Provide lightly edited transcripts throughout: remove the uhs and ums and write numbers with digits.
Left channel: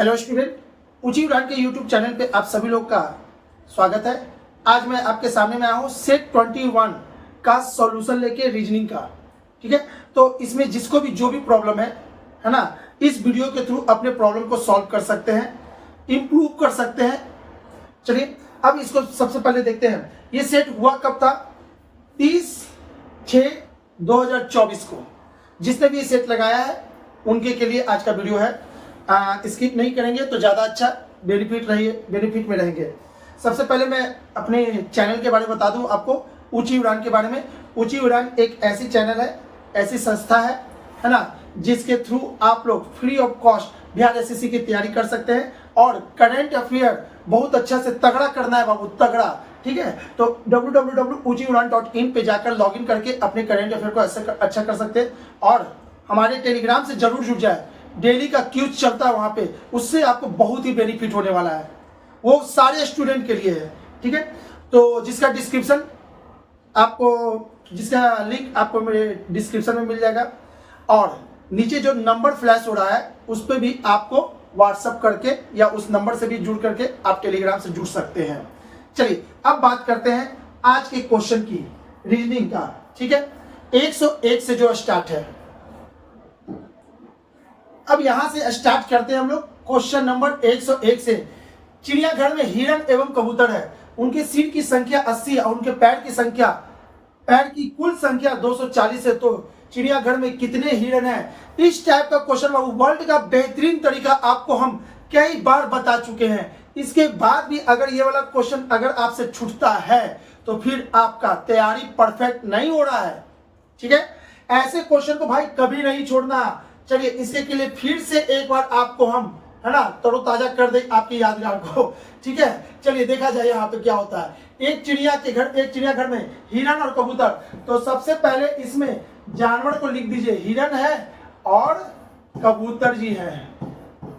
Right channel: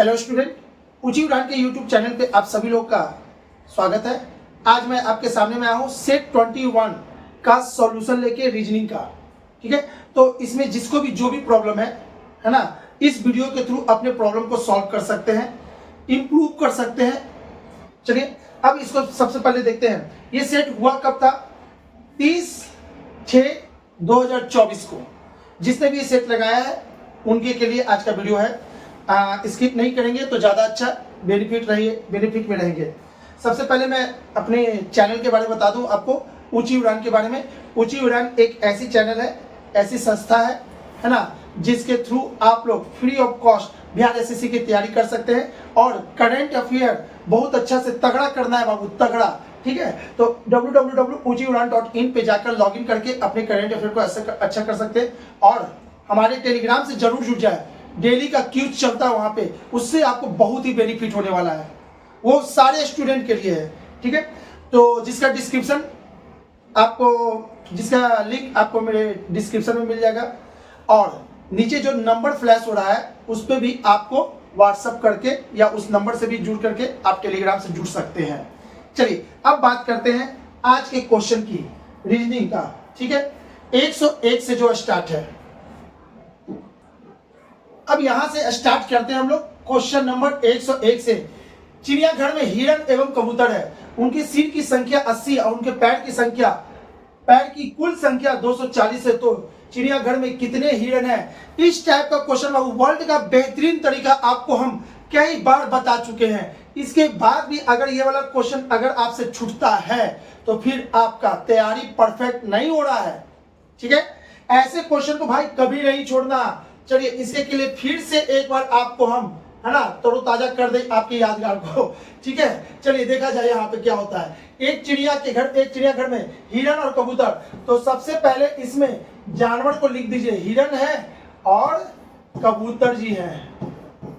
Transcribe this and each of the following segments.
Hello student, ऊंची उड़ान के यूट्यूब चैनल पे आप सभी लोग का स्वागत है। आज मैं आपके सामने में आया हूँ सेट 21 का सॉल्यूशन लेके रीजनिंग का। ठीक है, तो इसमें जिसको भी जो भी प्रॉब्लम है ना, इस वीडियो के थ्रू अपने प्रॉब्लम को सॉल्व कर सकते हैं, इंप्रूव कर सकते हैं। चलिए अब इसको सबसे पहले देखते हैं। ये सेट हुआ कब था? 30/6/2024 को। जिसने भी ये सेट लगाया है उनके के लिए आज का वीडियो है। स्किप नहीं करेंगे तो ज़्यादा अच्छा बेनिफिट में रहेंगे। सबसे पहले मैं अपने चैनल के बारे में बता दूं आपको, ऊंची उड़ान के बारे में। ऊंची उड़ान एक ऐसी चैनल है, ऐसी संस्था है ना, जिसके थ्रू आप लोग free of cost Bihar SSC की तैयारी कर सकते हैं और करंट अफेयर बहुत अच्छा से तगड़ा करना है बाबू, तगड़ा। ठीक है, तो www.uchiudan.in पे जाकर लॉगिन करके अपने करंट अफेयर को अच्छा कर सकते हैं। और हमारे टेलीग्राम से जरूर जुड़ जाए, डेली का क्यूज चलता है वहां पे, उससे आपको बहुत ही बेनिफिट होने वाला है। वो सारे स्टूडेंट के लिए है। ठीक है, तो जिसका लिंक आपको मेरे डिस्क्रिप्शन में मिल जाएगा और नीचे जो नंबर फ्लैश हो रहा है उस पर भी आपको व्हाट्सएप करके या उस नंबर से भी जुड़ करके आप टेलीग्राम से जुड़ सकते हैं। चलिए अब बात करते हैं आज के क्वेश्चन की, रीजनिंग का। ठीक है, 101 से जो स्टार्ट है, अब यहां से स्टार्ट करते हैं हम लोग। क्वेश्चन नंबर 101 से। चिड़ियाघर में हिरण एवं कबूतर है, उनकी सिर की संख्या 80 और उनके पैर की कुल संख्या 240 है, तो चिड़ियाघर में कितने हिरण हैं? इस टाइप का क्वेश्चन वर्ल्ड का बेहतरीन तरीका आपको हम कई बार बता चुके हैं। इसके बाद भी अगर ये वाला क्वेश्चन अगर आपसे छूटता है तो फिर आपका तैयारी परफेक्ट नहीं हो रहा है। ठीक है, ऐसे क्वेश्चन को भाई कभी नहीं छोड़ना। चलिए इसके के लिए फिर से एक बार आपको हम है ना तरोताजा कर दें आपकी यादगार को। ठीक है, चलिए देखा जाए यहाँ पे क्या होता है। एक चिड़ियाघर में हिरण और कबूतर। तो सबसे पहले इसमें जानवर को लिख दीजिए, हिरण है और कबूतर जी हैं।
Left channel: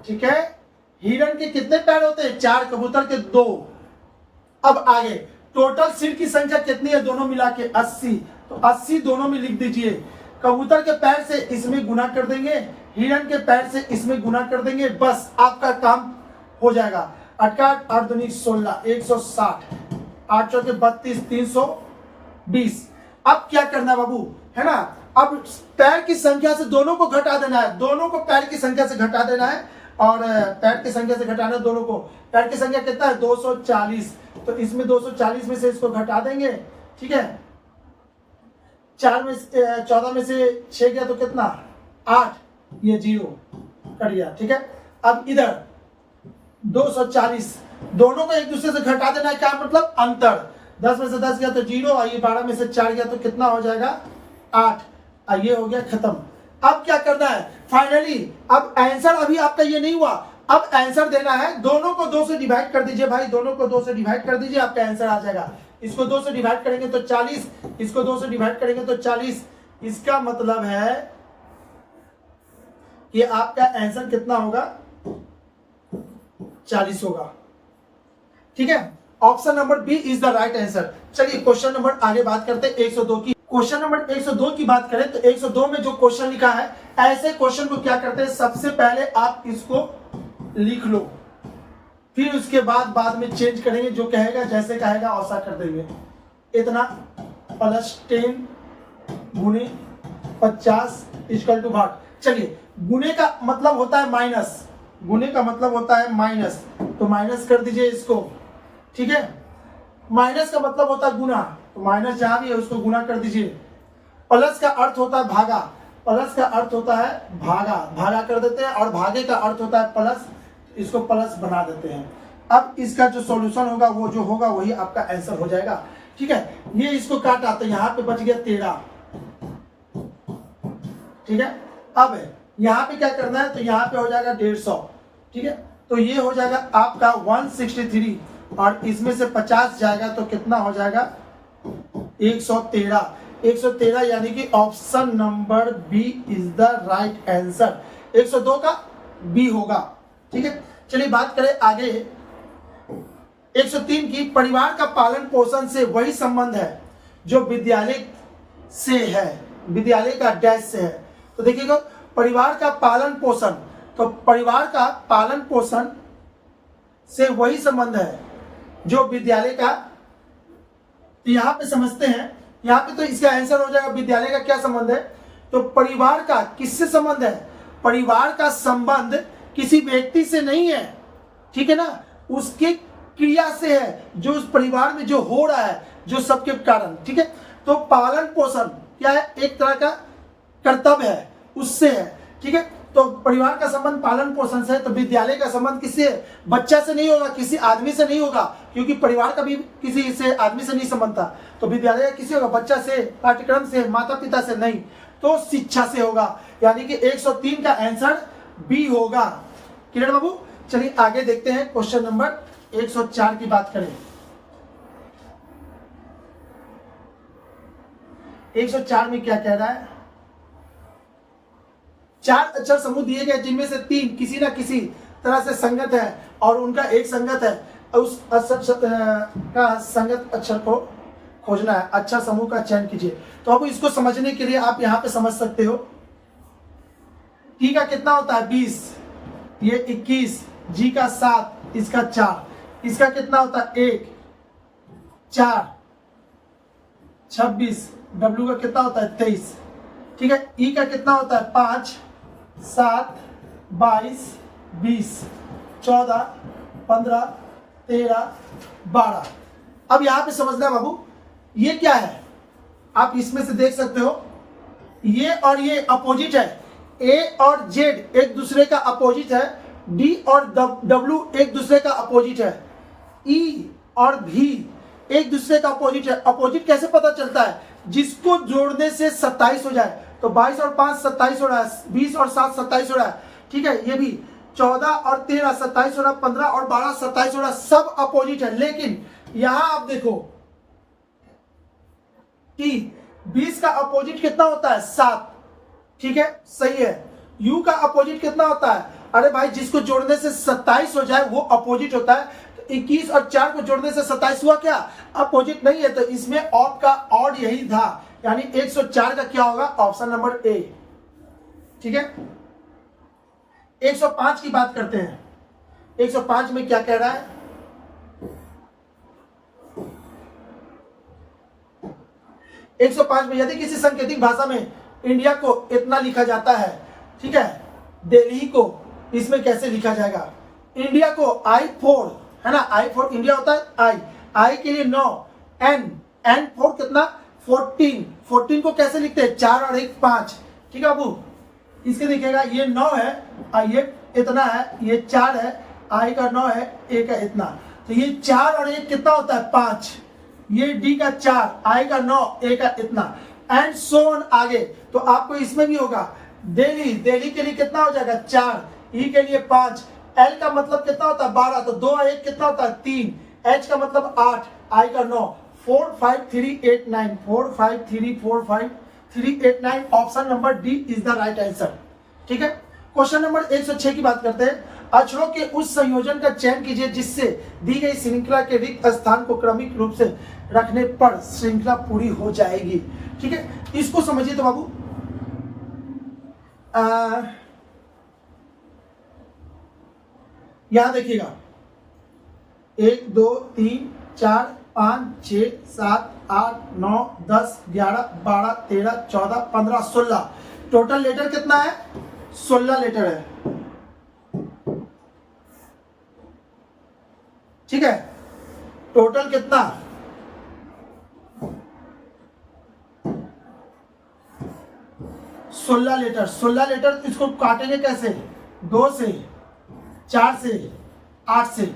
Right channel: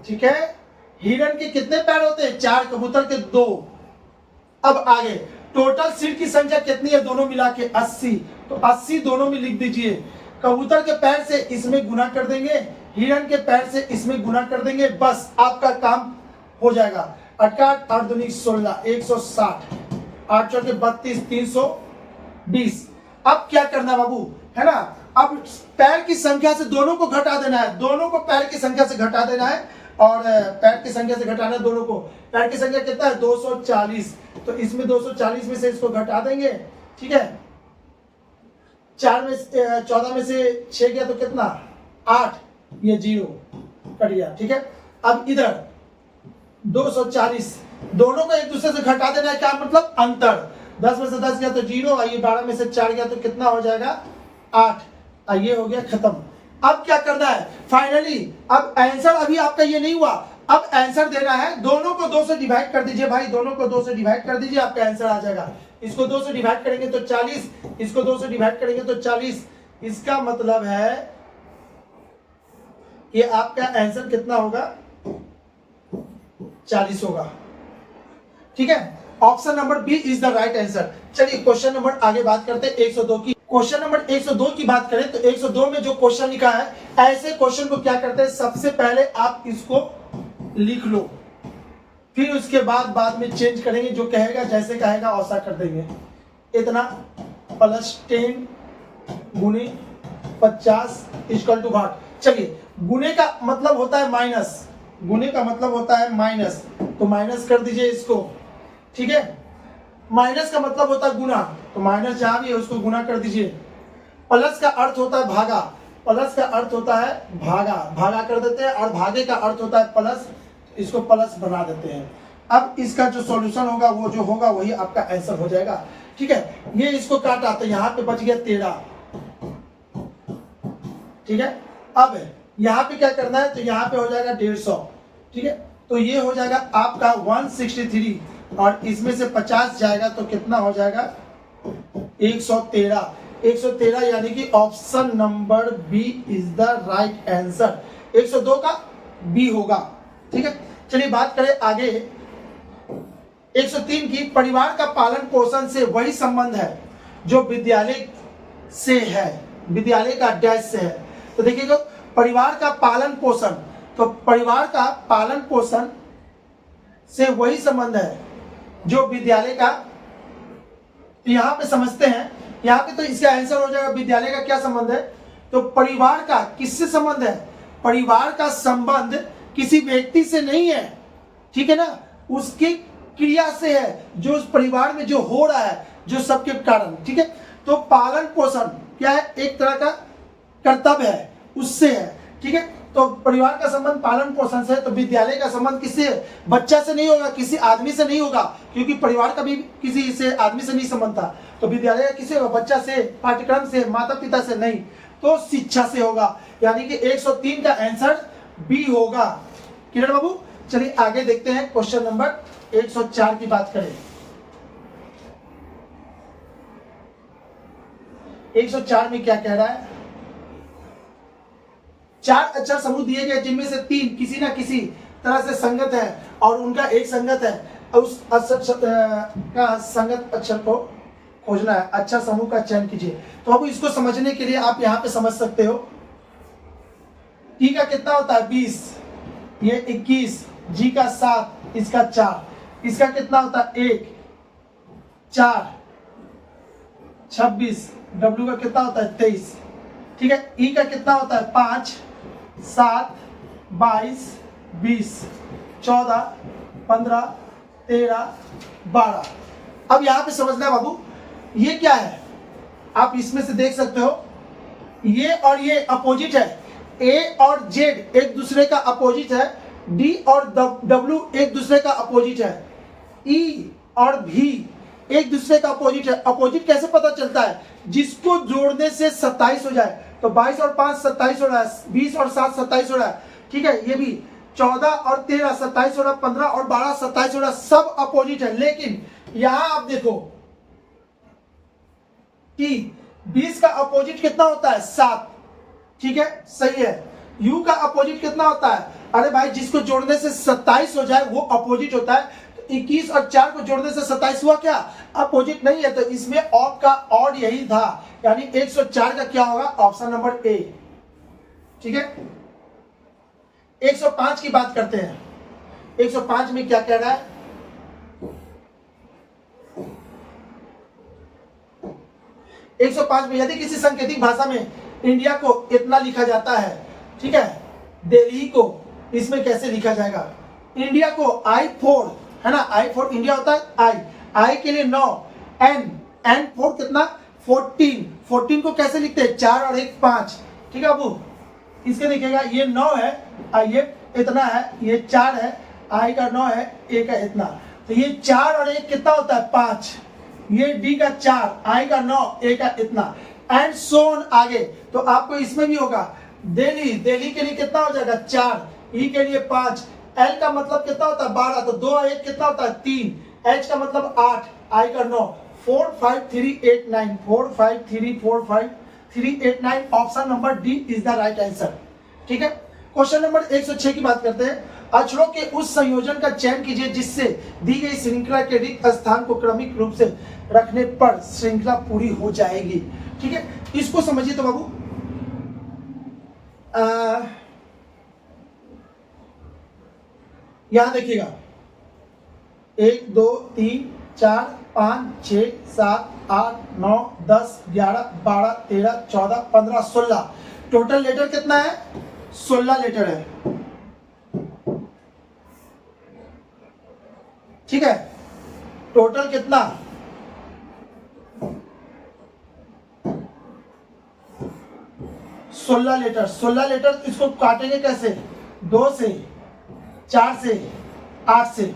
ठीक है, हिरण के कितने पैर होते हैं? 4, कबूतर के 2। अब आगे टोटल सिर की संख्या कितनी है दोनों मिला के? 80। तो 80 दोनों में लिख दीजिए। कबूतर के पैर से इसमें गुना कर देंगे, हिरण के पैर से इसमें गुना कर देंगे, बस आपका काम हो जाएगा। 8 8 दूनी 16, 160, 8 चौके 32, 320। अब क्या करना है बाबू, है ना? अब पैर की संख्या से दोनों को घटा देना है, दोनों को पैर की संख्या से घटा देना है। और पैर की संख्या से घटाना है दोनों को। पैर की संख्या कितना है? 240। तो इसमें 240 में से इसको घटा देंगे। ठीक है, 14 में से 6 गया तो कितना? 8, ये 0 कर दिया। ठीक है, अब इधर 240, दोनों को एक दूसरे से घटा देना है। क्या मतलब? अंतर। 10 में से 10 गया तो 0, और ये 12 में से 4 गया तो कितना हो जाएगा? 8। ये हो गया खत्म। अब क्या करना है फाइनली? अब आंसर अभी आपका ये नहीं हुआ, अब आंसर देना है। दोनों को 2 से डिवाइड कर दीजिए भाई, दोनों को 2 से डिवाइड कर दीजिए, आपका आंसर आ जाएगा। इसको 2 से डिवाइड करेंगे तो 40, इसको 2 से डिवाइड करेंगे तो 40। इसका मतलब है कि आपका आंसर कितना होगा? 40 होगा। ठीक है, option number B is the right answer. चलिए क्वेश्चन नंबर आगे बात करते हैं 102 की। क्वेश्चन नंबर 102 की बात करें तो 102 में जो क्वेश्चन लिखा है, ऐसे क्वेश्चन को क्या करते हैं, सबसे पहले आप इसको लिख लो, फिर उसके बाद में चेंज करेंगे। जो कहेगा जैसे कहेगा वैसा कर देंगे। इतना प्लस 10 गुने 50 इक्वल टू भाग। चलिए गुने का मतलब होता है माइनस, गुने का मतलब होता है माइनस, तो माइनस कर दीजिए इसको। ठीक है, माइनस का मतलब होता है गुना, तो माइनस जहां भी है उसको गुना कर दीजिए। प्लस का अर्थ होता है भागा, प्लस का अर्थ होता है भागा, भागा कर देते हैं। और भागे का अर्थ होता है प्लस, इसको प्लस बना देते हैं। अब इसका जो सॉल्यूशन होगा वो जो होगा वही आपका आंसर हो जाएगा। ठीक है, ये इसको काटा तो यहाँ पे बच गया 13। ठीक है, अब यहाँ पे क्या करना है, तो यहाँ पे हो जाएगा 150। ठीक है, तो ये हो जाएगा आपका 163 और इसमें से 50 जाएगा तो कितना हो जाएगा? 113। 113 यानी कि option number B is the right answer. 102 का बी होगा। ठीक है, चलिए बात करें आगे 103 की। परिवार का पालन पोषण से वही संबंध है जो विद्यालय से है, विद्यालय का डैश से है। तो देखिएगा, परिवार का पालन पोषण तो परिवार का पालन पोषण से वही संबंध है जो विद्यालय का, तो यहाँ पे समझते हैं, यहाँ पे तो इसका आंसर हो जाएगा विद्यालय का क्या संबंध है। तो परिवार का किससे संबंध है? परिवार का संबंध किसी व्यक्ति से नहीं है, ठीक है ना, उसके क्रिया से है, जो उस परिवार में जो हो रहा है, जो सबके कारण, ठीक है। तो पालन पोषण क्या है? एक तरह का कर्तव्य है, उससे है, ठीक है। तो परिवार का संबंध पालन पोषण से है, तो विद्यालय का संबंध किससे है? बच्चा से नहीं होगा, किसी आदमी से नहीं होगा, क्योंकि परिवार का भी किसी से आदमी से नहीं संबंध था। तो विद्यालय किसी होगा? बच्चा से, पाठ्यक्रम से, माता पिता से नहीं, तो शिक्षा से होगा। यानी कि 103 का आंसर बी होगा। क्लियर बाबू? चलिए आगे देखते हैं, क्वेश्चन नंबर 104 की बात करें। 104 में क्या कह रहा है? 4 अक्षर समूह दिए गए जिनमें से 3 किसी ना किसी तरह से संगत है और उनका एक संगत है, उस का संगत अक्षर को खोजना है। अच्छा समूह का चयन कीजिए। तो अब इसको समझने के लिए आप यहां पे समझ सकते हो, टी का कितना होता है? 20, ये 21, जी का 7, इसका 4, इसका कितना होता है? 1, 4, 26, डब्ल्यू का कितना होता है? 23, ठीक है। ई का कितना होता है? 5, 7, 22, 20, 14, 15, 13, 12। अब यहां पे समझना है बाबू, ये क्या है? आप इसमें से देख सकते हो, ये और ये अपोजिट है। ए और जेड एक दूसरे का अपोजिट है, डी और डब्ल्यू एक दूसरे का अपोजिट है, ई और भी एक दूसरे का अपोजिट है। अपोजिट कैसे पता चलता है? जिसको जोड़ने से 27 हो जाए। तो 22 और 5 27 हो रहा है, 20 और 7 27 हो रहा है, ठीक है। ये भी 14 और 13 27 हो रहा है, 15 और 12 27 हो रहा है, सब अपोजिट है। लेकिन यहां आप देखो कि 20 का अपोजिट कितना होता है? 7, ठीक है, सही है। यू का अपोजिट कितना होता है? अरे भाई, जिसको जोड़ने से 27 हो जाए वो अपोजिट होता है। तो 21 और 4 को जोड़ने से 27 हुआ, क्या अपोजिट नहीं है? तो इसमें ऑड का ऑड यही था, यानी 104 का क्या होगा? ऑप्शन नंबर ए, ठीक है। 105 की बात करते हैं। 105 में क्या कह रहा है? 105 में यदि किसी सांकेतिक भाषा में इंडिया को इतना लिखा जाता है, ठीक है, दिल्ली को इसमें कैसे लिखा जाएगा? इंडिया को I4 है ना, I4 इंडिया होता है, I के लिए 9, N 4 कितना? 14 को कैसे लिखते हैं? 4 और 1 5, ठीक है बाबू। इसके देखिएगा, ये 9 है, ये इतना है, ये 4 है, I का 9 है, A का इतना, तो ये 4 और 1 कितना होता है? 5। ये D का 4, I का 9, A का इतना, एंड सो ऑन आगे। तो आपको इसमें भी होगा, दिल्ली के लिए कितना हो जाएगा? 4, ई के लिए 5, एल का मतलब कितना होता है? 12, तो 2 और 1 कितना होता है? 3, एच का मतलब 8, आई का 9, 4 5 3 8 9, 4 5 3 4 5 3 8 9, option number D is the right answer, ठीक है। क्वेश्चन नंबर 106 की बात करते हैं। अक्षरों के उस संयोजन का चयन कीजिए जिससे दी गई श्रृंखला के रिक्त स्थान को क्रमिक रूप से रखने पर श्रृंखला पूरी हो जाएगी, ठीक है। इसको समझिए तो बाबू, यहां देखिएगा, 1 2 3 4 5 6 7 8 9 10 11 12 13 14 15 16, टोटल लेटर कितना है? 16 लेटर है, ठीक है। टोटल कितना? 16 लेटर। 16 लेटर इसको काटेंगे कैसे? 2 से, 4 से, 8 से।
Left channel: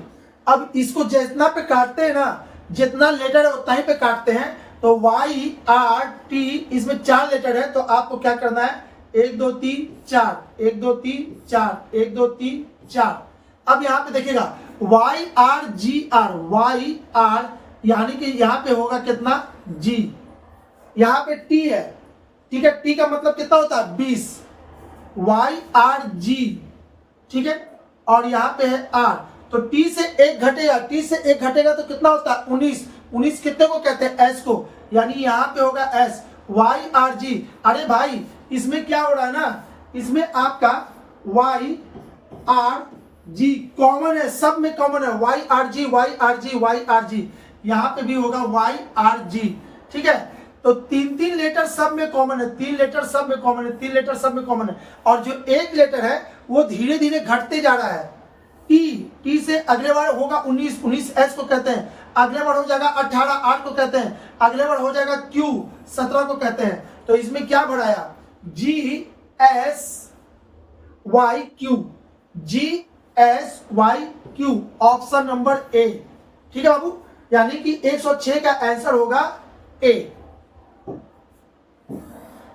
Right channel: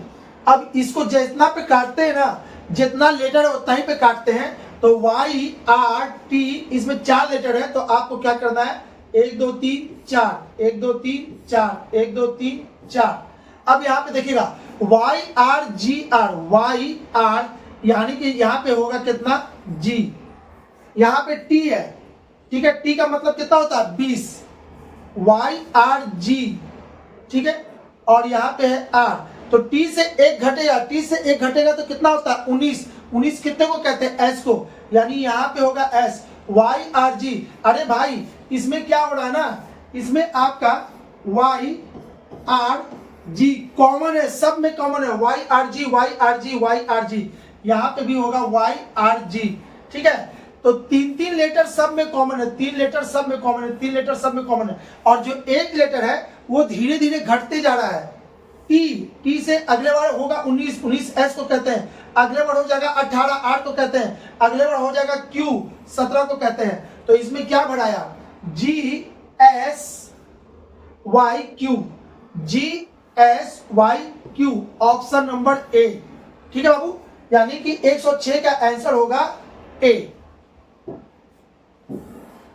अब इसको जितना पे काटते हैं ना, जितना लेटर है उतना ही पे काटते हैं। तो वाई आर टी, इसमें 4 लेटर है, तो आपको क्या करना है? 1 2 3 4, 1 2 3 4, 1 2 3 4। अब यहां पे देखिएगा, Y R G R, Y R, यानी कि यहां पे होगा कितना? जी। यहां पे टी है, ठीक है, टी का मतलब कितना होता है? 20, वाई आर जी, ठीक है, और यहां पे है आर, तो टी से 1 घटेगा, टी से 1 घटेगा तो कितना होता है? 19। 19 कितने को कहते हैं? एस को, यानी यहां पे होगा एस, वाई आर जी। अरे भाई, इसमें क्या हो रहा है ना, इसमें आपका वाई आर जी कॉमन है, सब में कॉमन है, Y R G Y R G Y R G, यहां पे भी होगा वाई आर जी। ठीक है, तो 3 लेटर सब में कॉमन है, 3 लेटर सब में कॉमन है, 3 लेटर सब में कॉमन है। और जो एक लेटर है वो धीरे धीरे घटते जा रहा है। टी से अगले बार होगा 19 एस को कहते हैं, अगले बार हो जाएगा 18 8 को कहते हैं, अगले बार हो जाएगा क्यू 17 को कहते हैं। तो इसमें क्या बढ़ाया, G S Y Q, G S Y Q, option number A. ठीक है बाबू, यानी कि 106 का आंसर होगा ए।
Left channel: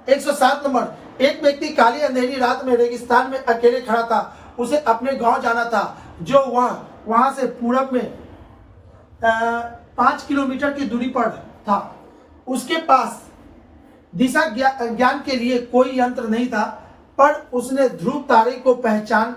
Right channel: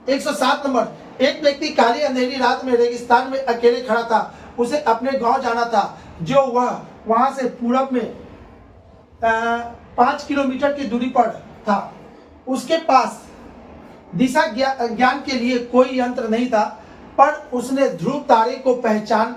107 नंबर, एक व्यक्ति काली अंधेरी रात में रेगिस्तान में अकेले खड़ा था, उसे अपने गांव जाना था जो वह वहां से पूरब में 5 किलोमीटर की दूरी पर था। उसके पास दिशा ज्ञान के लिए कोई यंत्र नहीं था, पर उसने ध्रुव तारे को पहचान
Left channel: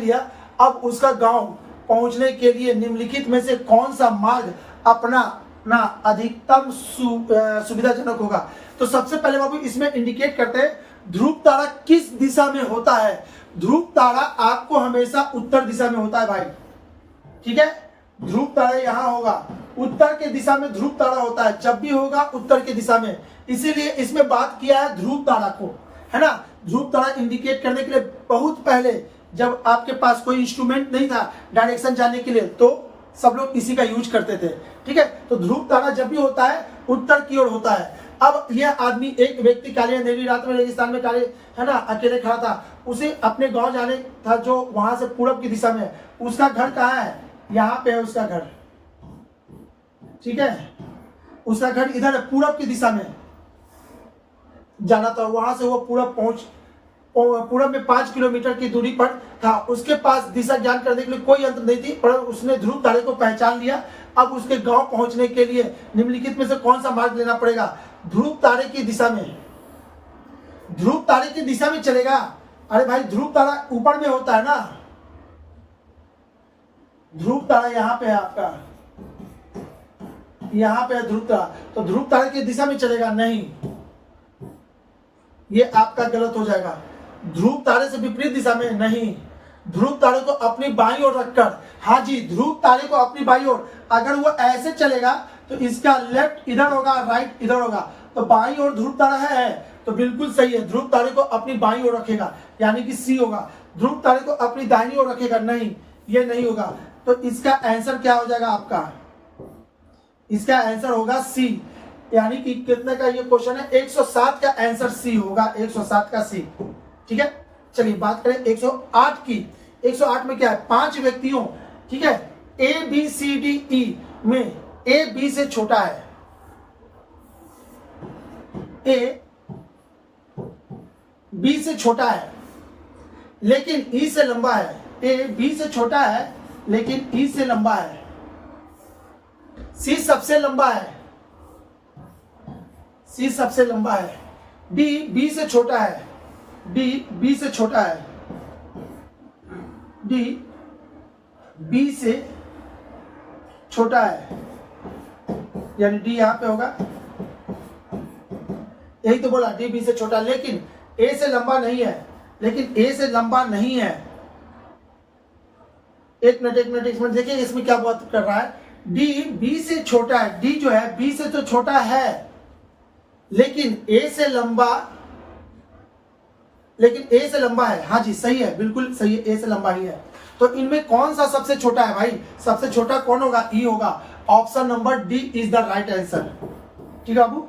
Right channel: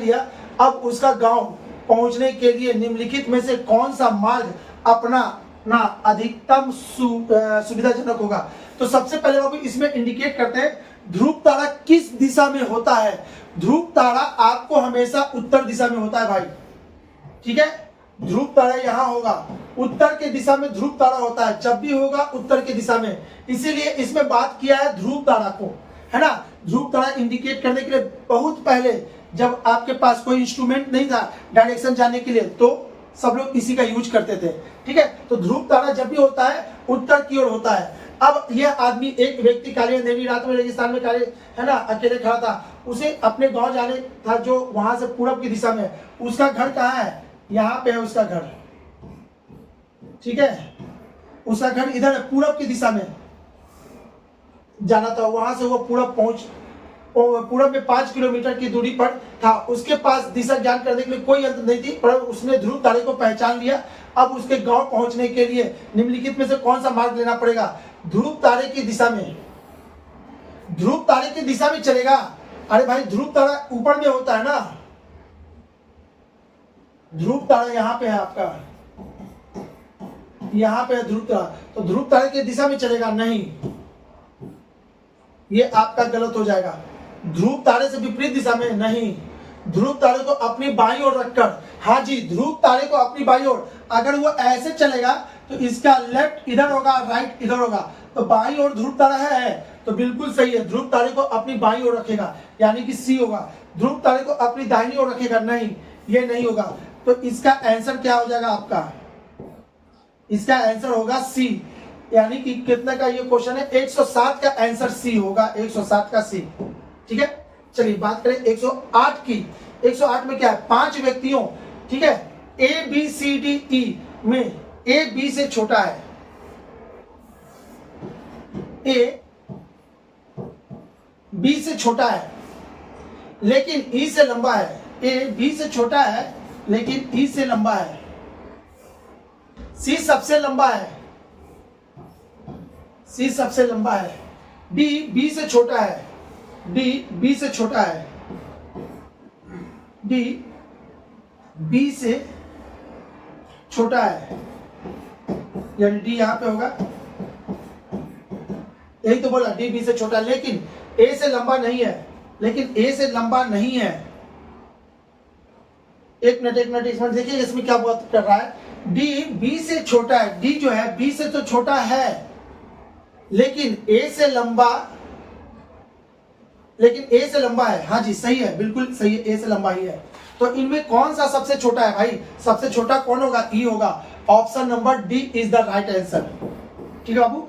लिया, अब उसका गांव पहुंचने के लिए निम्नलिखित में से कौन सा मार्ग अपनाना अधिकतम सुविधाजनक होगा। तो सबसे पहले बाबू इसमें इंडिकेट करते हैं ध्रुव तारा किस दिशा में होता है। ध्रुव तारा आपको हमेशा उत्तर दिशा में होता है भाई। ठीक है, ध्रुव तारा यहां होगा, उत्तर के दिशा में ध्रुव तारा होता है, जब भी होगा उत्तर के दिशा में, इसीलिए इसमें बात किया है ध्रुव तारा को, है ना। ध्रुव तारा इंडिकेट करने के लिए बहुत पहले जब आपके पास कोई इंस्ट्रूमेंट नहीं था डायरेक्शन जानने के लिए, तो सब लोग इसी का यूज करते थे। ठीक है, तो ध्रुव तारा जब भी होता है उत्तर की ओर होता है। अब यह आदमी, एक व्यक्ति काली अंधेरी रात में रेगिस्तान में काले, है ना, अकेले खड़ा था, उसे अपने गांव जाने था जो वहां से पूरब की दिशा में। उसका घर कहाँ है, यहाँ पे है उसका घर। ठीक है, उसका घर इधर है, पूरब की दिशा में जाना था, वहां से वो पूरब में 5 किलोमीटर की दूरी पर था। उसके पास दिशा ज्ञान करने के लिए कोई यंत्र नहीं थी, पर उसने ध्रुव तारे को पहचान लिया। अब उसके गांव पहुंचने के लिए निम्नलिखित में से कौन सा मार्ग लेना पड़ेगा। ध्रुव तारे की दिशा में, ध्रुव तारे की दिशा में चलेगा। अरे भाई, ध्रुव तारा ऊपर में होता है ना, ध्रुव तारा यहाँ पे है आपका, यहाँ पे है ध्रुव तारा, तो ध्रुव तारे की दिशा में चलेगा नहीं, ये आपका गलत हो जाएगा। ध्रुव तारे से विपरीत दिशा में नहीं, ध्रुव तारे को अपनी बाईं ओर रखकर, हाँ जी, ध्रुव तारे को अपनी बाईं ओर, अगर वो ऐसे चलेगा तो इसका लेफ्ट इधर होगा, राइट इधर होगा, तो बाईं ओर ध्रुव तारा है, तो बिल्कुल सही है। ध्रुव तारे को अपनी बाईं ओर रखेगा, यानी कि सी होगा। ध्रुव तारे को अपनी दाहिनी ओर रखेगा, नहीं, ये नहीं होगा। तो इसका आंसर क्या हो जाएगा आपका, इसका आंसर होगा सी, यानी कि कितने का ये क्वेश्चन है, 107 का आंसर सी होगा, 107 का सी। ठीक है, चलिए बात करें 108 की। 108 में क्या है, 5 व्यक्तियों, ठीक है, ए बी सी डी ई में ए बी से छोटा है, ए बी से छोटा है लेकिन ई से लंबा है। ए बी से छोटा है लेकिन ई से लंबा है। सी सबसे लंबा है, सी सबसे लंबा है। डी बी से छोटा है, डी बी से छोटा है, डी बी से छोटा है, यानी डी यहां पे होगा, यही तो बोला, डी बी से छोटा, लेकिन ए से लंबा नहीं है, लेकिन ए से लंबा नहीं है। एक मिनट देखिए इसमें क्या बात कर रहा है। डी बी से छोटा है, डी जो है बी से तो छोटा है, लेकिन ए से लंबा, है। हाँ जी, सही है, बिल्कुल सही है, ए से लंबा ही है। तो इनमें कौन सा सबसे छोटा है भाई, सबसे छोटा कौन होगा, ई होगा। Option number D is the right answer. ठीक है बाबू,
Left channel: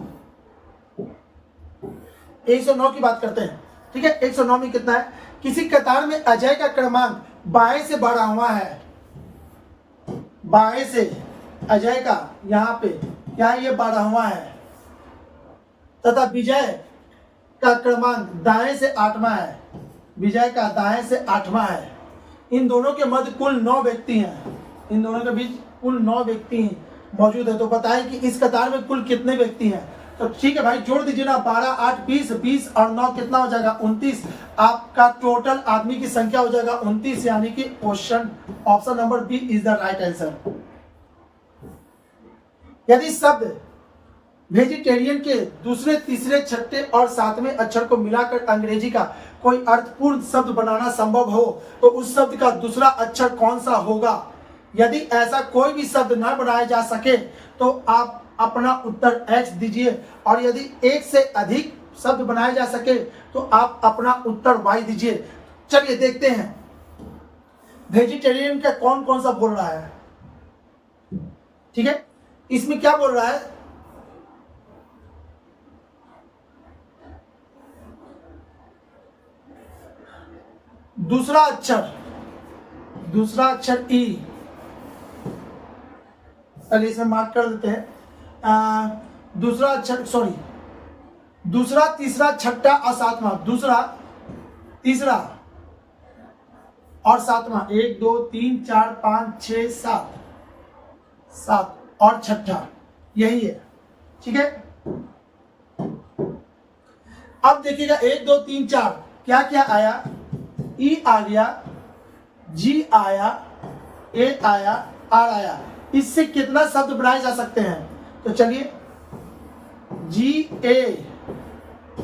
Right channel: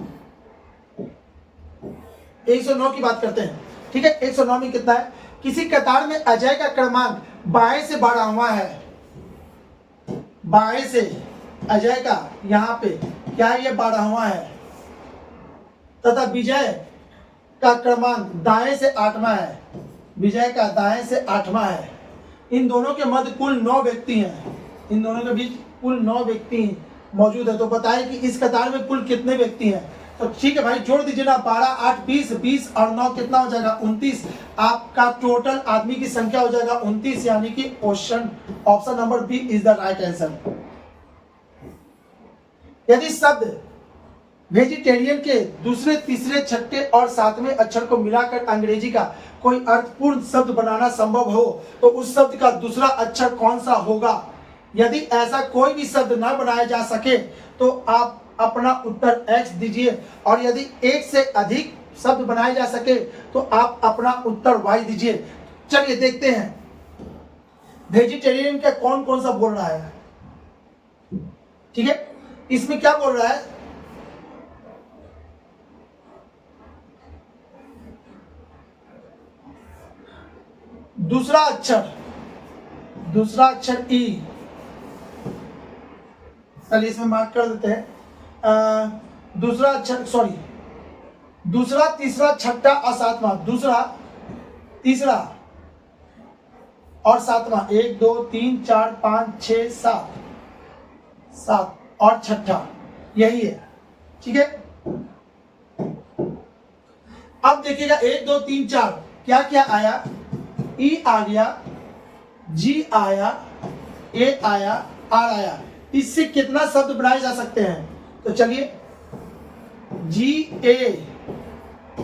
109 की बात करते हैं। ठीक है, 109 में कितना है, किसी कतार में अजय का क्रमांक बाएं से बढ़ा हुआ है, बाएं से अजय का यहां पे क्या ये बढ़ा हुआ है, तथा विजय का क्रमांक दाएं से 8वां है, विजय का दाएं से 8वां है। इन दोनों के मध्य कुल 9 व्यक्ति हैं, इन दोनों के बीच कुल 9 व्यक्ति मौजूद है। तो बताएं कि इस कतार में कुल कितने व्यक्ति हैं। तो ठीक है भाई, जोड़ दीजिए ना, 12 8 20 20 और 9 कितना हो जाएगा, 29। आपका टोटल आदमी की संख्या हो जाएगा 29, यानी कि question option number B is the right answer. यदि शब्द वेजिटेरियन के दूसरे, तीसरे, छठे और सातवें अक्षर को मिलाकर अंग्रेजी का कोई अर्थपूर्ण शब्द बनाना संभव हो तो उस शब्द का दूसरा अक्षर कौन सा होगा? यदि ऐसा कोई भी शब्द न बनाया जा सके तो आप अपना उत्तर X दीजिए, और यदि एक से अधिक शब्द बनाए जा सके तो आप अपना उत्तर Y दीजिए। चलिए देखते हैं वेजिटेरियन का कौन कौन सा बोल रहा है। ठीक है, इसमें क्या बोल रहा है? दूसरा अक्षर ई। चलिए इसमें मार्क कर देते हैं। दूसरा अक्षर, सॉरी, दूसरा, तीसरा, छठा और सातवां। दूसरा, तीसरा और सातवां, 1 2 3 4 5 6 7, 7 और छठा, यही है। ठीक है, अब देखिएगा 1 2 3 4 क्या क्या आया? ई आ गया, जी आया, ए आया, आर आया। इससे कितना शब्द बनाए जा सकते हैं? तो चलिए, जी ए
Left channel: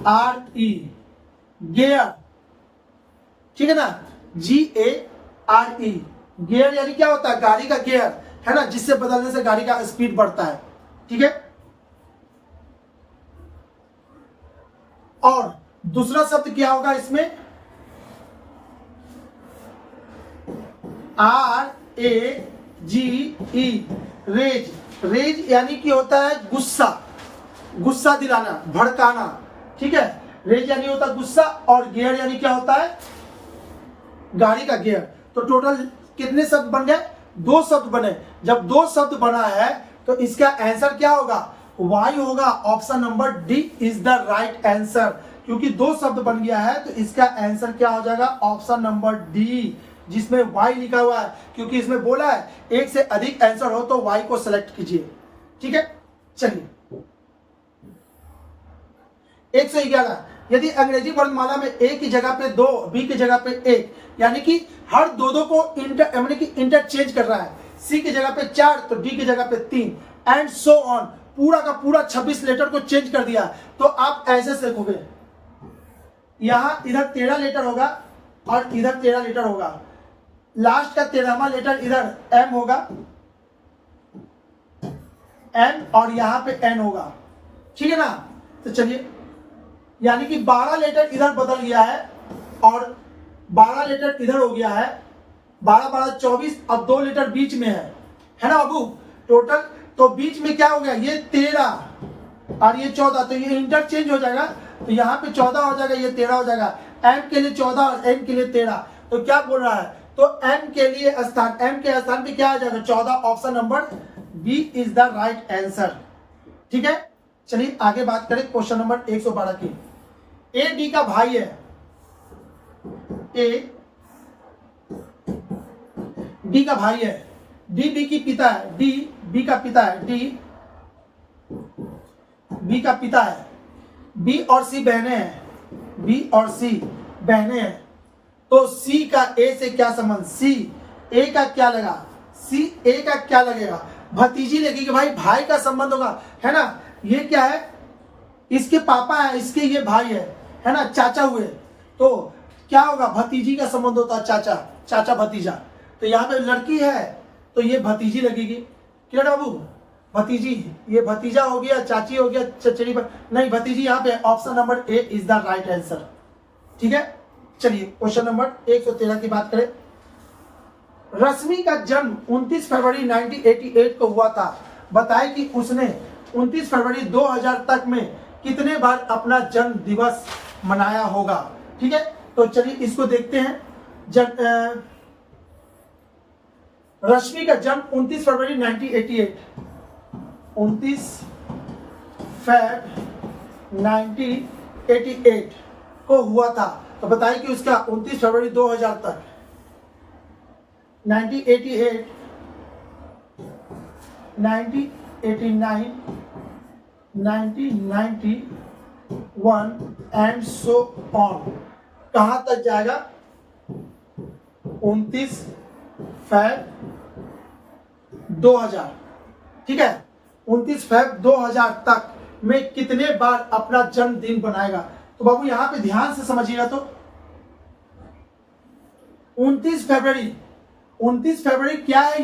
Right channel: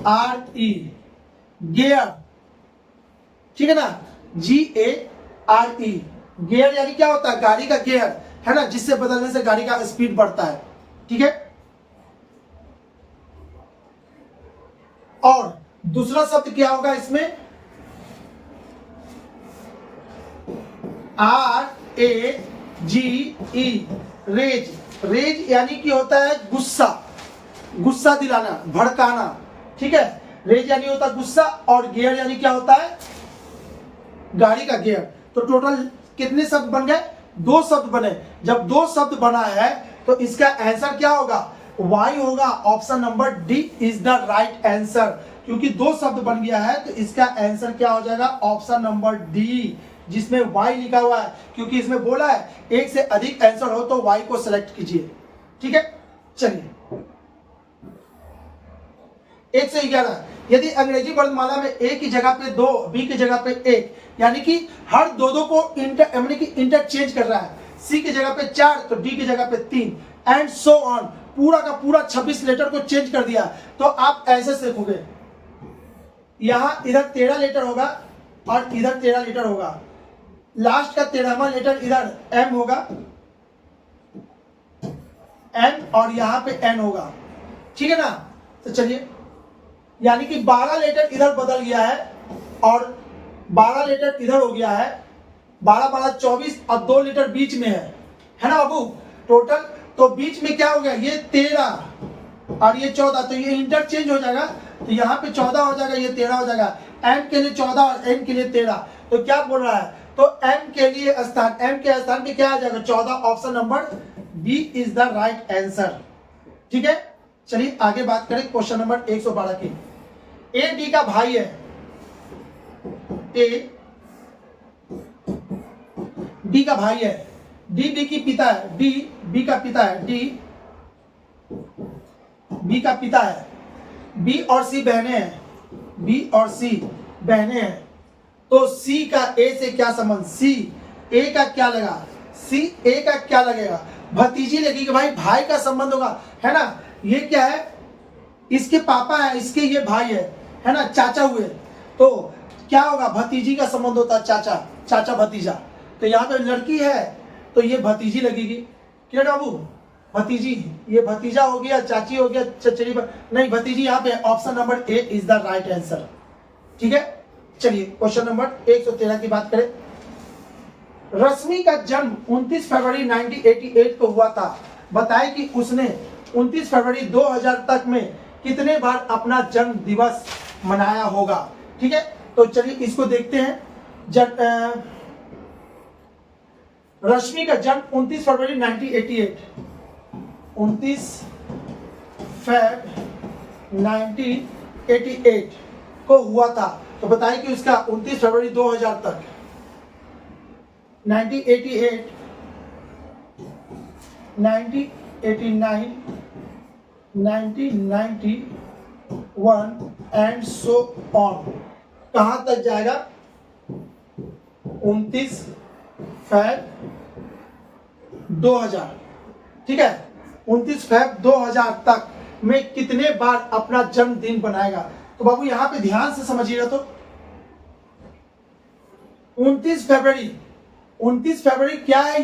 आर ई, गियर। ठीक है ना, जी ए आर ई, गियर यानी क्या होता है? गाड़ी का गियर, है ना, जिससे बदलने से गाड़ी का स्पीड बढ़ता है। ठीक है, और दूसरा शब्द क्या होगा इसमें? R A G E, rage. Rage यानी कि होता है गुस्सा, गुस्सा दिलाना, भड़काना। ठीक है, रेज यानी होता है गुस्सा, और गियर यानी क्या होता है? गाड़ी का गियर। तो टोटल कितने शब्द बन गए? 2 शब्द बने। जब 2 शब्द बना है तो इसका आंसर क्या होगा? वाई होगा। Option number D is the right answer. क्योंकि 2 शब्द बन गया है तो इसका आंसर क्या हो जाएगा? ऑप्शन नंबर डी, जिसमें वाई लिखा हुआ है। क्योंकि इसमें बोला है एक से अधिक आंसर हो तो वाई को सिलेक्ट कीजिए। ठीक है, चलिए 111, यदि अंग्रेजी वर्णमाला में ए की जगह पे 2, बी की जगह पे 1, यानी कि हर दो को इंटरचेंज कर रहा है। सी की जगह पे 4 तो डी की जगह पे 3, एंड सो ऑन, पूरा का पूरा 26 लेटर को चेंज कर दिया। तो आप ऐसे सीखोगे, यहां इधर 13 लेटर होगा और इधर 13 लेटर होगा। लास्ट का 13वां लेटर इधर एम होगा, एन, और यहां पे एन होगा। ठीक है ना, तो चलिए, यानी कि 12 लेटर इधर बदल गया है और 12 लेटर इधर हो गया है। 12 12 24 और 2 लेटर बीच में है ना बाबू? टोटल तो बीच में क्या हो गया? ये 13 और ये 14, तो ये इंटरचेंज हो जाएगा। तो यहाँ पे 14 हो जाएगा, ये 13 हो जाएगा। एम के लिए 14 और एन के लिए 13। तो क्या बोल रहा है? तो एम के लिए स्थान, एम के स्थान पे क्या आ जाएगा? 14। Option number B is the right answer. ठीक है, चलिए आगे बात करें क्वेश्चन नंबर 112 की। ए डी का भाई है, ए डी का भाई है, डी बी की पिता है, डी बी का पिता है, डी बी का पिता है, बी और सी बहने हैं, बी और सी बहने हैं। तो सी का ए से क्या संबंध? सी ए का क्या लगा? सी ए का क्या लगेगा? भतीजी लगेगी भाई, भाई का संबंध होगा, है ना। ये क्या है? इसके पापा है, इसके ये भाई है ना, चाचा हुए। तो क्या होगा? भतीजी का संबंध होता है, चाचा, चाचा भतीजा। तो यहाँ पे लड़की है तो ये भतीजी लगेगी। क्लियर बाबू? भतीजी, ये भतीजा हो गया, चाची हो गया, चचेरी नहीं, भतीजी यहाँ पे। Option number A is the right answer. ठीक है, चलिए क्वेश्चन नंबर 113 की बात करें। रश्मि का जन्म 29 फरवरी 1988 को हुआ था। बताएं कि उसने 29 फरवरी 2000 तक में कितने बार अपना जन्म दिवस मनाया होगा। ठीक है, तो चलिए इसको देखते हैं। रश्मि का जन्म 29 फरवरी 1988, 29 फरवरी 1988 को हुआ था। तो बताएं कि उसका 29 फरवरी 2000 तक, 1988, 1989, 1991 एंड सो ऑन, कहां तक जाएगा? 29 फरवरी 2000। ठीक है, 29 फरवरी 2000 तक में कितने बार अपना जन्मदिन बनाएगा। तो बाबू यहां पे ध्यान से समझिएगा। तो 29 फरवरी, 29 फरवरी क्या है?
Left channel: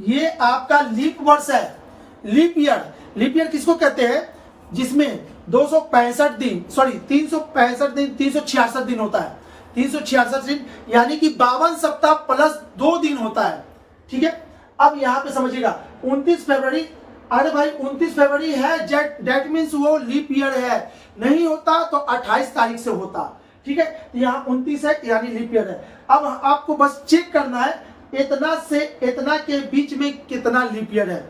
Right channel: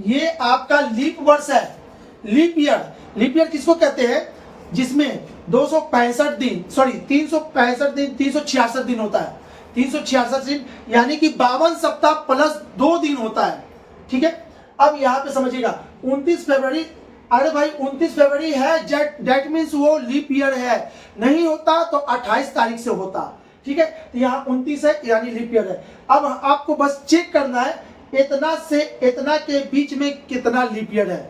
ये आपका लीप वर्ष है, लीप ईयर। लीप ईयर किसको कहते हैं? जिसमें 265 दिन, सॉरी 365 दिन, 366 दिन होता है। 366 दिन यानी कि 52 सप्ताह प्लस 2 दिन होता है। ठीक है, अब यहां पे समझिएगा 29 फरवरी, अरे भाई 29 फरवरी है, दैट मीन्स वो लीप ईयर है। नहीं होता तो 28 तारीख से होता। ठीक है, तो यहाँ 29 है यानी लीप ईयर है। अब आपको बस चेक करना है इतना से इतना के बीच में कितना लीप ईयर है।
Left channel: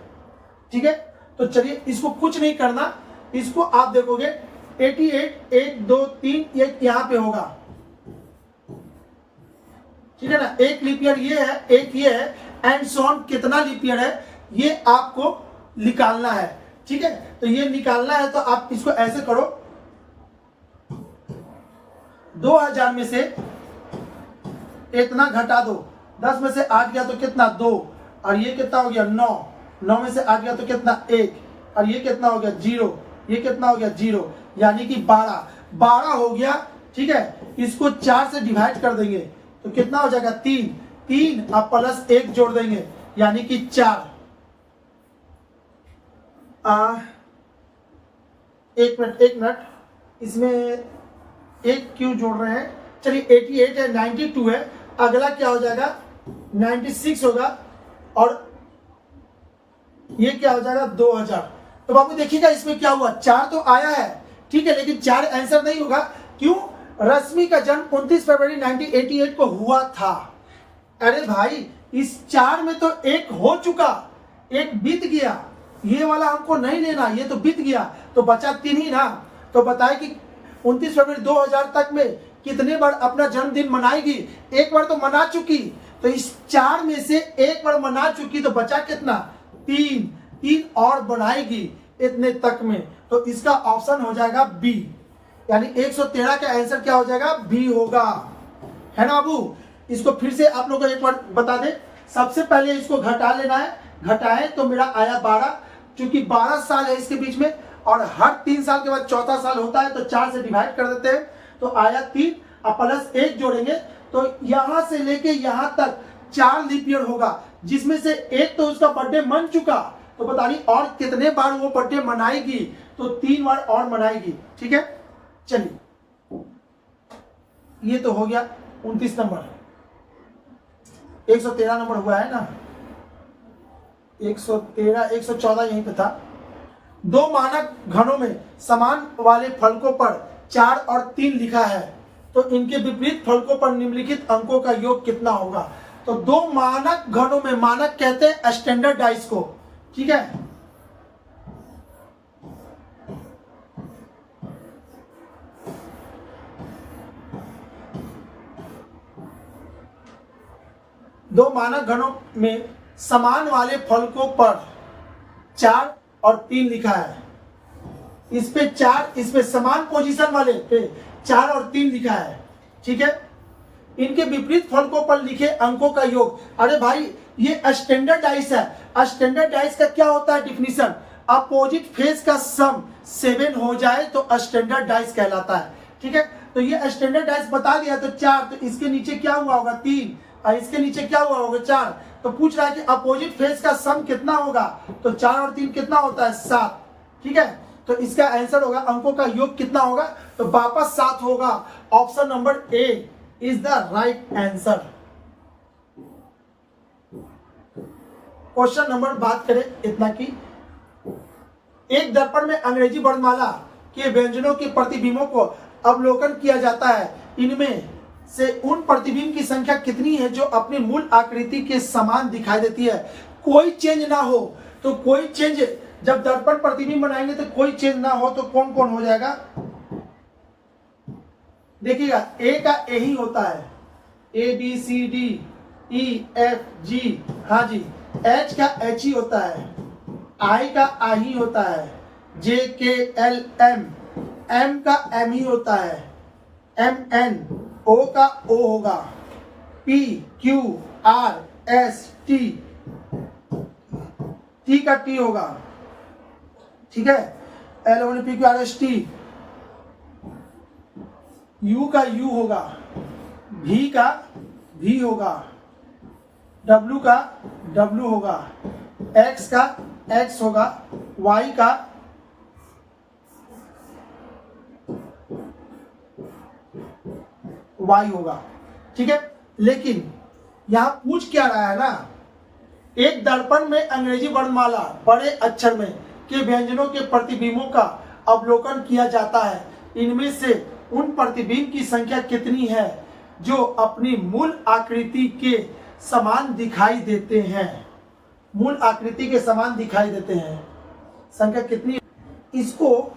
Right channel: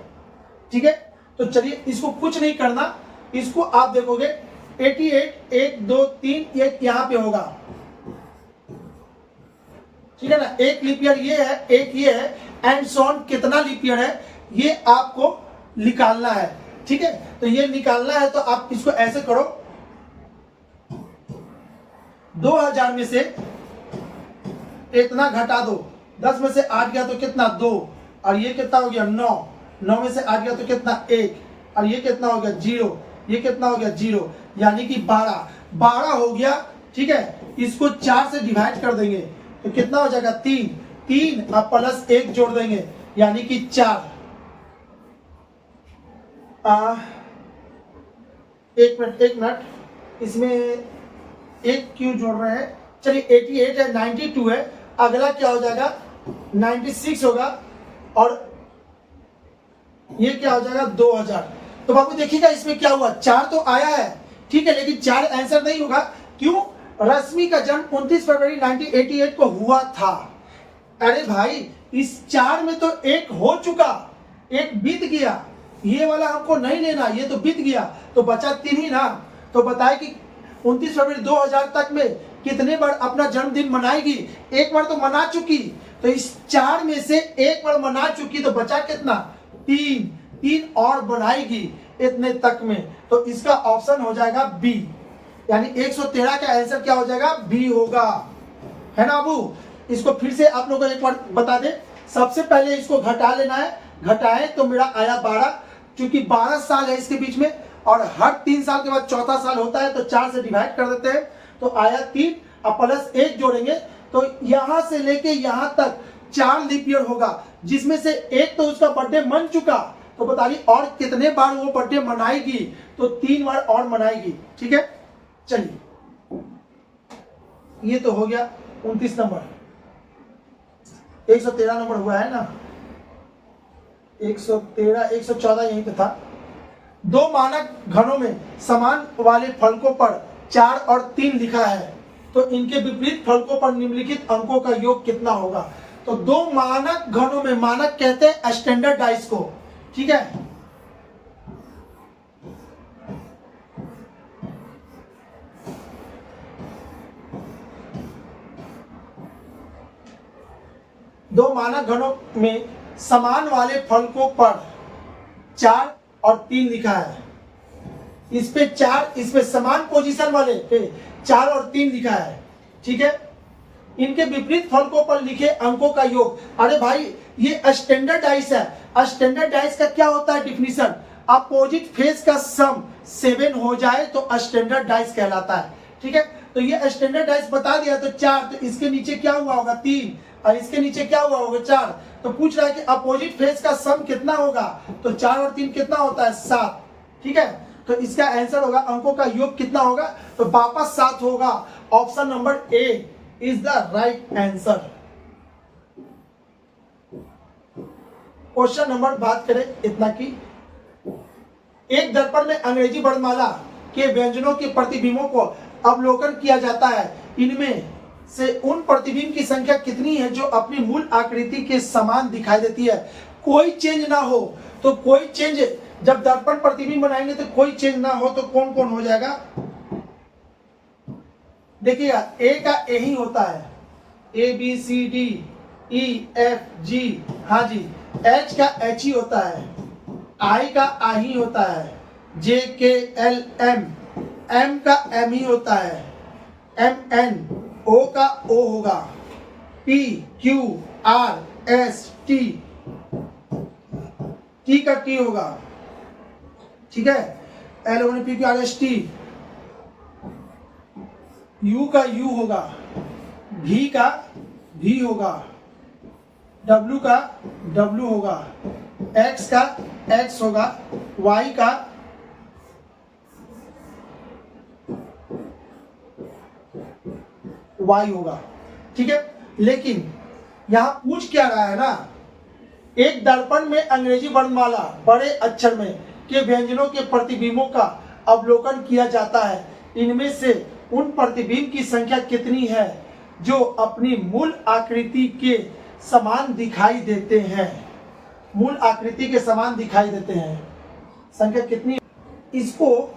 ठीक है, तो चलिए इसको कुछ नहीं करना, इसको आप देखोगे 88, 1 2 3 एक यहां पे होगा। ठीक है ना, एक लीप ईयर ये है, एक ये है, एंड सो ऑन। कितना लीप ईयर है ये आपको निकालना है। ठीक है, तो ये निकालना है तो आप इसको ऐसे करो, 2000 में से इतना घटा दो, 10 में से 8 गया तो कितना 2, और ये कितना हो गया 9, 9 में से 8 गया तो कितना 1, और ये कितना हो गया 0, ये कितना हो गया 0, यानी कि 12 हो गया। ठीक है, इसको 4 से डिवाइड कर देंगे तो कितना हो जाएगा 3 अब प्लस 1 जोड़ देंगे यानी कि 4। एक मिनट, इसमें एक क्यों जोड़ रहे हैं? चलिए 88 है, 92 है, अगला क्या हो जाएगा 96 होगा, और ये क्या हो जाएगा 2000। तो बाबू देखिएगा इसमें क्या हुआ, 4 तो आया है। ठीक है, लेकिन 4 आंसर नहीं होगा। क्यों? रश्मि का जन्म 29 फरवरी 1988 को हुआ था। अरे भाई इस 4 में तो एक हो चुका, एक बीत गया, ये वाला हमको नहीं लेना, ये तो बीत गया, तो बचा 3 ही ना। तो बताए कि 29 फरवरी 2000 तक में कितने बार अपना जन्मदिन मनाएगी? एक बार तो मना चुकी, तो इस 4 में से एक बार मना चुकी, तो बचा कितना 3 और बनाएगी इतने तक में। तो इसका ऑप्शन हो जाएगा बी, यानी 113 का आंसर क्या हो जाएगा? बी होगा, है ना बाबू। इसको फिर से आप लोग को एक बार बता दें, सबसे पहले इसको घटा लेना है, घटाएं तो मेरा आया 12, क्योंकि 12 साल है इसके बीच में, और हर 3 साल के बाद चौथा साल होता है, तो 4 से डिवाइड कर देते हैं तो आया 3, अब प्लस 1 जोड़ेंगे तो यहां से लेके यहां तक 4 लीप ईयर होगा, जिसमें से एक तो उसका बर्थडे मन चुका, तो बता रही और कितने बार वो बर्थडे मनाएगी? तो 3 बार और मनाएगी। ठीक है, चलिए ये तो हो गया 29 नंबर, 113 नंबर हुआ है ना, 113, 114 यहीं पे था। 2 मानक घनों में समान वाले फलकों पर 4 और 3 लिखा है, तो इनके विपरीत फलकों पर निम्नलिखित अंकों का योग कितना होगा? तो 2 मानक घनों में, मानक कहते हैं स्टैंडर्ड डाइस को। ठीक है, दो मानक घनों में समान वाले फलकों पर 4 और 3 लिखा है। इस पे 4, इस पे समान पोजीशन वाले पे 4 और 3 लिखा है। ठीक है, इनके विपरीत फलकों पर लिखे अंकों का योग। अरे भाई ये स्टैंडर्ड डाइस है। स्टैंडर्ड डाइस का क्या होता है डिफिनीशन? अपोजिट फेस का सम 7 हो जाए तो स्टैंडर्ड डाइस कहलाता है। ठीक है, तो ये स्टैंडर्ड डाइस बता दिया, तो 4, तो इसके नीचे क्या हुआ होगा 3, और इसके नीचे क्या हुआ होगा 4। तो पूछ रहा है कि अपोजिट फेस का सम कितना होगा? तो 4 और 3 कितना होता है 7। ठीक है, तो इसका आंसर होगा, अंकों का योग कितना होगा? तो वापस 7 होगा। Option number A is the right answer. Question number बात करें इतना की, एक दर्पण में अंग्रेजी वर्णमाला के व्यंजनों के प्रतिबिंबों को अवलोकन किया जाता है। इनमें से उन प्रतिबिंब की संख्या कितनी है जो अपनी मूल आकृति के समान दिखाई देती है? कोई चेंज ना हो, तो कोई चेंज, जब दर्पण प्रतिबिंब बनाएंगे तो कोई चेंज ना हो, तो कौन कौन हो जाएगा? देखिएगा, ए का ए ही होता है, A B C D E F G, हाँ जी। एच का एच ही होता है, आई का आई ही होता है, जे के एल एम, एम का एम ही होता है, एम एन, ओ का ओ होगा, P Q R S T, T का टी होगा। ठीक है, LONPQRST, U का U होगा, V का V होगा, W का W होगा, X का X होगा, Y का Y होगा। ठीक है, लेकिन यहां पूछ क्या रहा है ना, एक दर्पण में अंग्रेजी वर्णमाला बड़े अक्षर में के व्यंजनों के प्रतिबिंबों का अवलोकन किया जाता है। इनमें से उन प्रतिबिंब की संख्या कितनी है जो अपनी मूल आकृति के समान दिखाई देते हैं? मूल आकृति के समान दिखाई देते हैं, संख्या कितनी? इसको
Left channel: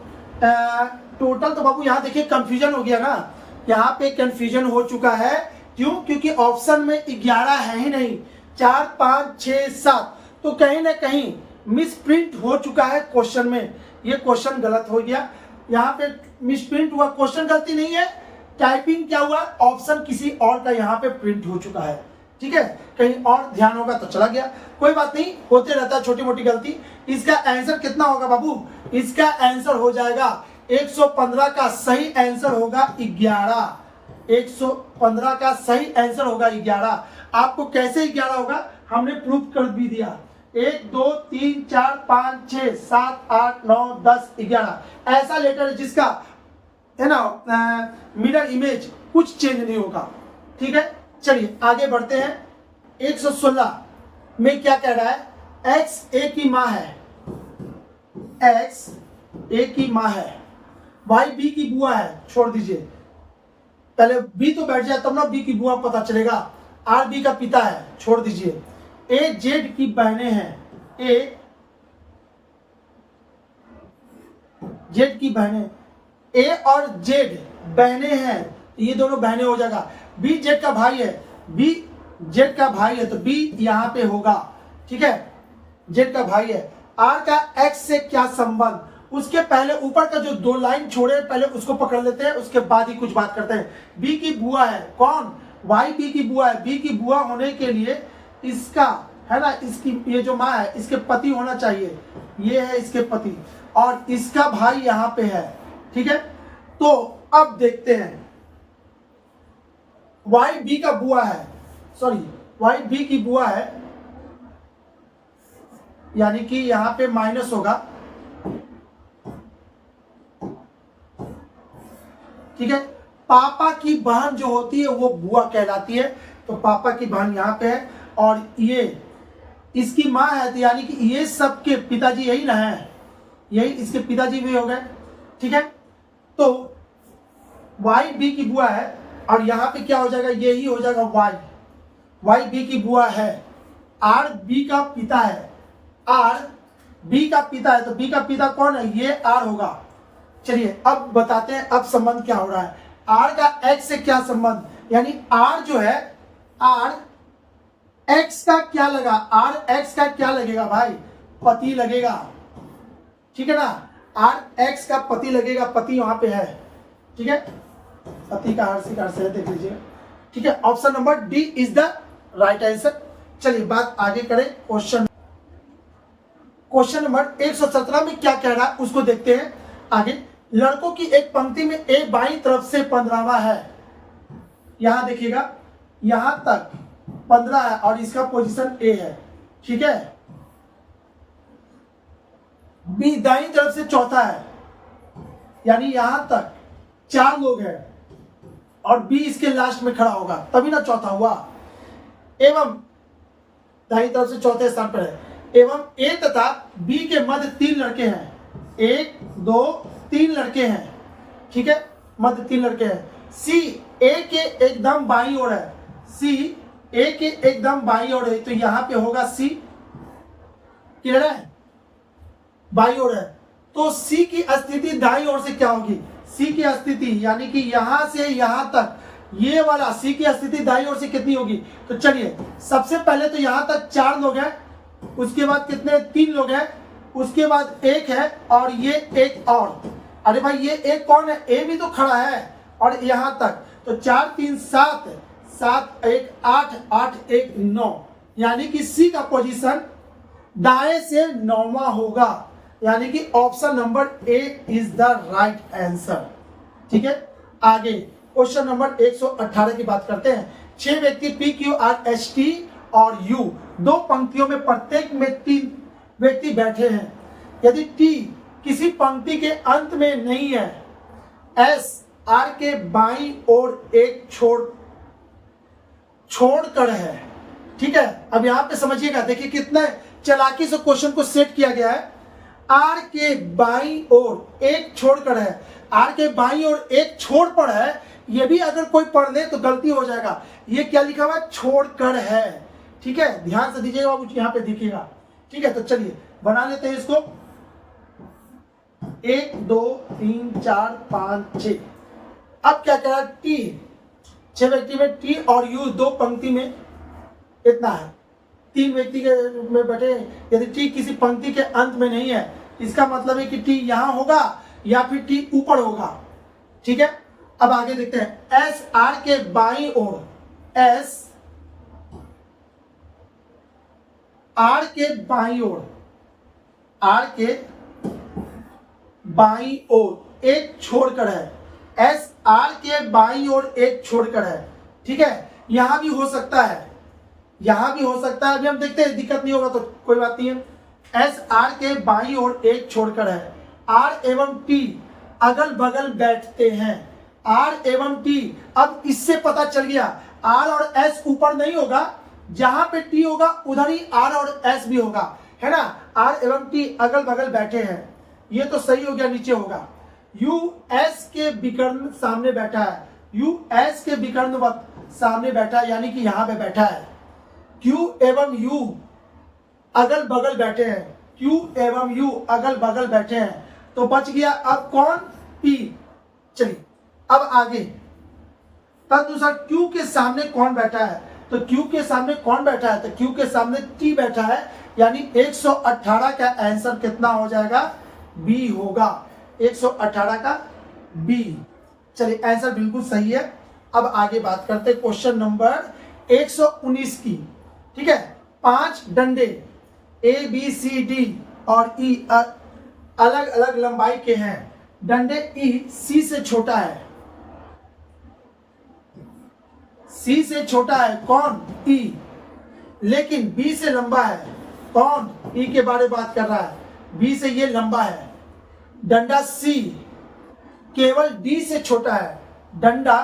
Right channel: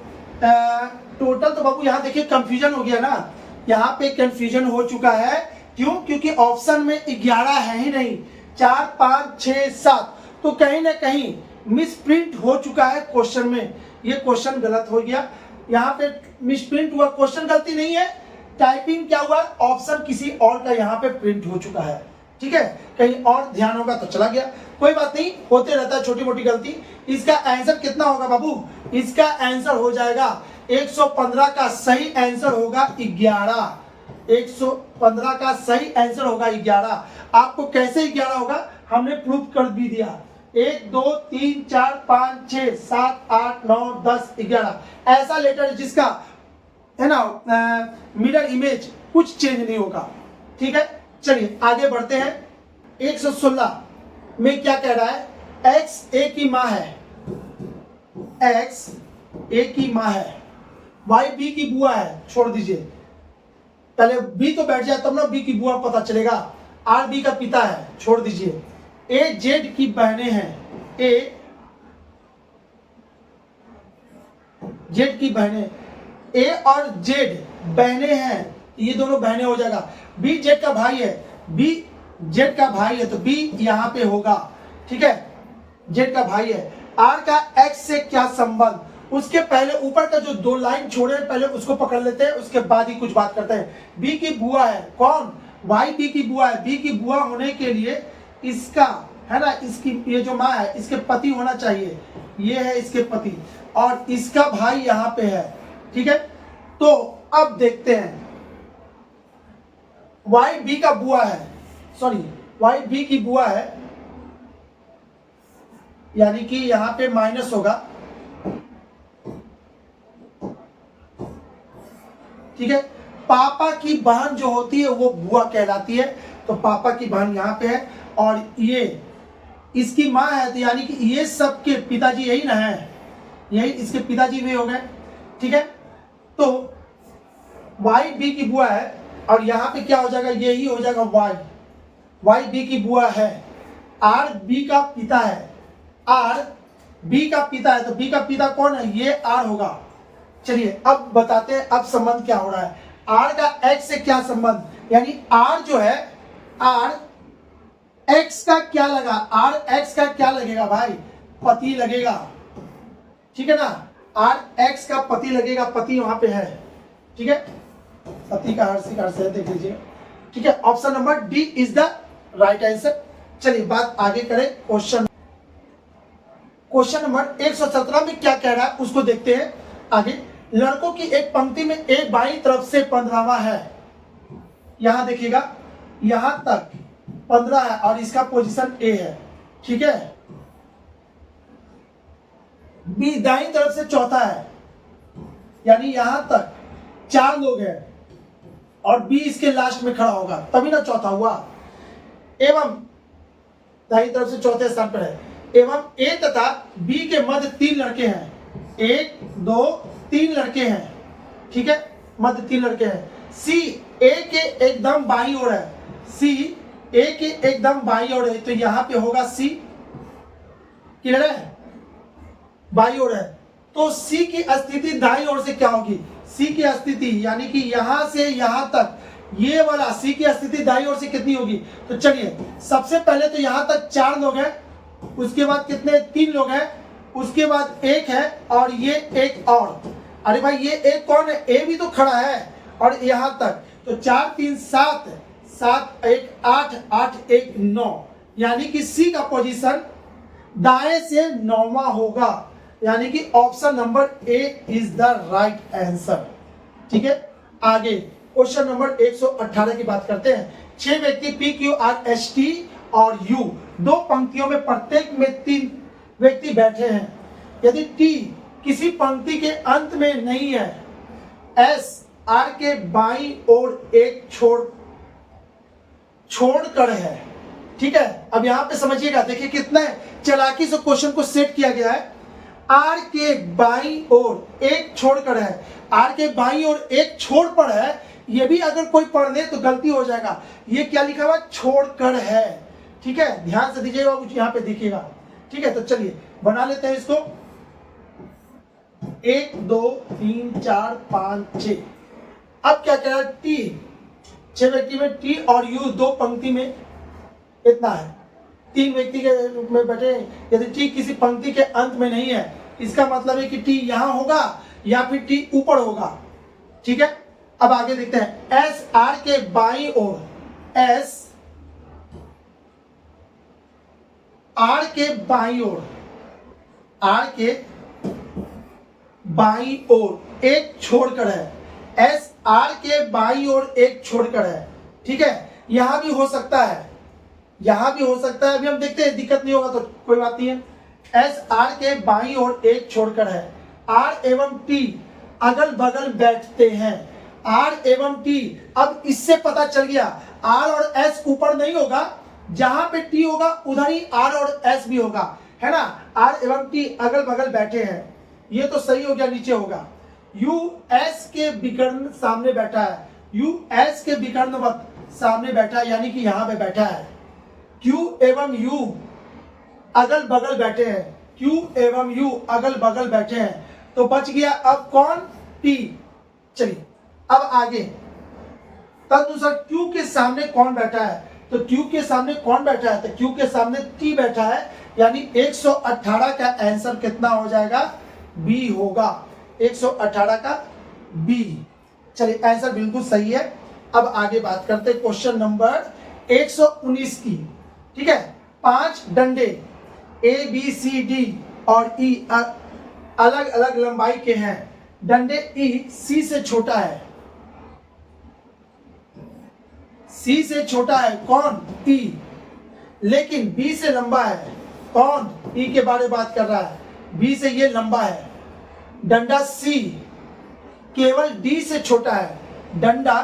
टोटल तो बाबू यहाँ देखिए कंफ्यूजन हो गया ना, यहाँ पे कंफ्यूजन हो चुका है। क्यों? क्योंकि ऑप्शन में 11 है ही नहीं, 4, 5, 6, 7, तो कहीं ना कहीं मिस प्रिंट हो चुका है क्वेश्चन में। ये क्वेश्चन गलत हो गया, यहाँ पे मिस प्रिंट हुआ, क्वेश्चन गलती नहीं है, टाइपिंग क्या हुआ, ऑप्शन किसी और का यहाँ पे प्रिंट हो चुका है। ठीक है, कहीं और ध्यान होगा तो चला गया, कोई बात नहीं, होते रहता है छोटी मोटी गलती। इसका आंसर कितना होगा बाबू? इसका आंसर हो जाएगा 115 का सही आंसर होगा 11। 115 का सही आंसर होगा 11। आपको कैसे 11 होगा हमने प्रूफ कर भी दिया। 1, 2, 3, 4, 5, 6, 7, 8, 9, 10, 11 ऐसा लेटर जिसका है ना मिरर इमेज कुछ चेंज नहीं होगा। ठीक है, चलिए आगे बढ़ते हैं। 116 में क्या कह रहा है? X A की माँ है, X A की माँ है, Y B की बुआ है, छोड़ दीजिए, पहले B तो बैठ जाए तब ना B की बुआ पता चलेगा। R B का पिता है, छोड़ दीजिए। A Z की बहनें हैं, A Z की बहनें, A और Z बहनें हैं, ये दोनों बहनें हो जाएगा। B Z का भाई है, B Z का भाई है तो B यहाँ पे होगा। ठीक है, Z का भाई है। R का X से क्या संबंध? उसके पहले ऊपर का जो 2 लाइन छोड़े पहले उसको पकड़ लेते हैं, उसके बाद ही कुछ बात करते हैं। B की बुआ है, कौन? Y B की बुआ है। B की बुआ होने के लिए इसका है ना, इसकी ये जो माँ है इसके पति होना चाहिए, ये है इसके पति, और इसका भाई यहाँ पे है। ठीक है, तो अब देखते हैं, Y B का बुआ है, सॉरी Y B की बुआ है, यानी कि यहाँ पे माइनस होगा। ठीक है, पापा की बहन जो होती है वो बुआ कहलाती है, तो पापा की बहन यहाँ पे है, और ये इसकी माँ है, तो यानी कि ये सबके पिताजी यही ना है, यही इसके पिताजी भी हो गए। ठीक है, तो Y B की बुआ है, और यहाँ पे क्या हो जाएगा, यही हो जाएगा Y B की बुआ है। R B का पिता है, R B का पिता है, तो B का पिता कौन है? ये R होगा। चलिए अब बताते हैं अब संबंध क्या हो रहा है। R का X से क्या संबंध, यानी R जो है, R X का क्या लगा, R X का क्या लगेगा भाई? पति लगेगा। ठीक है ना, R X का पति लगेगा, पति वहां पे है। ठीक है, पति का हर से देख लीजिए। ठीक है, option number D is the right answer. चलिए बात आगे करें। क्वेश्चन नंबर 117 में क्या कह रहा है उसको देखते हैं आगे। लड़कों की एक पंक्ति में A बाईं तरफ से 15वां है, यहां देखिएगा, यहां तक 15 है और इसका पोजीशन A है। ठीक है, B दाईं तरफ से चौथा है, यानी यहां तक 4 लोग हैं और B इसके लास्ट में खड़ा होगा, तभी ना चौथा हुआ। एवं दाईं तरफ से चौथे स्थान पर है, एवं A तथा B के मध्य 3 लड़के हैं, 1, 2, 3 लड़के हैं। ठीक है, मध्य 3 लड़के हैं। C A के एकदम बाईं ओर है, C A के एकदम बाईं ओर है, तो यहां पे होगा C। क्लियर है, बाईं ओर है, तो C की स्थिति दाईं ओर से क्या होगी? C की स्थिति यानी कि यहां से यहां तक, ये वाला C की स्थिति दाईं ओर से कितनी होगी? तो चलिए सबसे पहले तो यहां तक 4 लोग हैं, उसके बाद कितने? 3 लोग हैं, उसके बाद 1 है और ये एक और। अरे भाई ये एक कौन है? A भी तो खड़ा है, और यहां तक तो 4, 3, 7, 7, 1, 8, 8, 1, 9, यानी कि C का पोजीशन दाएं से 9वां होगा। यानी कि option number A is the right answer. ठीक है, आगे क्वेश्चन नंबर 118 की बात करते हैं। 6 व्यक्ति P Q R S T और यू, दो पंक्तियों में प्रत्येक में 3 व्यक्ति बैठे हैं। यदि टी किसी पंक्ति के अंत में नहीं है, एस आर के बाईं ओर एक छोड़कर है। ठीक है, अब यहां पे समझिएगा, देखिए कितना चालाकी से क्वेश्चन को सेट किया गया है। आर के बाईं ओर एक छोड़कर है, आर के बाईं ओर एक छोड़ पर है। ये भी अगर कोई पढ़ ले तो गलती हो जाएगा। ये क्या लिखा हुआ, छोड़कर है। ठीक है, ध्यान से दीजिएगा, कुछ यहां पे दिखेगा। ठीक है, तो चलिए बना लेते हैं इसको। 1 2 3 4 5 6। अब क्या कह रहा है, टी 6 व्यक्ति में टी और यू दो पंक्ति में इतना है, 3 व्यक्ति के में बैठे। यदि टी किसी पंक्ति के अंत में नहीं है, इसका मतलब है कि टी यहां होगा या फिर टी ऊपर होगा। ठीक है, अब आगे देखते हैं। एस आर के बाईं ओर, एस आर के बाईं ओर, आर के बाईं ओर एक छोड़कर है। एस आर के बाईं ओर एक छोड़कर है। ठीक है, यहां भी हो सकता है, यहां भी हो सकता है। अभी हम देखते हैं, दिक्कत नहीं होगा तो कोई बात नहीं है। एस आर के बाईं ओर एक छोड़कर है। आर एवं टी अगल बगल बैठते हैं। आर एवं टी, अब इससे पता चल गया आर और एस ऊपर नहीं होगा, जहां पे टी होगा उधर ही आर और एस भी होगा, है ना। आर एवं टी अगल बगल बैठे हैं, ये तो सही हो गया, नीचे होगा। यू एस के विकर्ण सामने बैठा है, यू एस के विकर्णवत सामने बैठा है, यानी कि यहां पे बैठा है। क्यू एवं यू अगल बगल बैठे हैं, क्यू एवं यू अगल बगल बैठे हैं, तो बच गया अब कौन, टी। चलिए अब आगे, तदनुसार क्यू के सामने कौन बैठा है, तो क्यू के सामने कौन बैठा है, तो क्यू के सामने टी बैठा है, यानी 118 का आंसर कितना हो जाएगा, बी होगा। 118 का बी। चलिए आंसर बिल्कुल सही है। अब आगे बात करते हैं क्वेश्चन नंबर 119 की। ठीक है, 5 डंडे ए बी सी डी और ई अलग अलग लंबाई के हैं। डंडे ई सी से छोटा है, सी से छोटा है कौन, ई, लेकिन बी से लंबा है कौन, ई के बारे में बात कर रहा है, बी से ये लंबा है। डंडा सी केवल डी से छोटा है, डंडा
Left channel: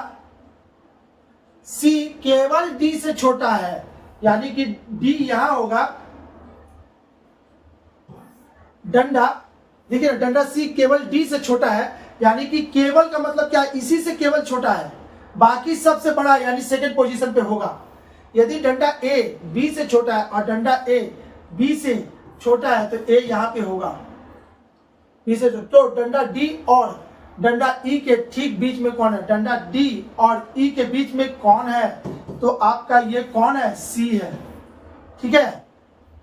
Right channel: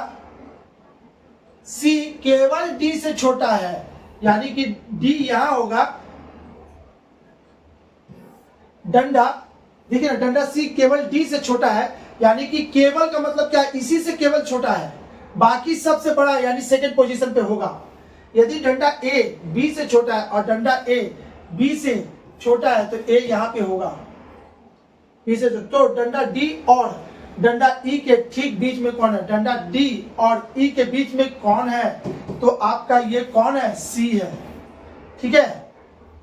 सी केवल डी से छोटा है, यानी कि डी यहां होगा। डंडा, देखिए ना, डंडा सी केवल डी से छोटा है, यानी कि केवल का मतलब क्या, इसी से केवल छोटा है, बाकी सबसे बड़ा यानी सेकंड पोजीशन पे होगा। यदि डंडा ए बी से छोटा है और डंडा ए बी से छोटा है, तो ए यहां पे होगा, बी से। तो डंडा डी और डंडा ई के ठीक बीच में कौन है, डंडा डी और ई के बीच में कौन है, तो आपका ये कौन है, सी है। ठीक है,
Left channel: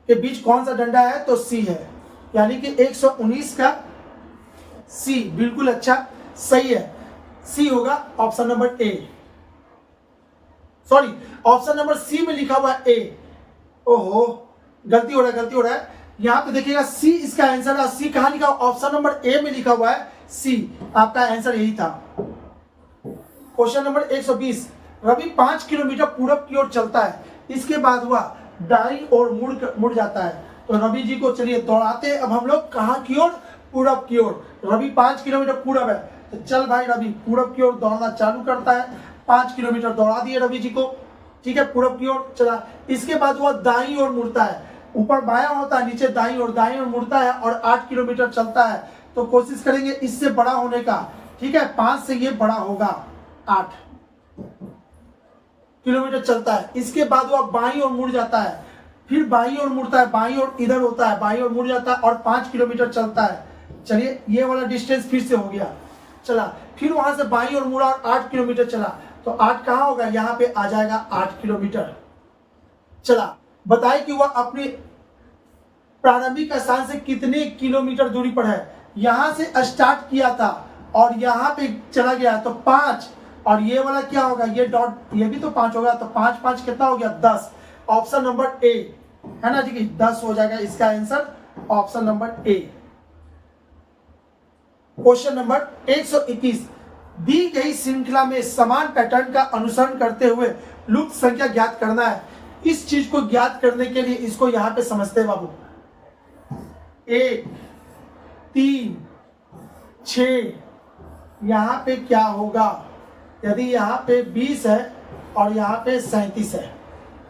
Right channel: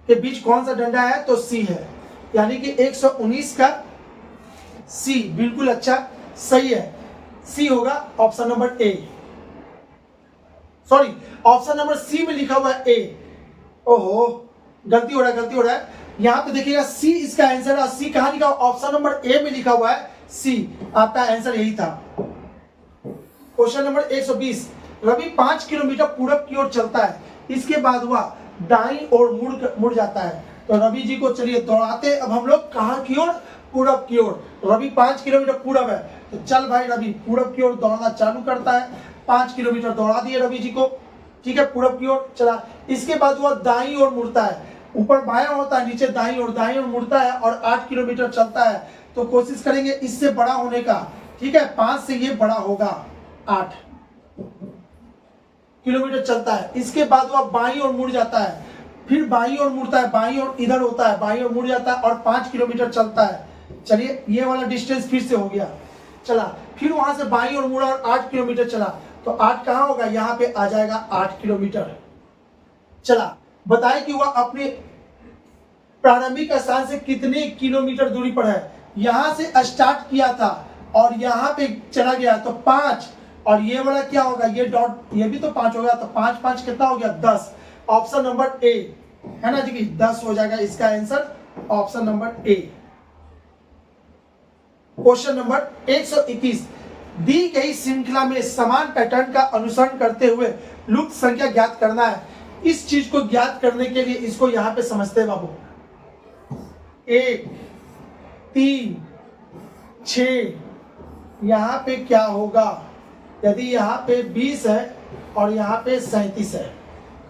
के बीच कौन सा डंडा है, तो सी है, यानी कि 119 का सी बिल्कुल अच्छा सही है। सी होगा option number A, sorry option number C में लिखा हुआ है ए। ओहो, गलती हो रहा है। यहां पे देखिएगा सी इसका आंसर है, सी कहां लिखा, ऑप्शन नंबर ए में लिखा हुआ है सी, आपका आंसर यही था। Question number 120। रवि 5 किलोमीटर पूरब की ओर चलता है, इसके बाद वह दाईं ओर मुड़ जाता है, तो रवि जी को चलिए दौड़ाते। अब हम लोग कहां की ओर, पूरब की ओर। रवि 5 किलोमीटर पूरब है, तो चल भाई रवि पूरब की ओर दौड़ना चालू करता है। 5 किलोमीटर दौड़ा दिए रवि जी को। ठीक है, पूरब की ओर चला। इसके बाद वह दाईं ओर मुड़ता है, ऊपर बायां होता है, नीचे दाईं ओर मुड़ता है और 8 किलोमीटर चलता है। तो कोशिश करेंगे इससे बड़ा होने का। ठीक है, 5 से ये बड़ा होगा, 8 किलोमीटर चलता है। इसके बाद वह बाईं ओर मुड़ जाता है, फिर बाईं ओर मुड़ता है, बाईं ओर इधर होता है, बाईं ओर मुड़ जाता है और 5 किलोमीटर चलता है। चलिए ये वाला डिस्टेंस फिर से हो गया, चला। फिर वहां से बाईं ओर मुड़ा और 8 किलोमीटर चला, तो 8 कहां होगा, यहां पे आ जाएगा 8 किलोमीटर। चला, बताए कि वह अपनी प्रारंभिक स्थान से कितने किलोमीटर दूरी पर है। यहां से स्टार्ट किया था और यहां पे चला गया, तो 5, और ये वाला क्या होगा, ये डॉट, ये भी तो 5 होगा, तो 5 5 कितना हो गया, 10। ऑप्शन नंबर ए है ना जी, 10 हो जाएगा इसका आंसर, ऑप्शन नंबर ए। क्वेश्चन नंबर 121, दी गई श्रृंखला में समान पैटर्न का अनुसरण करते हुए लुप्त संख्या ज्ञात करना है। इस चीज को ज्ञात करने के लिए इसको यहां पे समझते हैं बाबू। 1, 3, 6, यहां पे क्या होगा यदि यहां पे 20 है और यहां पे 37 है,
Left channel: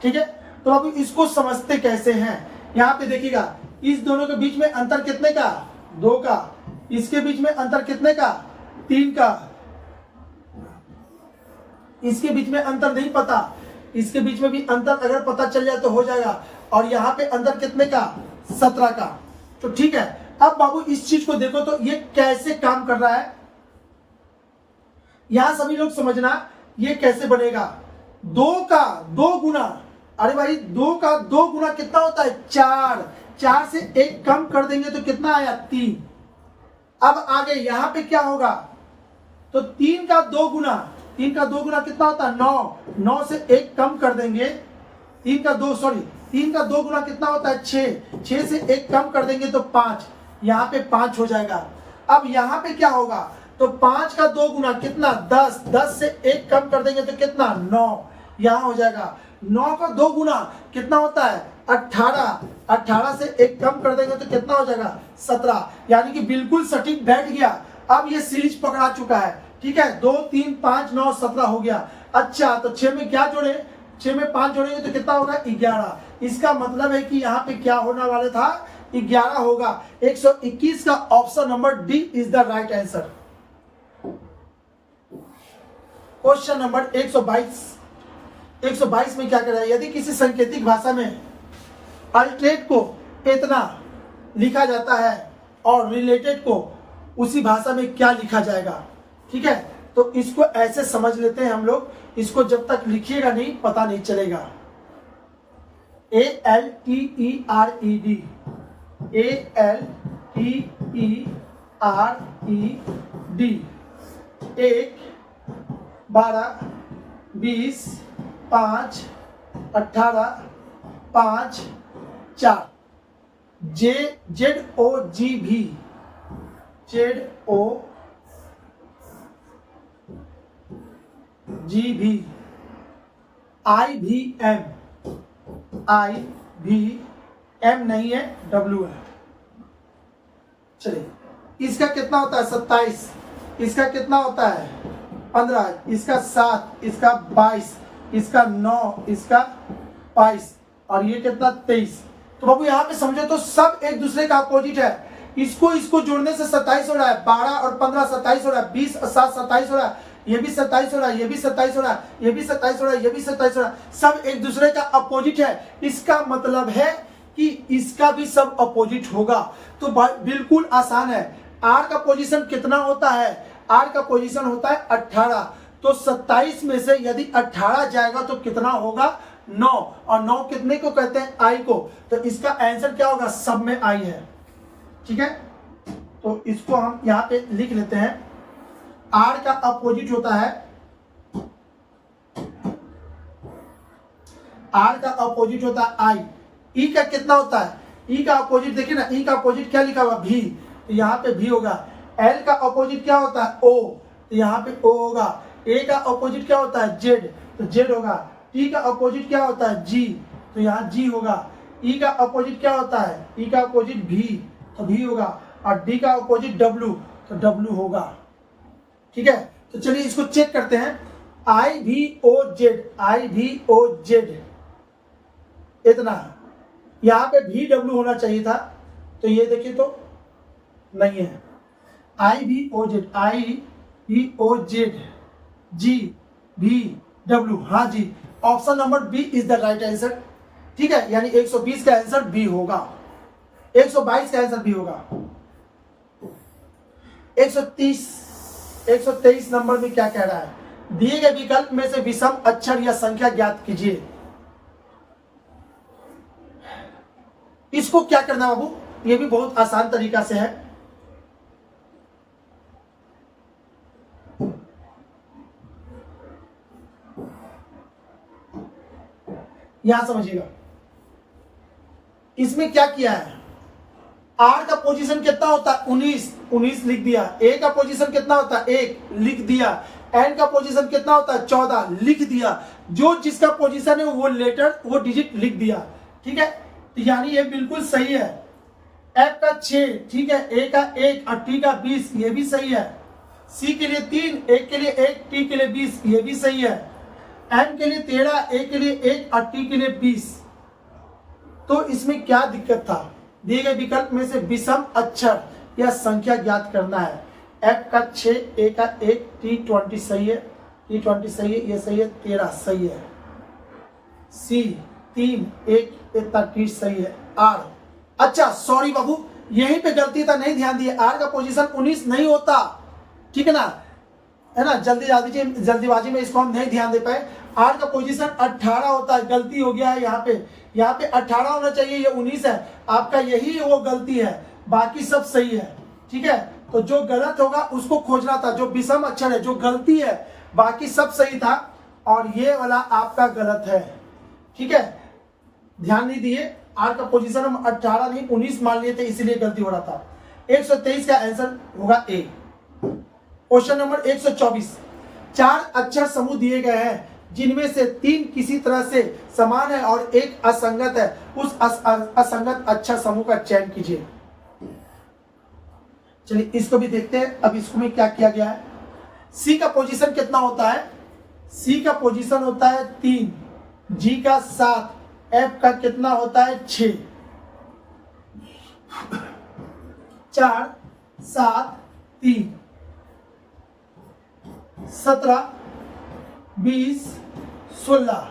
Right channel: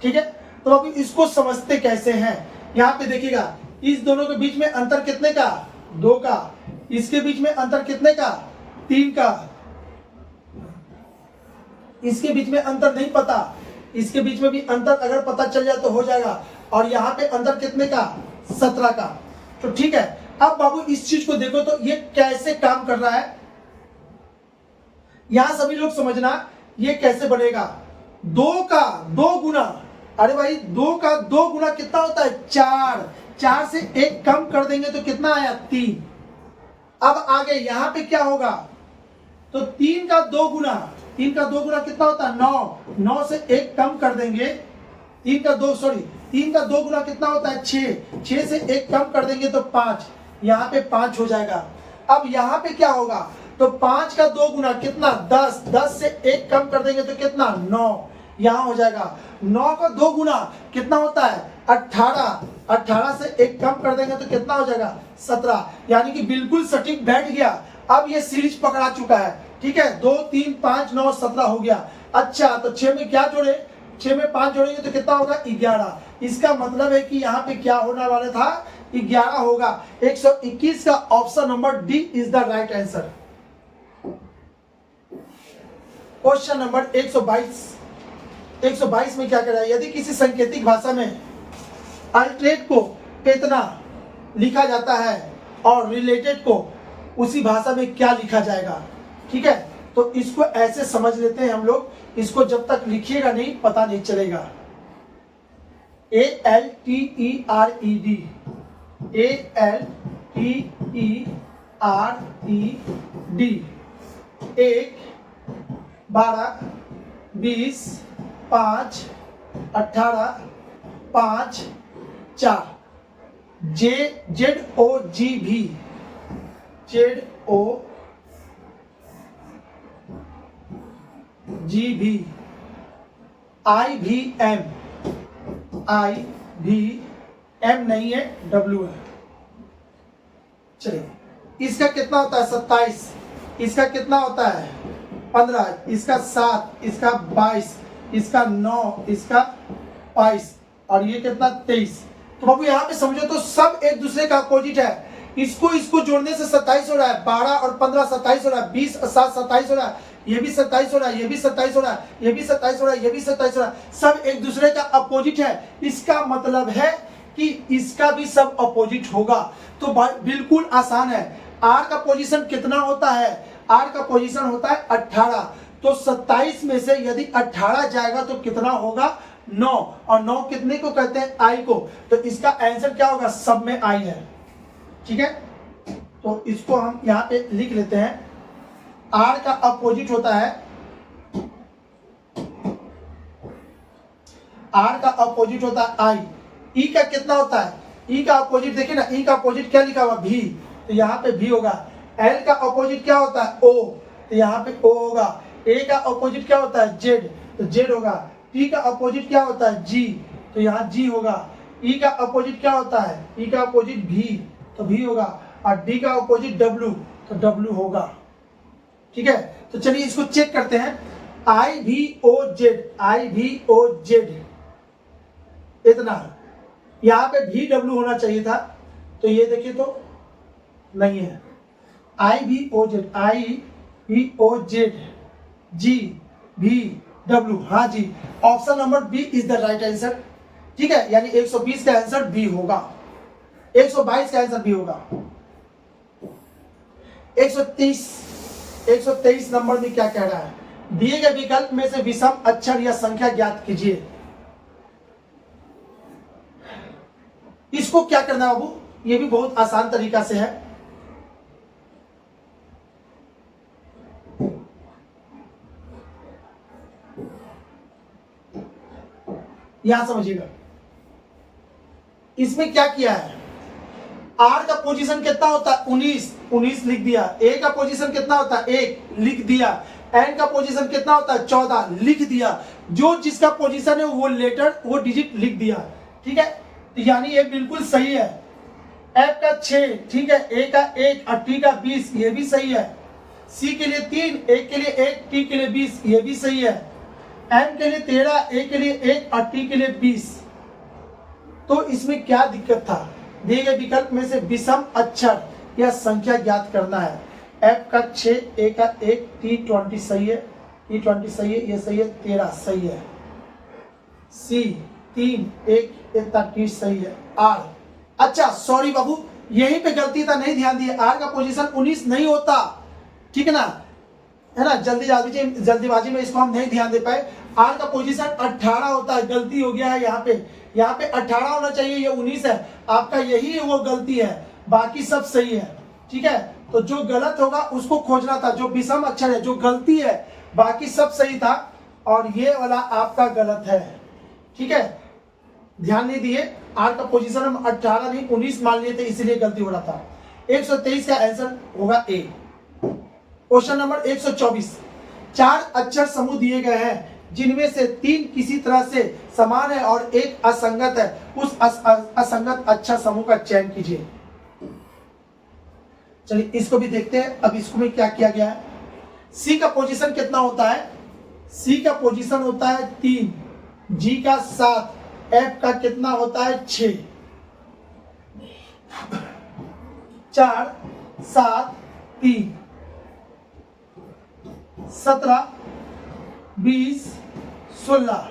ठीक है। तो अभी इसको समझते कैसे हैं, यहां पे देखिएगा इस दोनों के बीच में अंतर कितने का, 2 का, इसके बीच में अंतर कितने का, 3 का, इसके बीच में अंतर नहीं पता, इसके बीच में भी अंतर अगर पता चल जाए तो हो जाएगा, और यहां पे अंतर कितने का, 17 का। तो ठीक है, अब बाबू इस चीज को देखो तो ये कैसे काम कर रहा है, यहां सभी लोग समझना ये कैसे बनेगा। 2 का 2 गुना, अरे भाई 2 का 2 गुना कितना होता है, 4, 4 से 1 कम कर देंगे तो कितना आया, 3। अब आगे यहां पे क्या होगा, तो 3 का 2 गुना, 3 का 2 गुना कितना होता है, 9, 9 से 1 कम कर देंगे, 3 का 2 गुना कितना होता है, 6, 6 से 1 कम कर देंगे तो 5, यहाँ पे 5 हो जाएगा। अब यहाँ पे क्या होगा, तो 5 का 2 गुना कितना, 10, 10 से 1 कम कर देंगे तो कितना, 9, यहाँ हो जाएगा। 9 का 2 गुना कितना होता है, 18, 18 से 1 कम कर देंगे तो कितना हो जाएगा, 17, यानी कि बिल्कुल सटीक बैठ गया। अब ये सीरीज पकड़ा चुका है, ठीक है। 2, 3, 5, 9, 17 हो गया। अच्छा, तो 6 में क्या जोड़े, 6 में 5 जोड़ेंगे तो कितना होगा, 11। इसका मतलब है कि यहाँ पे क्या होने वाला था, 11 होगा। 121 का option number D is the right answer. Question number 122, 122 में क्या कर रहा है, यदि किसी सांकेतिक भाषा में अल्टरेट को इतना लिखा जाता है और रिलेटेड को उसी भाषा में क्या लिखा जाएगा, ठीक है। तो इसको ऐसे समझ लेते हैं हम लोग, इसको जब तक लिखिएगा नहीं पता नहीं चलेगा। ALTERED, ALTERED, 1, 12, 20, 5, 18, 5, 4, ZOGV, ZOGV, IVM नहीं है, W है। चलिए, इसका कितना होता है, 27, इसका कितना होता है, 15, इसका 7, इसका 22, इसका 9, इसका 22, और ये कितना, 23। तो बाबू यहाँ पे समझो तो सब एक दूसरे का अपोजिट है। इसको जोड़ने से 27 हो रहा है, 12 और 15 27 हो रहा है, 20 और 7 27 हो रहा है, ये भी 27 हो रहा है, ये भी 27 हो रहा है, ये भी 27 हो रहा है, ये भी 27 हो रहा है, सब एक दूसरे का अपोजिट है। इसका मतलब है कि इसका भी सब अपोजिट होगा। तो बिल्कुल आसान है। आर का पोजीशन कितना होता है, आर का पोजीशन होता है 18। तो 27 में से यदि 18 जाएगा तो कितना होगा, 9, और 9 कितने को कहते हैं, आई को। तो इसका आंसर क्या होगा, सब में आई है, ठीक है। तो इसको हम यहां पे लिख लेते हैं। आर का अपोजिट होता है, आर का अपोजिट होता है आई। ई का कितना होता है, ई का अपोजिट देखिए ना, ई का अपोजिट क्या लिखा हुआ, भी, तो यहाँ पे भी होगा। एल का अपोजिट क्या होता है, ओ, तो यहाँ पे ओ होगा। ए का अपोजिट क्या होता है, जेड, तो जेड होगा। टी का अपोजिट क्या होता है, जी, तो यहाँ जी होगा। ई का अपोजिट क्या होता है, ई का अपोजिट भी, तो भी होगा। और डी का अपोजिट डब्ल्यू, तो डब्ल्यू होगा, ठीक है। तो चलिए इसको चेक करते हैं। IVOZ, IVOZ इतना, यहां पे भी डब्ल्यू होना चाहिए था, तो ये देखिए तो नहीं है। IVOZ, GVW, हाँ जी, option number B is the right answer, ठीक है। यानी 120 का आंसर बी होगा, 122 का आंसर बी होगा। 123 नंबर में क्या कह रहा है, दिए गए विकल्प में से विषम अक्षर या संख्या ज्ञात कीजिए। इसको क्या करना है बाबू, ये भी बहुत आसान तरीका से है। यहां समझिएगा, इसमें क्या किया है, आर का पोजीशन कितना होता है, 19, 19 लिख दिया। ए का पोजीशन कितना होता है 1 लिख दिया। एन का पोजीशन कितना होता है 14 लिख दिया। जो जिसका पोजीशन है वो लेटर वो डिजिट लिख दिया। ठीक है, तो यानी ये बिल्कुल सही है। एफ का 6, ठीक है, ए का 1 और टी का 20, ये भी सही है। सी के लिए 3, ए के लिए 1, टी के लिए 20, ये भी सही है। एन के लिए 13, ए के लिए 1 और टी के लिए 20। तो इसमें क्या दिक्कत था? दिए गए विकल्प में से विषम अक्षर या संख्या ज्ञात करना है। एफ का 6, ए का 1, टी 20 सही है, टी 20 सही है, ये सही है, 13 सही है। सी 3, 1, 30 सही है। आर, अच्छा सॉरी बाबू, यहीं पे गलती था, नहीं ध्यान दिए। आर का पोजीशन 19 नहीं होता, ठीक है ना, है ना, जल्दीबाजी में इसको हम नहीं ध्यान दे पाए। आर का पोजीशन 18 होता है, गलती हो गया है यहाँ पे 18 होना चाहिए, ये 19 है। आपका यही वो गलती है, बाकी सब सही है। ठीक है, तो जो गलत होगा उसको खोजना था, जो विषम अक्षर है, जो गलती है, बाकी सब सही था और ये वाला आपका गलत है। ठीक है, ध्यान नहीं दिए। आर का पोजीशन हम 18 नहीं 19 मान लिए थे, इसलिए गलती हो रहा था। 123 का आंसर होगा ए। क्वेश्चन नंबर 124, 4 अक्षर समूह दिए गए हैं जिनमें से 3 किसी तरह से समान है और एक असंगत है। उस असंगत अक्षर समूह का चयन कीजिए। चलिए इसको भी देखते हैं। अब इसको में क्या किया गया है। सी का पोजीशन कितना होता है? सी का पोजीशन होता है 3, जी का 7, एफ का कितना होता है 6। 4, 7, 3, 17, 20, 16,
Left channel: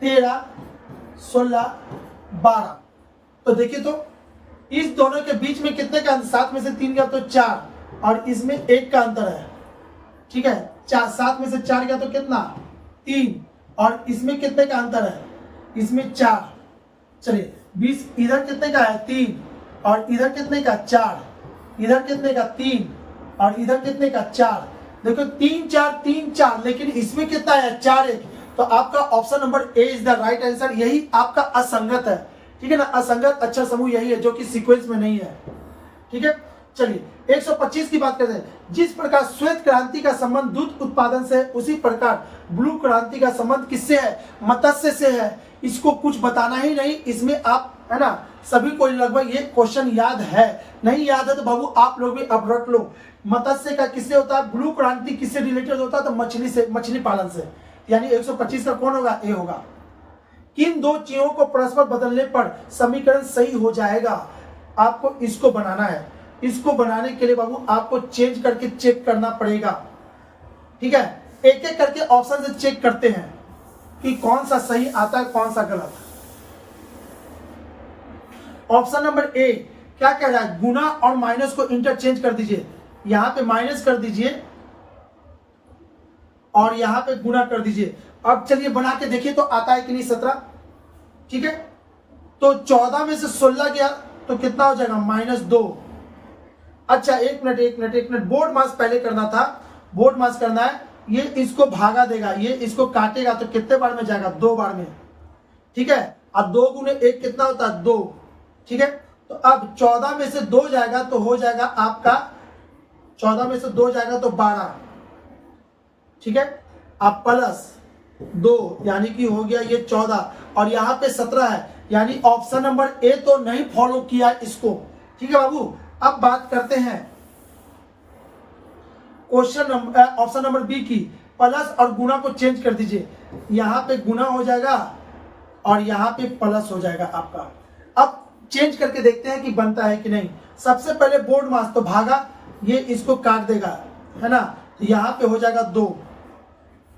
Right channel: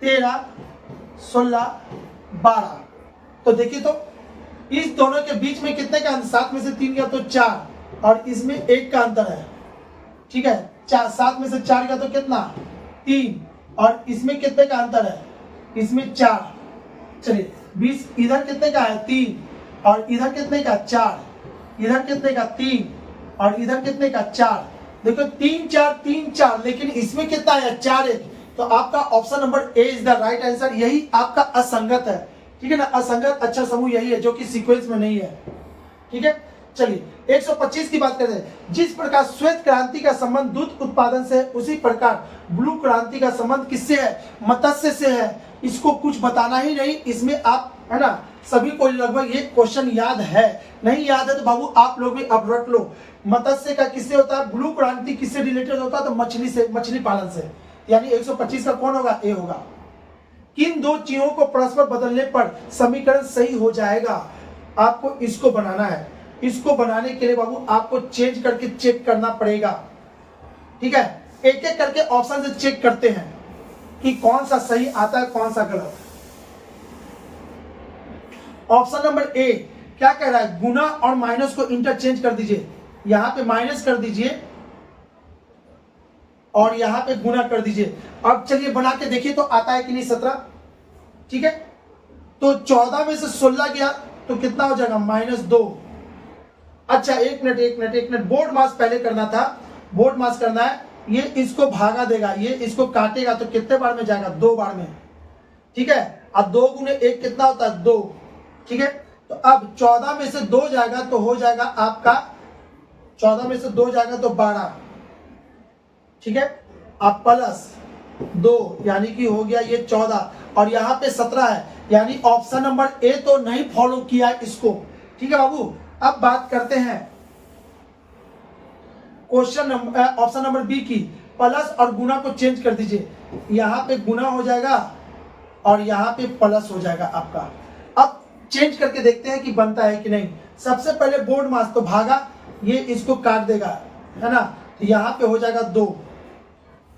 13, 16, 12। तो देखिए, तो इस दोनों के बीच में कितने का अंतर? 7 में से 3 गया तो 4 और इसमें 1 का अंतर है। ठीक है, 7 में से 4 गया तो कितना? 3 और इसमें कितने का अंतर है? इसमें 4। चलिए 20 इधर कितने का है? 3 और इधर कितने का? 4। इधर कितने का? 3 और इधर कितने का? 4। देखो 3 4 3 4, लेकिन इसमें कितना है? 4 1। तो आपका option number A is the right answer. यही आपका असंगत है। ठीक है ना, असंगत अक्षर समूह यही है जो कि सीक्वेंस में नहीं है। ठीक है, चलिए 125 की बात करते हैं। जिस प्रकार श्वेत क्रांति का संबंध दूध उत्पादन से है, उसी प्रकार ब्लू क्रांति का संबंध किससे है? मत्स्य से है। इसको कुछ बताना ही नहीं, इसमें आप, है ना, सभी को लगभग ये क्वेश्चन याद है। नहीं याद है तो बाबू आप लोग भी अब रट लो। मत्स्य का किससे होता है? ब्लू क्रांति किससे रिलेटेड होता है? तो मछली से, मछली पालन से। यानी 125 का कौन होगा? ए होगा। किन दो चीजों को परस्पर बदलने पर समीकरण सही हो जाएगा? आपको इसको बनाना है। इसको बनाने के लिए बाबू आपको चेंज करके चेक करना पड़ेगा। ठीक है, एक एक करके ऑप्शन से चेक करते हैं कि कौन सा सही आता है, कौन सा गलत। ऑप्शन नंबर ए क्या कह रहा है? गुना और माइनस को इंटरचेंज कर दीजिए। यहां पे माइनस कर दीजिए और यहां पे गुना कर दीजिए। अब चलिए बना के देखिए तो आता है कि नहीं 17। ठीक है, तो 14 में से 16 गया तो कितना हो जाएगा? -2। अच्छा एक मिनट, बोर्ड मास पहले करना था। बोर्ड मास करना है, ये इसको भागा देगा, ये इसको काटेगा तो कितने बार में जाएगा? 2 बार में। ठीक है, अब 2 गुने 1 कितना होता है? 2। ठीक है, तो अब 14 में से 2 जाएगा तो हो जाएगा आपका, 14 में से 2 जाएगा तो 12। ठीक है, अब प्लस 2 यानी कि हो गया ये 14 और यहां पे 17 है। यानी ऑप्शन नंबर ए तो नहीं फॉलो किया इसको। ठीक है बाबू, अब बात करते हैं question number, option number B की। प्लस और गुना को चेंज कर दीजिए। यहां पे गुना हो जाएगा और यहां पे प्लस हो जाएगा आपका। अब चेंज करके देखते हैं कि बनता है कि नहीं। सबसे पहले बोर्ड मास तो भागा, ये इसको काट देगा, है ना, तो यहां पे हो जाएगा 2।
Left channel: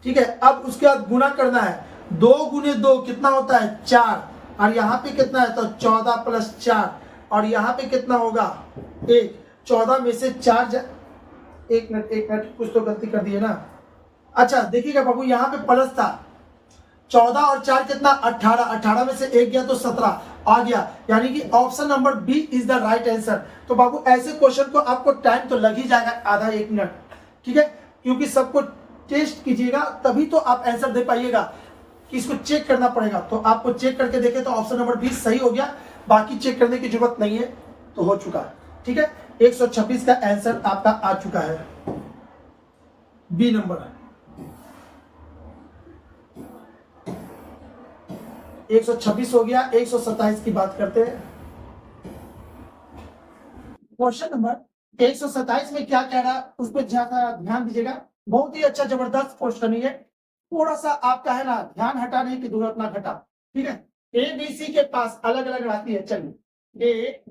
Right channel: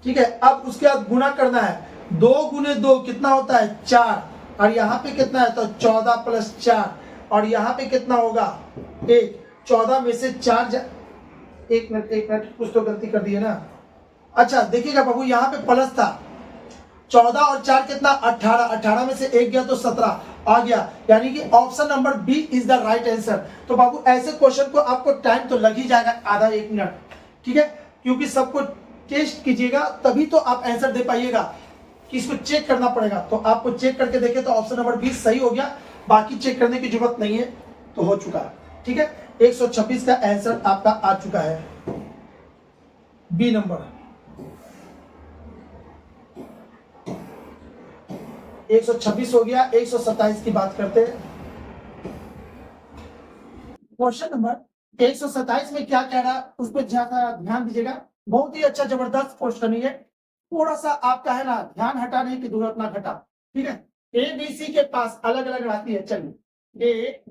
ठीक है, अब उसके बाद गुना करना है। 2 गुने 2 कितना होता है? 4 और यहाँ पे कितना है? तो 14 + 4 और यहाँ पे कितना होगा? 1। 14 में से 4 एक मिनट, कुछ तो गलती कर दिए ना। अच्छा देखिएगा बाबू, यहाँ पे प्लस था। 14 और 4 कितना? 18। 18 में से 1 गया तो 17 आ गया। यानी कि option number B is the right answer. तो बाबू ऐसे क्वेश्चन को आपको टाइम तो लग ही जाएगा, आधा 1 मिनट। ठीक है, क्योंकि सबको टेस्ट कीजिएगा तभी तो आप आंसर दे पाइएगा, कि इसको चेक करना पड़ेगा। तो आपको चेक करके देखें तो ऑप्शन नंबर 20 सही हो गया, बाकी चेक करने की जरूरत नहीं है, तो हो चुका। ठीक है, 126 का आंसर आपका आ चुका है, बी नंबर। 126 हो गया। 127 की बात करते हैं। क्वेश्चन नंबर 127 में क्या कह रहा है उस पर ज्यादा ध्यान दीजिएगा। बहुत ही अच्छा जबरदस्त क्वेश्चन है। थोड़ा सा आपका है ना ध्यान हटाने की जरूरत ना घटा, ठीक है। ए बी सी के पास अलग अलग राशि है। चलिए ए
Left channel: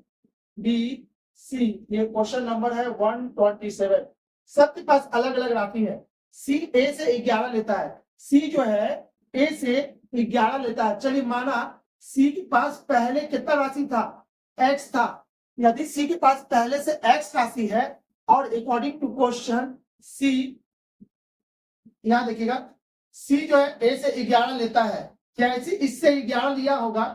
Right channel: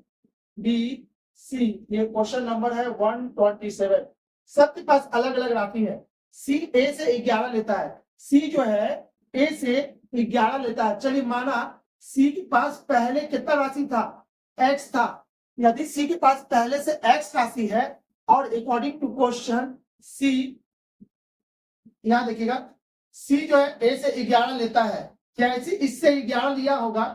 बी सी, ये क्वेश्चन नंबर है 127। सबके पास अलग अलग राशि है। सी ए से 11 लेता है, सी जो है ए से 11 लेता है। चलिए माना सी के पास पहले कितना राशि था, एक्स था। यदि सी के पास पहले से एक्स राशि है और अकॉर्डिंग टू क्वेश्चन सी, यहां देखिएगा सी जो है ए से 11 लेता है, जैसे इससे 11 लिया होगा,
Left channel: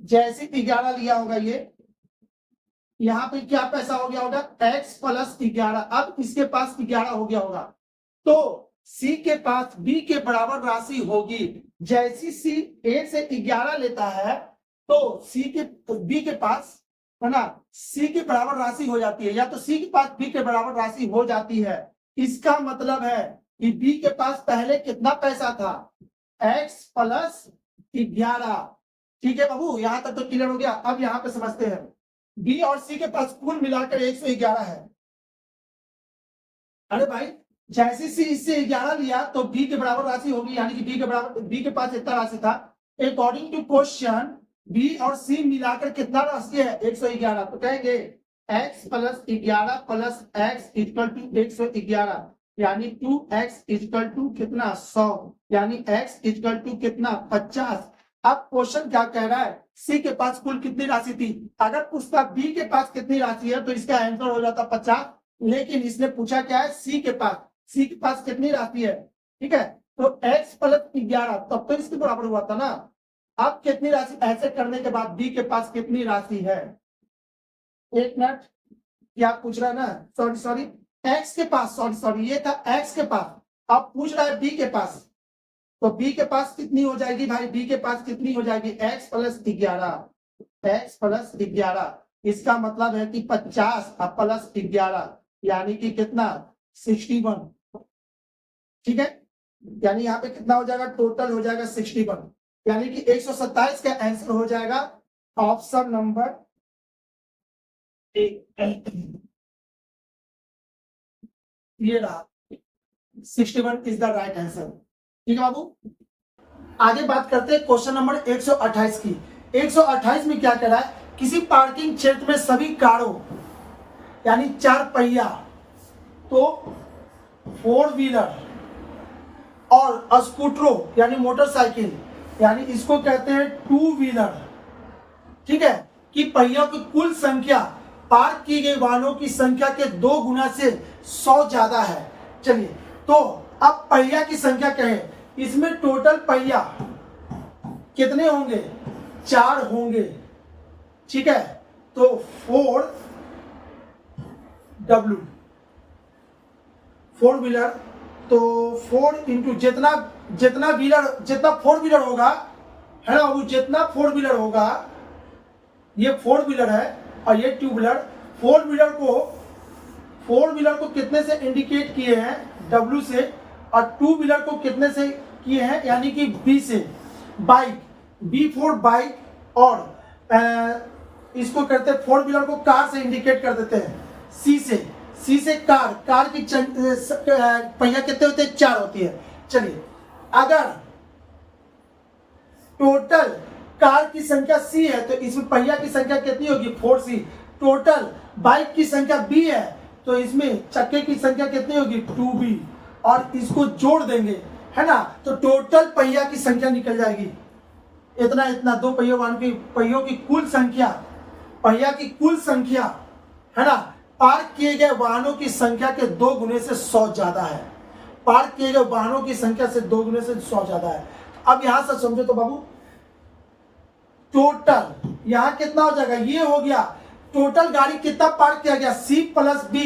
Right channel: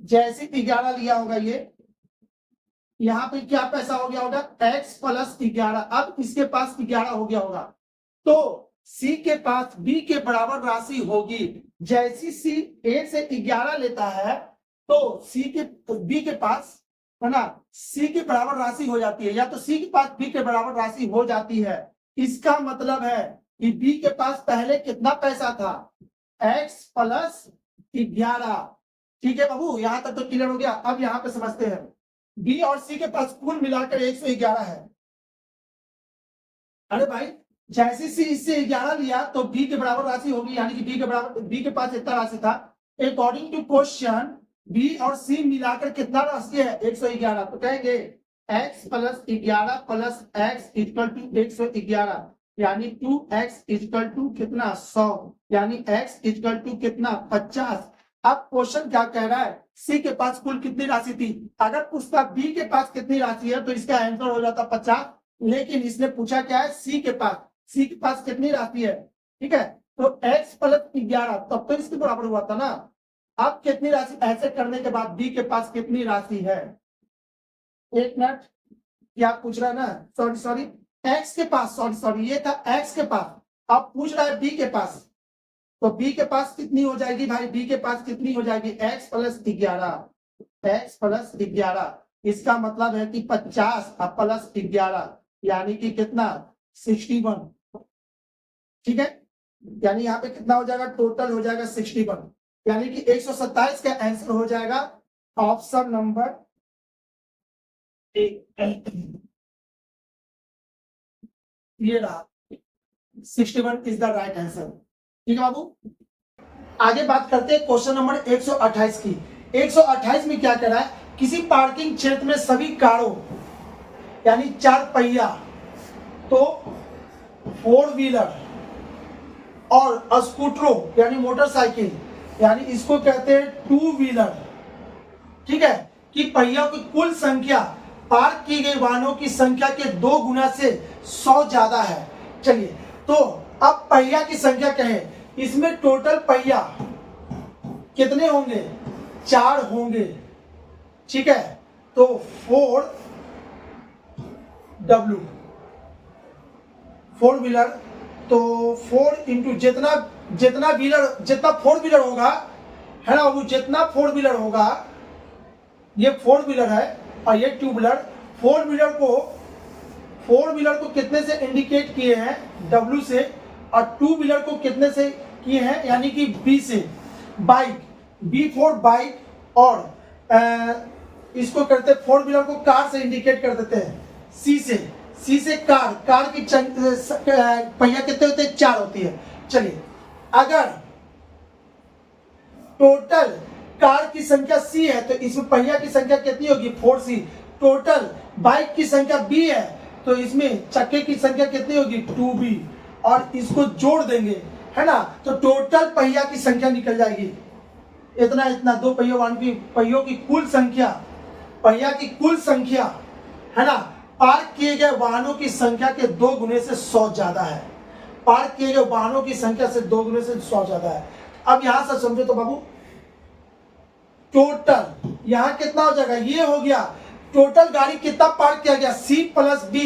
जैसे 11 लिया होगा, ये यहां पे क्या पैसा हो गया होगा, x प्लस 11। अब इसके पास 11 हो गया होगा, तो c के पास b के बराबर राशि होगी। जैसी c a से 11 लेता है तो c के b के पास है ना c के बराबर राशि हो जाती है, या तो c के पास b के बराबर राशि हो जाती है। इसका मतलब है कि b के पास पहले कितना पैसा था, x प्लस 11। ठीक है बाबू, यहां तक तो क्लियर हो गया। अब यहां पे समझते हैं, बी और सी के पास कुल मिलाकर 111 है। अरे भाई जैसे सी इससे 11 लिया तो बी के बराबर राशि होगी, यानी कि बी के बराबर, बी के पास इतना राशि था। अकॉर्डिंग टू क्वेश्चन बी और सी मिलाकर कितना राशि है, 111। तो कहेंगे x plus 11 plus x equal to 111, यानी 2x इक्वल टू कितना 100, यानी x इक्वल टू कितना 50। अब क्वेश्चन क्या कह रहा है, सी के पास कुल कितनी राशि थी। अगर पूछता बी के पास कितनी राशि है तो इसका आंसर हो जाता 50, लेकिन इसने पूछा क्या है, सी के पास कितनी राशि है। ठीक है, तो x प्लस 11 तब तो इसके बराबर हुआ था ना। अब कितनी राशि, ऐसे करने के बाद बी के पास कितनी राशि है, एक मिनट, क्या पूछ रहा है ना, सॉरी एक्स के पास, सॉरी ये था एक्स के पास, अब पूछ रहा है बी के पास। तो b के पास कितनी हो जाएगी भाई, b के पास कितनी हो जाएगी, x प्लस 11। इसका मतलब है कि 50 प्लस 11 यानी कि कितना 61। ठीक है, यानी यहाँ पे कितना हो जाएगा, टोटल हो जाएगा 61, यानी कि 127 का आंसर हो जाएगा ऑप्शन नंबर ये रहा, 61 इज द राइट आंसर। ठीक है बाबू, आगे बात करते हैं क्वेश्चन नंबर 128 की। 128 में क्या कह रहा है, किसी पार्किंग क्षेत्र में सभी कारों यानी 4 पहिया, तो 4 व्हीलर और स्कूटरों यानी मोटरसाइकिल, यानी इसको कहते हैं 2 व्हीलर, ठीक है, कि पहियों की कुल संख्या पार्क की गई वाहनों की संख्या के 2 गुना से 100 ज्यादा है। चलिए, तो अब पहिया की संख्या कहें, इसमें टोटल पहिया कितने होंगे, 4 होंगे। ठीक है, तो 4 व्हीलर, तो 4 इंटू जितना व्हीलर, जितना 4 व्हीलर होगा है ना, वो जितना 4 व्हीलर होगा, ये 4 व्हीलर है और ये 2 व्हीलर। 4 व्हीलर को कितने से इंडिकेट किए हैं, W से, और 2 व्हीलर को कितने से किए हैं, यानी कि B से। बाइक, B4 बाइक, और इसको करते 4 व्हीलर को कार से इंडिकेट कर देते हैं, C से कार की पहिया कितने होते हैं, 4 होती है। चलिए, अगर टोटल कार की संख्या C है तो इसमें पहिया की संख्या कितनी होगी, 4C। टोटल बाइक की संख्या B है तो इसमें चक्के की संख्या कितनी होगी, 2B, और इसको जोड़ देंगे है ना, तो टोटल पहिया की संख्या निकल जाएगी इतना 2 पहियों की कुल संख्या, पहिया की कुल संख्या है ना, पार्क किए गए वाहनों की संख्या के 2 गुने से 100 ज्यादा है। पार्क किए गए वाहनों की संख्या से 2 गुने से 100 ज्यादा है। अब यहां से समझो तो बाबू, टोटल यहां कितना हो जाएगा, ये हो गया टोटल गाड़ी कितना पार्क किया गया, C प्लस B।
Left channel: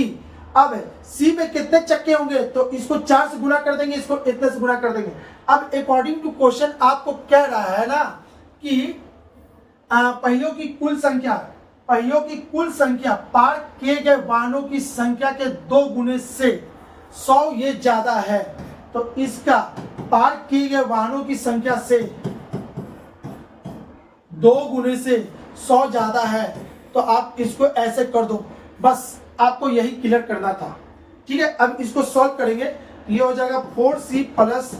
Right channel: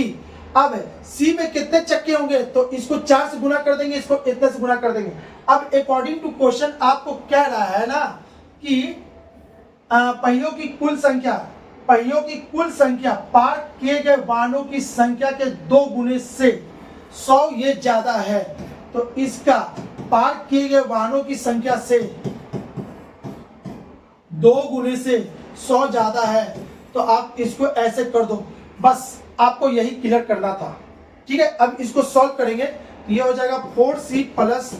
अब C में कितने चक्के होंगे, तो इसको 4 से गुना कर देंगे, इसको इतने से गुना कर देंगे। अब अकॉर्डिंग टू क्वेश्चन आपको कह रहा है ना कि पहियों की कुल संख्या पहियों की कुल संख्या पार किए गए वाहनों की संख्या के 2 गुने से 100 ये ज्यादा है, तो इसका पार किए गए वाहनों की संख्या से 2 गुने से 100 ज्यादा है, तो आप इसको ऐसे कर दो। बस आपको यही क्लियर करना था, ठीक है। अब इसको सॉल्व करेंगे, ये हो जाएगा 4c प्लस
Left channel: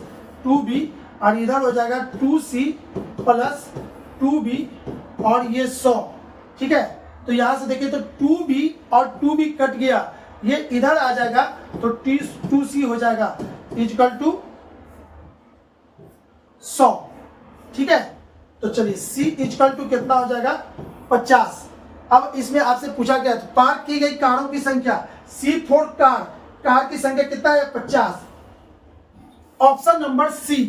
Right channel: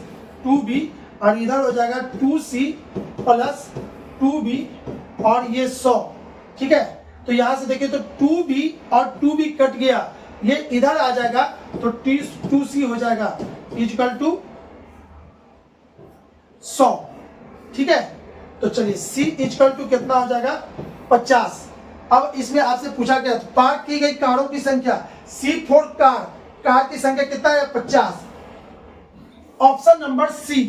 2b और इधर हो जाएगा 2c प्लस 2b और ये 100, ठीक है। तो यहां से देखिए तो 2b और 2b कट गया, ये इधर आ जाएगा तो 2c हो जाएगा इक्वल टू 100, ठीक है। तो चलिए c इक्वल टू कितना हो जाएगा 50। अब इसमें आपसे पूछा गया पार की गई कारों की संख्या C4 कार की संख्या कितना है 50, ऑप्शन नंबर सी,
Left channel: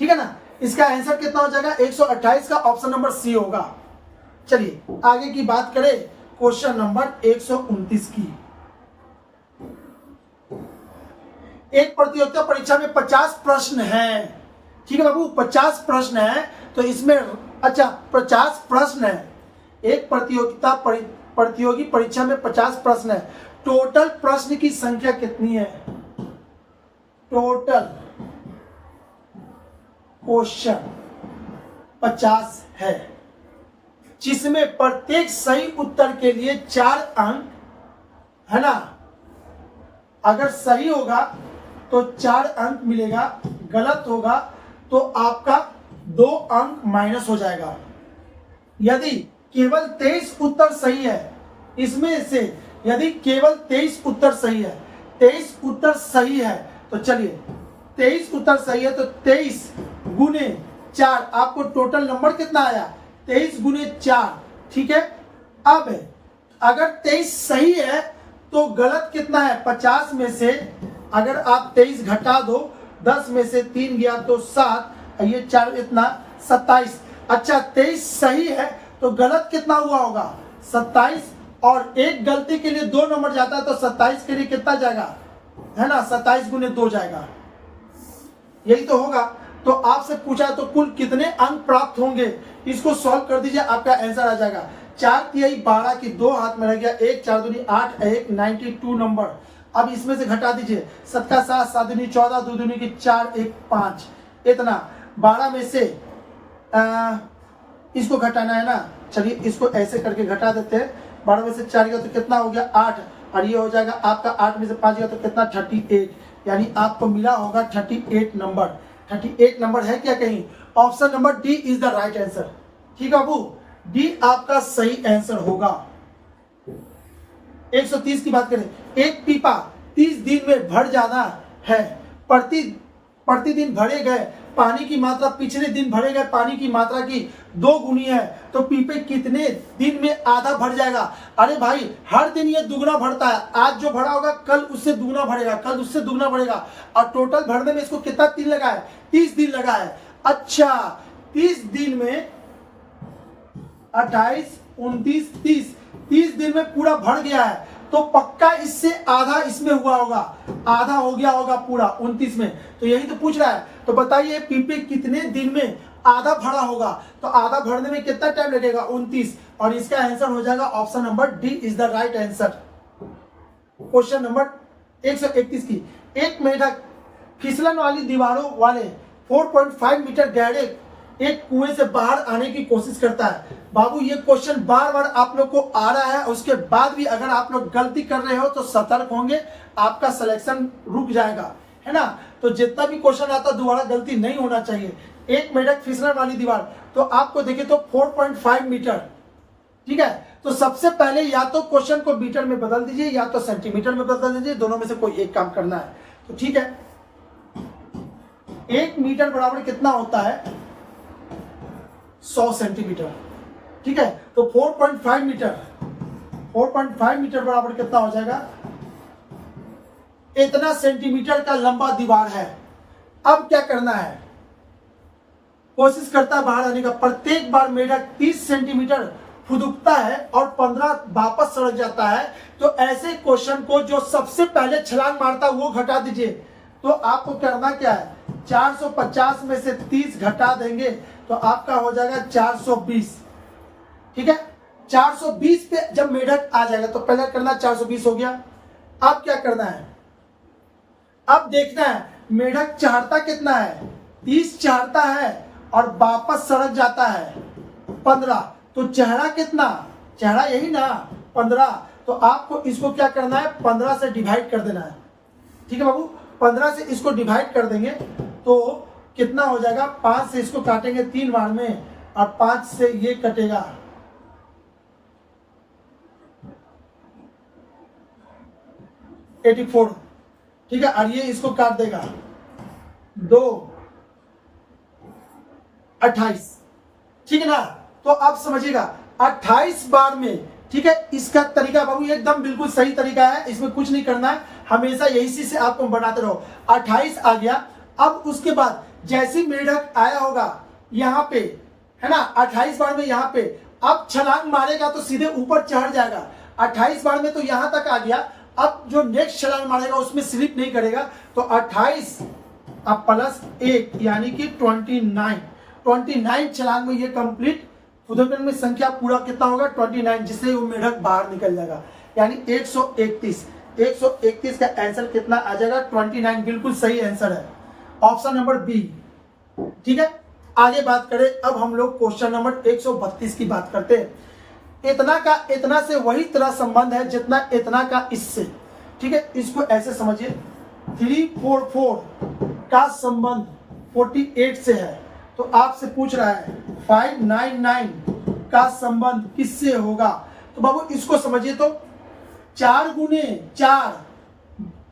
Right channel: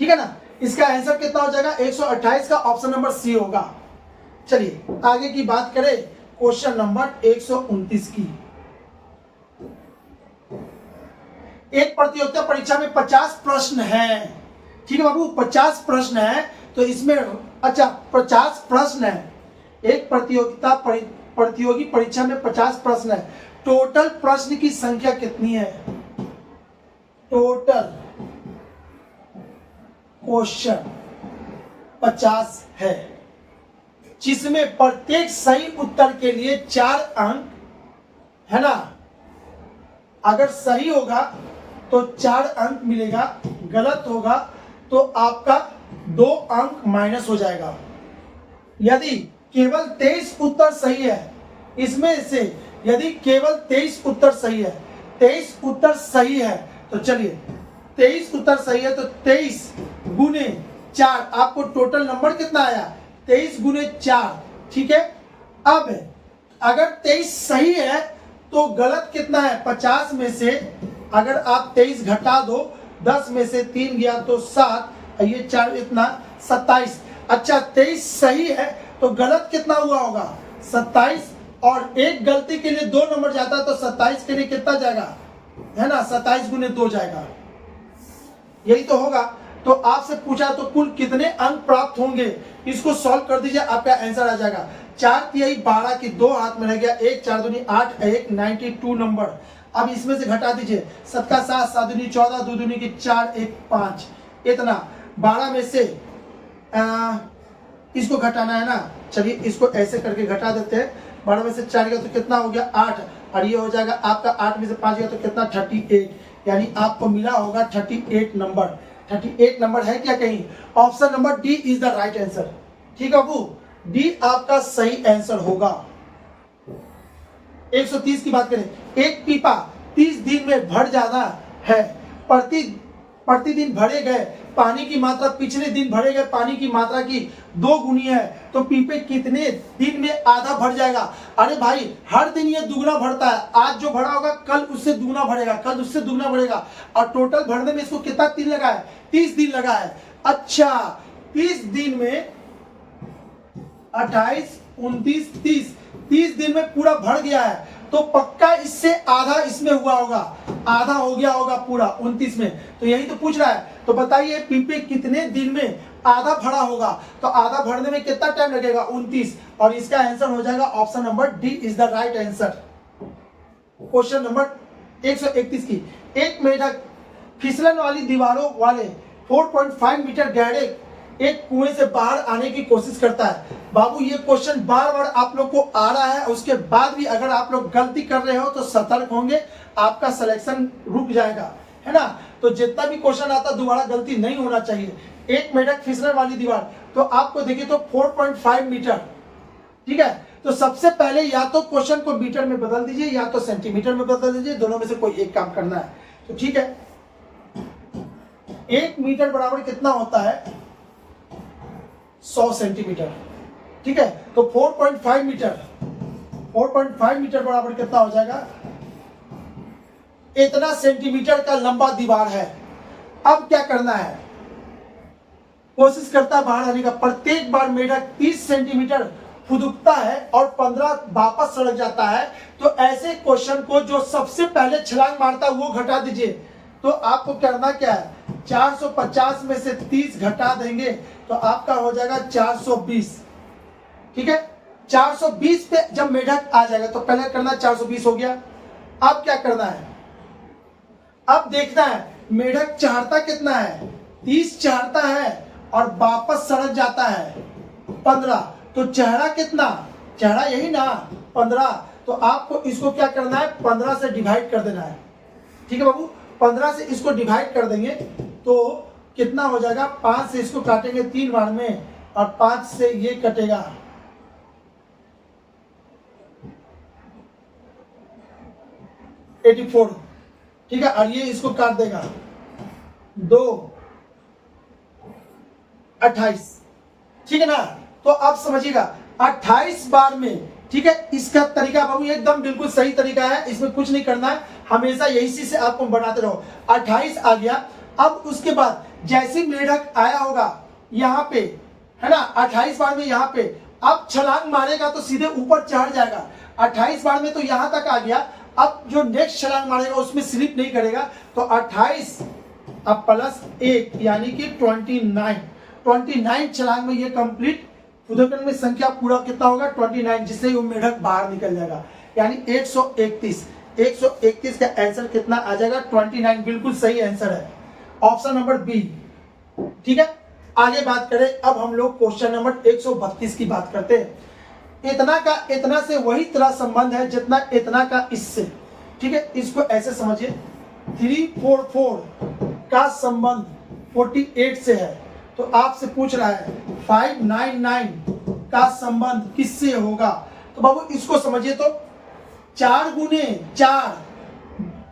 ठीक है ना। इसका आंसर कितना हो जाएगा 128 का ऑप्शन नंबर सी होगा। चलिए आगे की बात करें क्वेश्चन नंबर 129 की। एक प्रतियोगिता परीक्षा में 50 प्रश्न है, ठीक है बाबू, 50 प्रश्न है। तो इसमें अच्छा 50 प्रश्न है, एक प्रतियोगी परीक्षा में 50 प्रश्न है। टोटल प्रश्न की संख्या कितनी है, टोटल क्वेश्चन 50 है, जिसमें प्रत्येक सही उत्तर के लिए 4 अंक है ना। अगर सही होगा तो 4 अंक मिलेगा, गलत होगा तो आपका 2 अंक माइनस हो जाएगा। यदि केवल 23 उत्तर सही है, इसमें से यदि केवल 23 उत्तर सही है, 23 उत्तर सही है, तो चलिए 23 उत्तर सही है तो 23 गुने 4, आपको टोटल नंबर कितना आया 23 गुने 4, ठीक है। अब अगर 23 सही है तो गलत कितना है 50 में से अगर आप 23 घटा दो, 10 में से 3 गया तो 7, ये 4 इतना 27। अच्छा 23 सही है तो गलत कितना हुआ होगा 27, और एक गलती के लिए 2 नंबर जाता है तो 27 के लिए कितना जाएगा है ना 27 गुने 2 जाएगा, यही तो होगा। तो आपसे पूछा तो कुल कितने अंक प्राप्त होंगे, इसको सॉल्व कर दीजिए, आपका आंसर आ जाएगा 4 तिहाई 12 की 2 हाथ में रह गया, 1 4 दूनी 8, 1 92 नंबर। अब इसमें से घटा दीजिए, 7 का 7, 7 दूनी 14, 2 दूनी की 4, 1 5, इतना 12 में से इसको घटाना है ना। चलिए इसको ऐसे करके घटा देते हैं, 12 में से 4 गया तो कितना हो गया 8, और ये हो जाएगा आपका 8 में से 5 गया तो कितना 38, यानी आपको मिला होगा 38 नंबर। 38 नंबर है क्या कहीं, option number D is the right answer, ठीक है बाबू, डी आपका सही आंसर होगा। 130 की बात करें, एक पीपा 30 दिन में भर जाना है, प्रतिदिन भरे गए पानी की मात्रा पिछले दिन भरे गए पानी की मात्रा की 2 गुनी है, तो पीपे कितने दिन में आधा भर जाएगा। अरे भाई हर दिन ये दुगना भरता है, आज जो भरा होगा कल उससे दुगना भरेगा, कल उससे दुगना भरेगा, और टोटल भरने में इसको कितना दिन लगा है 30 दिन लगा है। अच्छा 30 दिन में 28 29 30 दिन में पूरा भर गया है, तो पक्का इससे आधा इसमें हुआ होगा, आधा हो गया होगा पूरा 29 में, तो यही तो पूछ रहा है। तो बताइए पीपे कितने दिन में आधा भरा होगा, तो आधा भरने में कितना टाइम लगेगा 29, और इसका आंसर हो जाएगा option number D is the right answer. Question number 131 की, एक मेढक फिसलन वाली दीवारों वाले 4.5 मीटर गहरे एक कुएं से बाहर आने की कोशिश करता है। बाबू ये क्वेश्चन बार बार आप लोग को आ रहा है, उसके बाद भी अगर आप लोग गलती कर रहे हो तो सतर्क होंगे, आपका सिलेक्शन रुक जाएगा, है ना। तो जितना भी क्वेश्चन आता दोबारा गलती नहीं होना चाहिए। एक मेढक फिसलन वाली दीवार, तो आपको देखिए तो 4.5 मीटर, ठीक है। तो सबसे पहले या तो क्वेश्चन को मीटर में बदल दीजिए या तो सेंटीमीटर में बदल दीजिए, दोनों में से कोई एक काम करना है। तो ठीक है, 1 मीटर बराबर कितना होता है 100 सेंटीमीटर, ठीक है। तो 4.5 मीटर बराबर कितना हो जाएगा, इतना सेंटीमीटर का लंबा दीवार है। अब क्या करना है, कोशिश करता है बाहर आने का। प्रत्येक बार मेढक 30 सेंटीमीटर फुदकता है और 15 वापस सड़क जाता है। तो ऐसे क्वेश्चन को जो सबसे पहले छलांग मारता है वो घटा दीजिए। तो आपको करना क्या है, 450 में से 30 घटा देंगे तो आपका हो जाएगा 420, ठीक है। 420 पे जब मेढक आ जाएगा तो पहले करना 420 हो गया। अब क्या करना है, अब देखना है मेढक चढ़ता कितना है, 30 चढ़ता है और वापस सड़क जाता है 15, तो चढ़ा कितना, चढ़ा यही ना 15, तो आपको इसको क्या करना है 15 से डिवाइड कर देना है। ठीक है बाबू, 15 से इसको डिवाइड कर देंगे तो कितना हो जाएगा, 5 से इसको काटेंगे 3 बार में और 5 से ये कटेगा 84। ठीक है, और ये इसको काट देगा 2 28। ठीक है ना, तो आप समझिएगा 28 बार में। ठीक है, इसका तरीका बाबू एकदम बिल्कुल सही तरीका है, इसमें कुछ नहीं करना है, हमेशा यही चीज से आपको बनाते रहो। 28 आ गया, अब उसके बाद जैसे मेढक आया होगा यहाँ पे, है ना, 28 बार में यहाँ पे, अब छलांग मारेगा तो सीधे ऊपर चढ़ जाएगा। 28 बार में तो यहाँ तक आ गया, अब जो नेक्स्ट छलांग मारेगा उसमें स्लिप नहीं करेगा, तो 28 अब प्लस 1 यानी कि 29 छलांग में ये कंप्लीट उदयकन में संख्या पूरा कितना होगा 29, जिससे वो मेढक बाहर निकल जाएगा, यानी 131 का आंसर कितना आ जाएगा 29, बिल्कुल सही आंसर है, ऑप्शन नंबर बी। ठीक है, आगे बात करें, अब हम लोग क्वेश्चन नंबर 132 की बात करते हैं। इतना का इतना से वही तरह संबंध है जितना इतना का इससे। ठीक है, इसको ऐसे समझिए, 344 का संबंध 48 से है, तो आपसे पूछ रहा है 599 का संबंध किससे होगा। तो बाबू इसको समझिए, तो 4 गुने 4,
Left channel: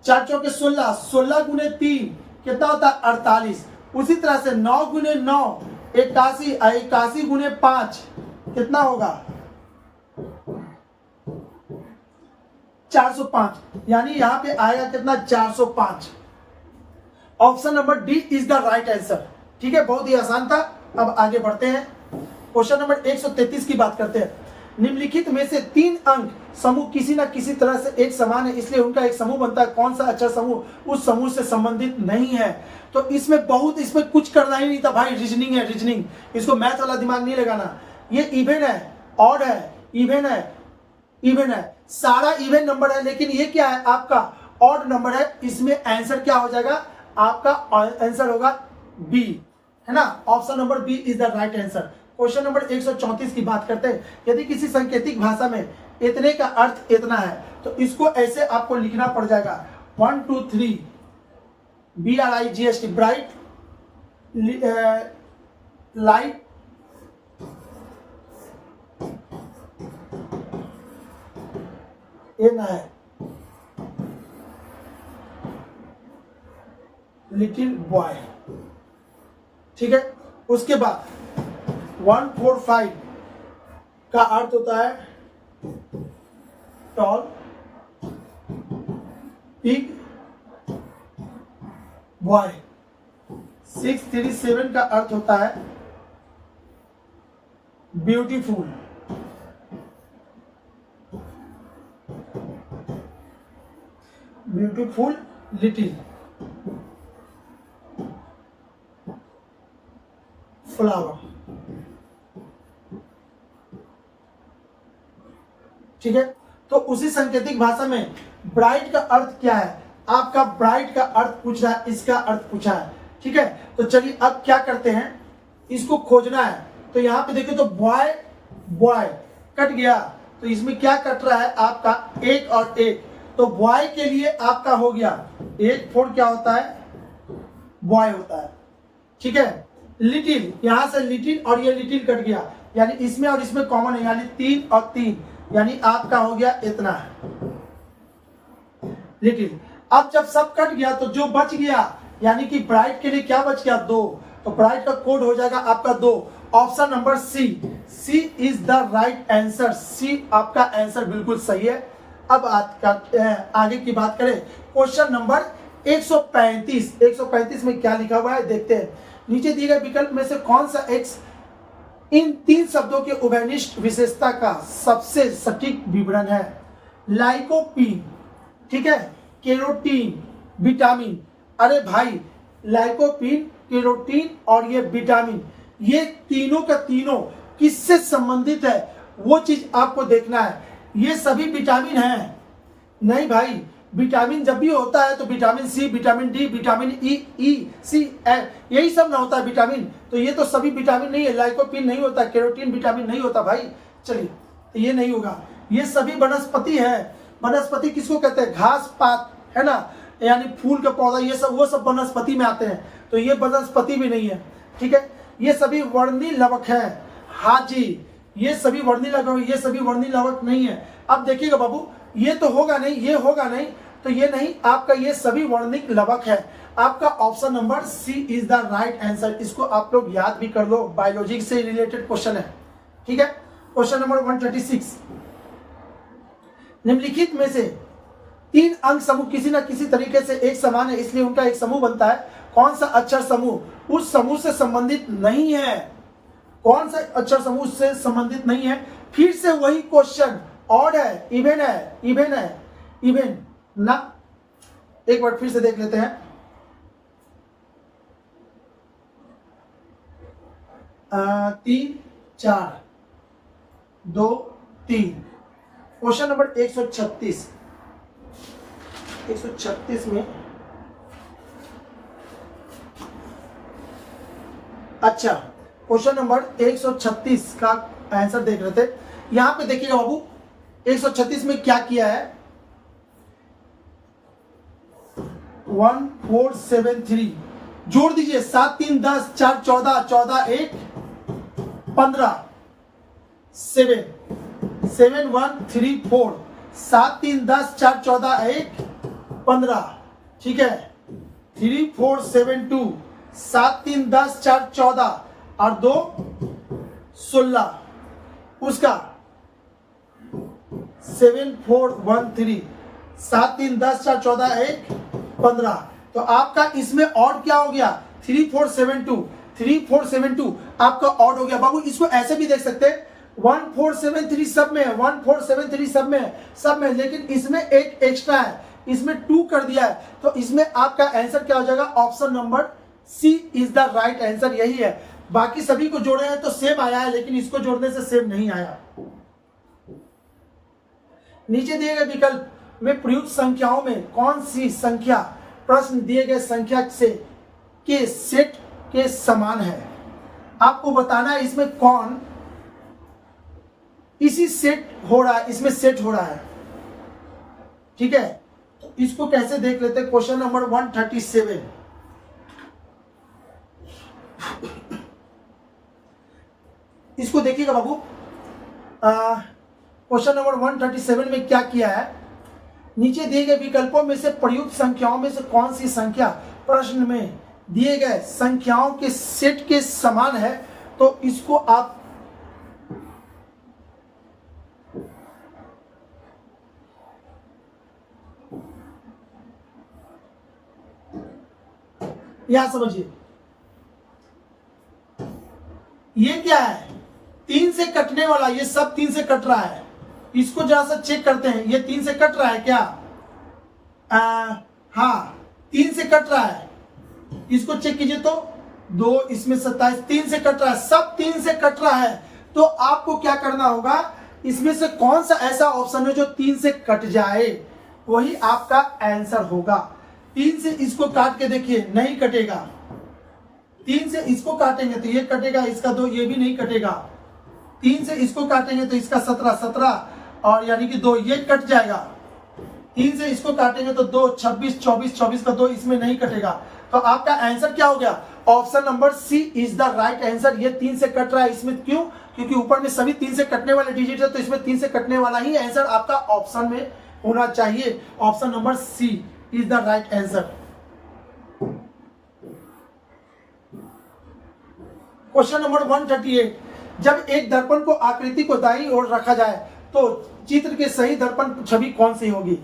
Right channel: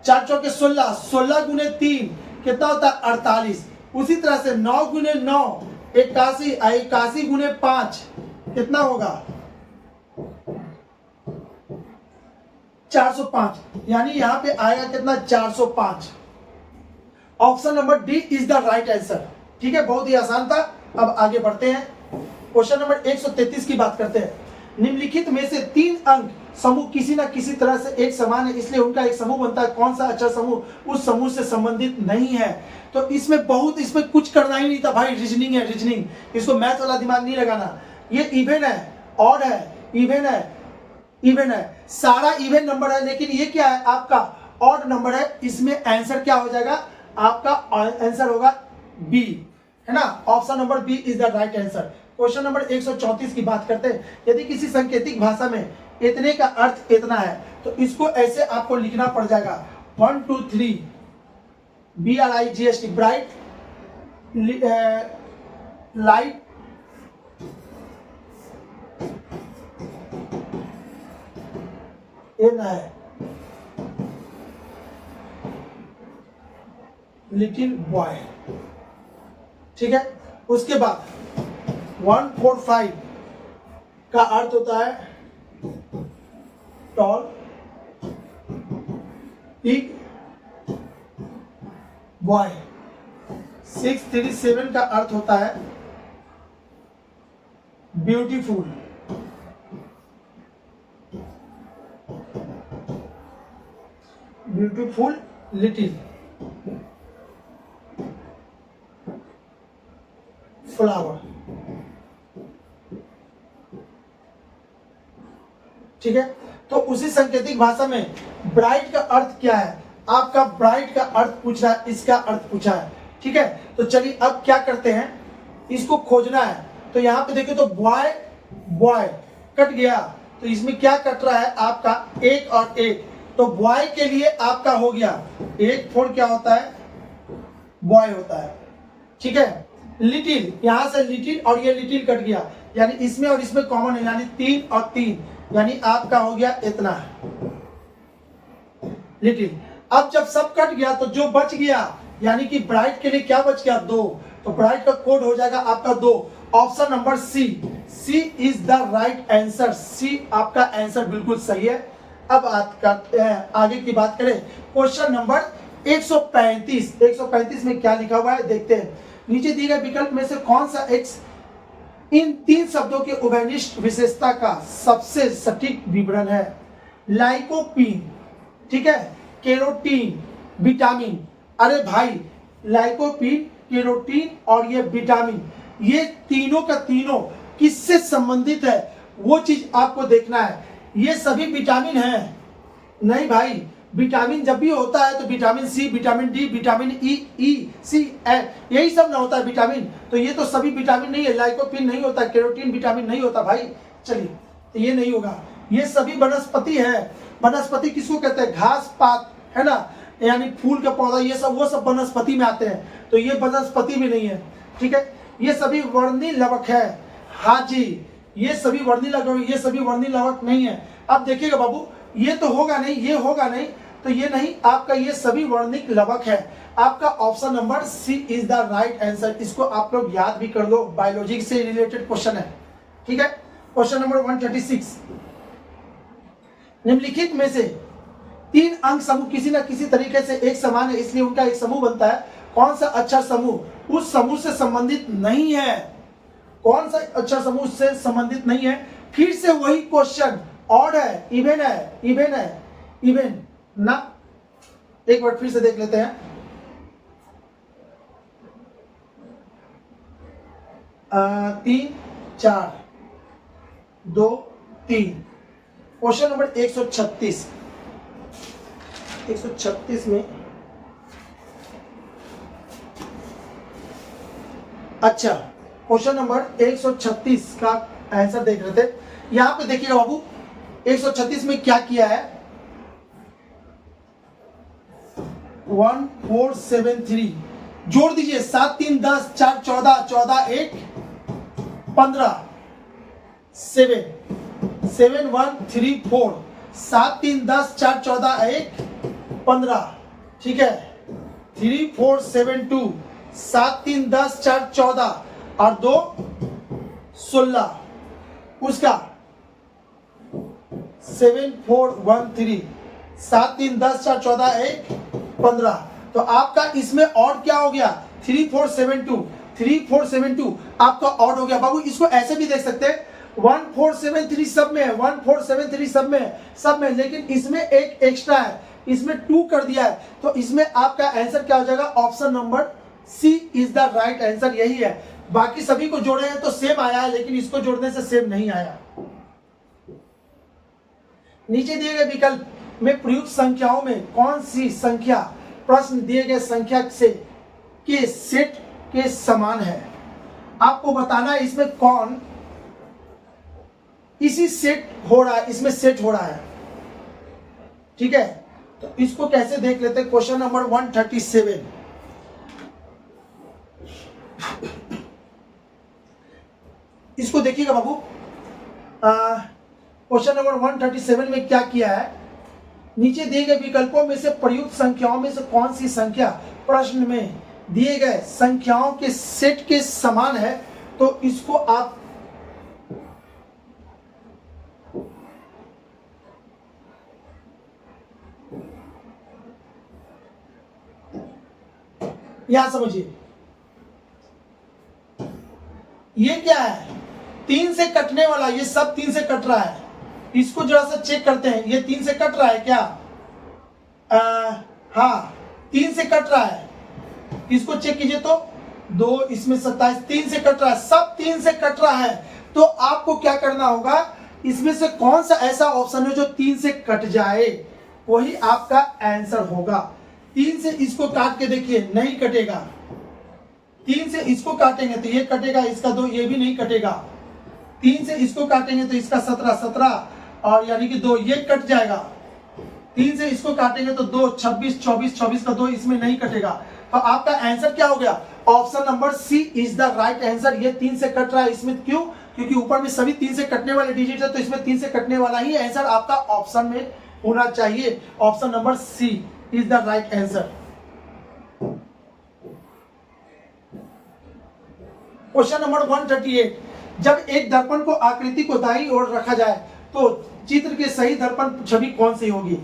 4 चौके 16, 16 गुने 3 कितना होता है 48। उसी तरह से 9 गुने 9 81, 81 गुने 5 कितना होगा 405, यानी यहां पे आएगा कितना 405। Option number D is the right answer. ठीक है, बहुत ही आसान था। अब आगे बढ़ते हैं, क्वेश्चन नंबर 133 की बात करते हैं। निम्नलिखित में से 3 अंक समूह किसी ना किसी तरह से एक समान है, इसलिए उनका एक समूह बनता है। कौन सा अक्षर समूह उस समूह से संबंधित नहीं है। तो इसमें कुछ करना ही नहीं था भाई, रीजनिंग है, रीजनिंग, इसको मैथ वाला दिमाग नहीं लगाना। ये इवन है, ऑड है, इवन है, इवन है, सारा इवन नंबर है, लेकिन ये क्या है आपका ऑड नंबर है। इसमें आंसर क्या हो जाएगा, आपका आंसर होगा बी, है ना, option number B is the right answer. Question number 134 की बात करते हैं। यदि किसी सांकेतिक भाषा में इतने का अर्थ इतना है, तो इसको ऐसे आपको लिखना पड़ जाएगा 1 2 3 BRIGHT, ब्राइट, लाइट, ये ना है लिटिल बॉय। ठीक है, उसके बाद 145 का अर्थ होता है टॉल, बिग बॉय। 637 का अर्थ होता है ब्यूटीफुल। Beautiful little flower. ठीक है, तो उसी सांकेतिक भाषा में ब्राइट का अर्थ क्या है, आपका ब्राइट का अर्थ पूछ रहा है, इसका अर्थ पूछा है। ठीक है, तो चलिए अब क्या करते हैं, इसको खोजना है। तो यहां पे देखिए, तो बॉय बॉय कट गया, तो इसमें क्या कट रहा है आपका 1 और 1, तो बॉय के लिए आपका हो गया 1 4 क्या होता है बॉय होता है। ठीक है, लिटिल, यहां से लिटिल और ये लिटिल कट गया, यानी इसमें और इसमें कॉमन है, यानी 3 और 3, यानी आपका हो गया इतना लिटिल। अब जब सब कट गया तो जो बच गया, यानी कि ब्राइट के लिए क्या बच गया 2, तो ब्राइट का कोड हो जाएगा आपका 2, option number C. C is the right answer, C आपका आंसर बिल्कुल सही है। अब आगे की बात करें, क्वेश्चन नंबर 135 में क्या लिखा हुआ है देखते हैं। नीचे दिए गए विकल्प में से कौन सा एक्स इन 3 शब्दों के उभयनिष्ठ विशेषता का सबसे सटीक विवरण है। लाइकोपीन, ठीक है, केरोटीन, विटामिन। अरे भाई, लाइकोपीन, केरोटीन और ये विटामिन, ये तीनों का तीनों किससे संबंधित है, वो चीज आपको देखना है। ये सभी विटामिन हैं नहीं भाई, विटामिन जब भी होता है तो vitamin C, vitamin D, vitamin E, C, यही सब ना होता है विटामिन। तो ये तो सभी विटामिन नहीं है, लाइकोपिन नहीं होता, कैरोटीन विटामिन नहीं होता भाई। चलिए तो ये नहीं होगा। ये सभी वनस्पति है। वनस्पति किसको कहते हैं? घास पात, है ना, यानी फूल का पौधा, ये सब वो सब वनस्पति में आते हैं। तो ये वनस्पति भी नहीं है, ठीक है। ये सभी वर्णी लवक है। हाँ जी, ये सभी वर्णी लवक, ये सभी वर्णी लवक नहीं है। अब देखिएगा बाबू, ये तो होगा नहीं, ये होगा नहीं, तो ये नहीं आपका, ये सभी वर्णिक लवक है। आपका option number C is the right answer. इसको आप लोग याद भी कर लो, बायोलॉजी से रिलेटेड क्वेश्चन है, ठीक है। क्वेश्चन नंबर 136, निम्नलिखित में से 3 अंक समूह किसी न किसी तरीके से एक समान है, इसलिए उनका एक समूह बनता है। कौन सा अक्षर समूह उस समूह से संबंधित नहीं है? कौन सा अक्षर समूह से संबंधित नहीं है? फिर से वही क्वेश्चन, ऑड है, इवन है, इवन है, इवन ना। एक बार फिर से देख लेते हैं। 3 4 2 3। क्वेश्चन नंबर 136 में, अच्छा क्वेश्चन नंबर 136 का आंसर देख रहे थे। यहां पे देखिएगा बाबू, 136 में क्या किया है? 1473 जोड़ दीजिए, 7 3 10 4 14 14 1 15 7 7 1 3 4 7 3 10 4 14 1 15, ठीक है। 3 4 7 2 7 3 10 4 14 और 2 16, उसका 7 4 1 3 7 3 10 4 14 1 15। तो आपका इसमें ऑड क्या हो गया? 3 4 7 2, 3 4 7 2 आपका ऑड हो गया। बाबू इसको ऐसे भी देख सकते हैं, 1 4 7 3 सब में है, 1 4 7 3 सब में है, सब में, लेकिन इसमें एक एक्स्ट्रा है, इसमें 2 कर दिया है। तो इसमें आपका आंसर क्या हो जाएगा? Option number C is the right answer, यही है। बाकी सभी को जोड़े हैं तो सेम आया है, लेकिन इसको जोड़ने से सेम नहीं आया। नीचे दिए गए विकल्प में प्रयुक्त संख्याओं में कौन सी संख्या प्रश्न दिए गए संख्या से के सेट के समान है? आपको बताना है इसमें कौन इसी सेट हो रहा है, इसमें सेट हो रहा है, ठीक है। तो इसको कैसे देख लेते हैं? क्वेश्चन नंबर 137, इसको देखिएगा बाबू। क्वेश्चन नंबर 137 में क्या किया है? नीचे दिए गए विकल्पों में से प्रयुक्त संख्याओं में से कौन सी संख्या प्रश्न में दिए गए संख्याओं के सेट के समान है? तो इसको आप यहां समझिए, ये क्या है? 3 से कटने वाला, ये सब 3 से कट रहा है। इसको जरा सा चेक करते हैं, ये 3 से कट रहा है क्या? हाँ 3 से कट रहा है। इसको चेक कीजिए तो 2, इसमें 27, 3 से कट रहा है, सब 3 से कट रहा है। तो आपको क्या करना होगा? इसमें से कौन सा ऐसा ऑप्शन है जो 3 से कट जाए, वही आपका आंसर होगा। 3 से इसको काट के देखिए, नहीं कटेगा। 3 से इसको काटेंगे तो ये कटेगा, इसका 2, ये भी नहीं कटेगा। 3 से इसको काटेंगे तो इसका 17 17 और यानी कि 2 ये कट जाएगा। 3 से इसको काटेंगे तो 2 26 24 24 का 2 इसमें नहीं कटेगा। तो आपका आंसर क्या हो गया? Option number C is the right answer. ये 3 से कट रहा है, इसमें क्यों? क्योंकि ऊपर में सभी 3 से कटने वाले डिजिट है, तो इसमें 3 से कटने वाला ही आंसर आपका ऑप्शन में होना चाहिए। Option number C is the right answer. Question number 138, जब एक दर्पण को आकृति को दाईं ओर रखा जाए तो चित्र के सही दर्पण छवि कौन सी होगी?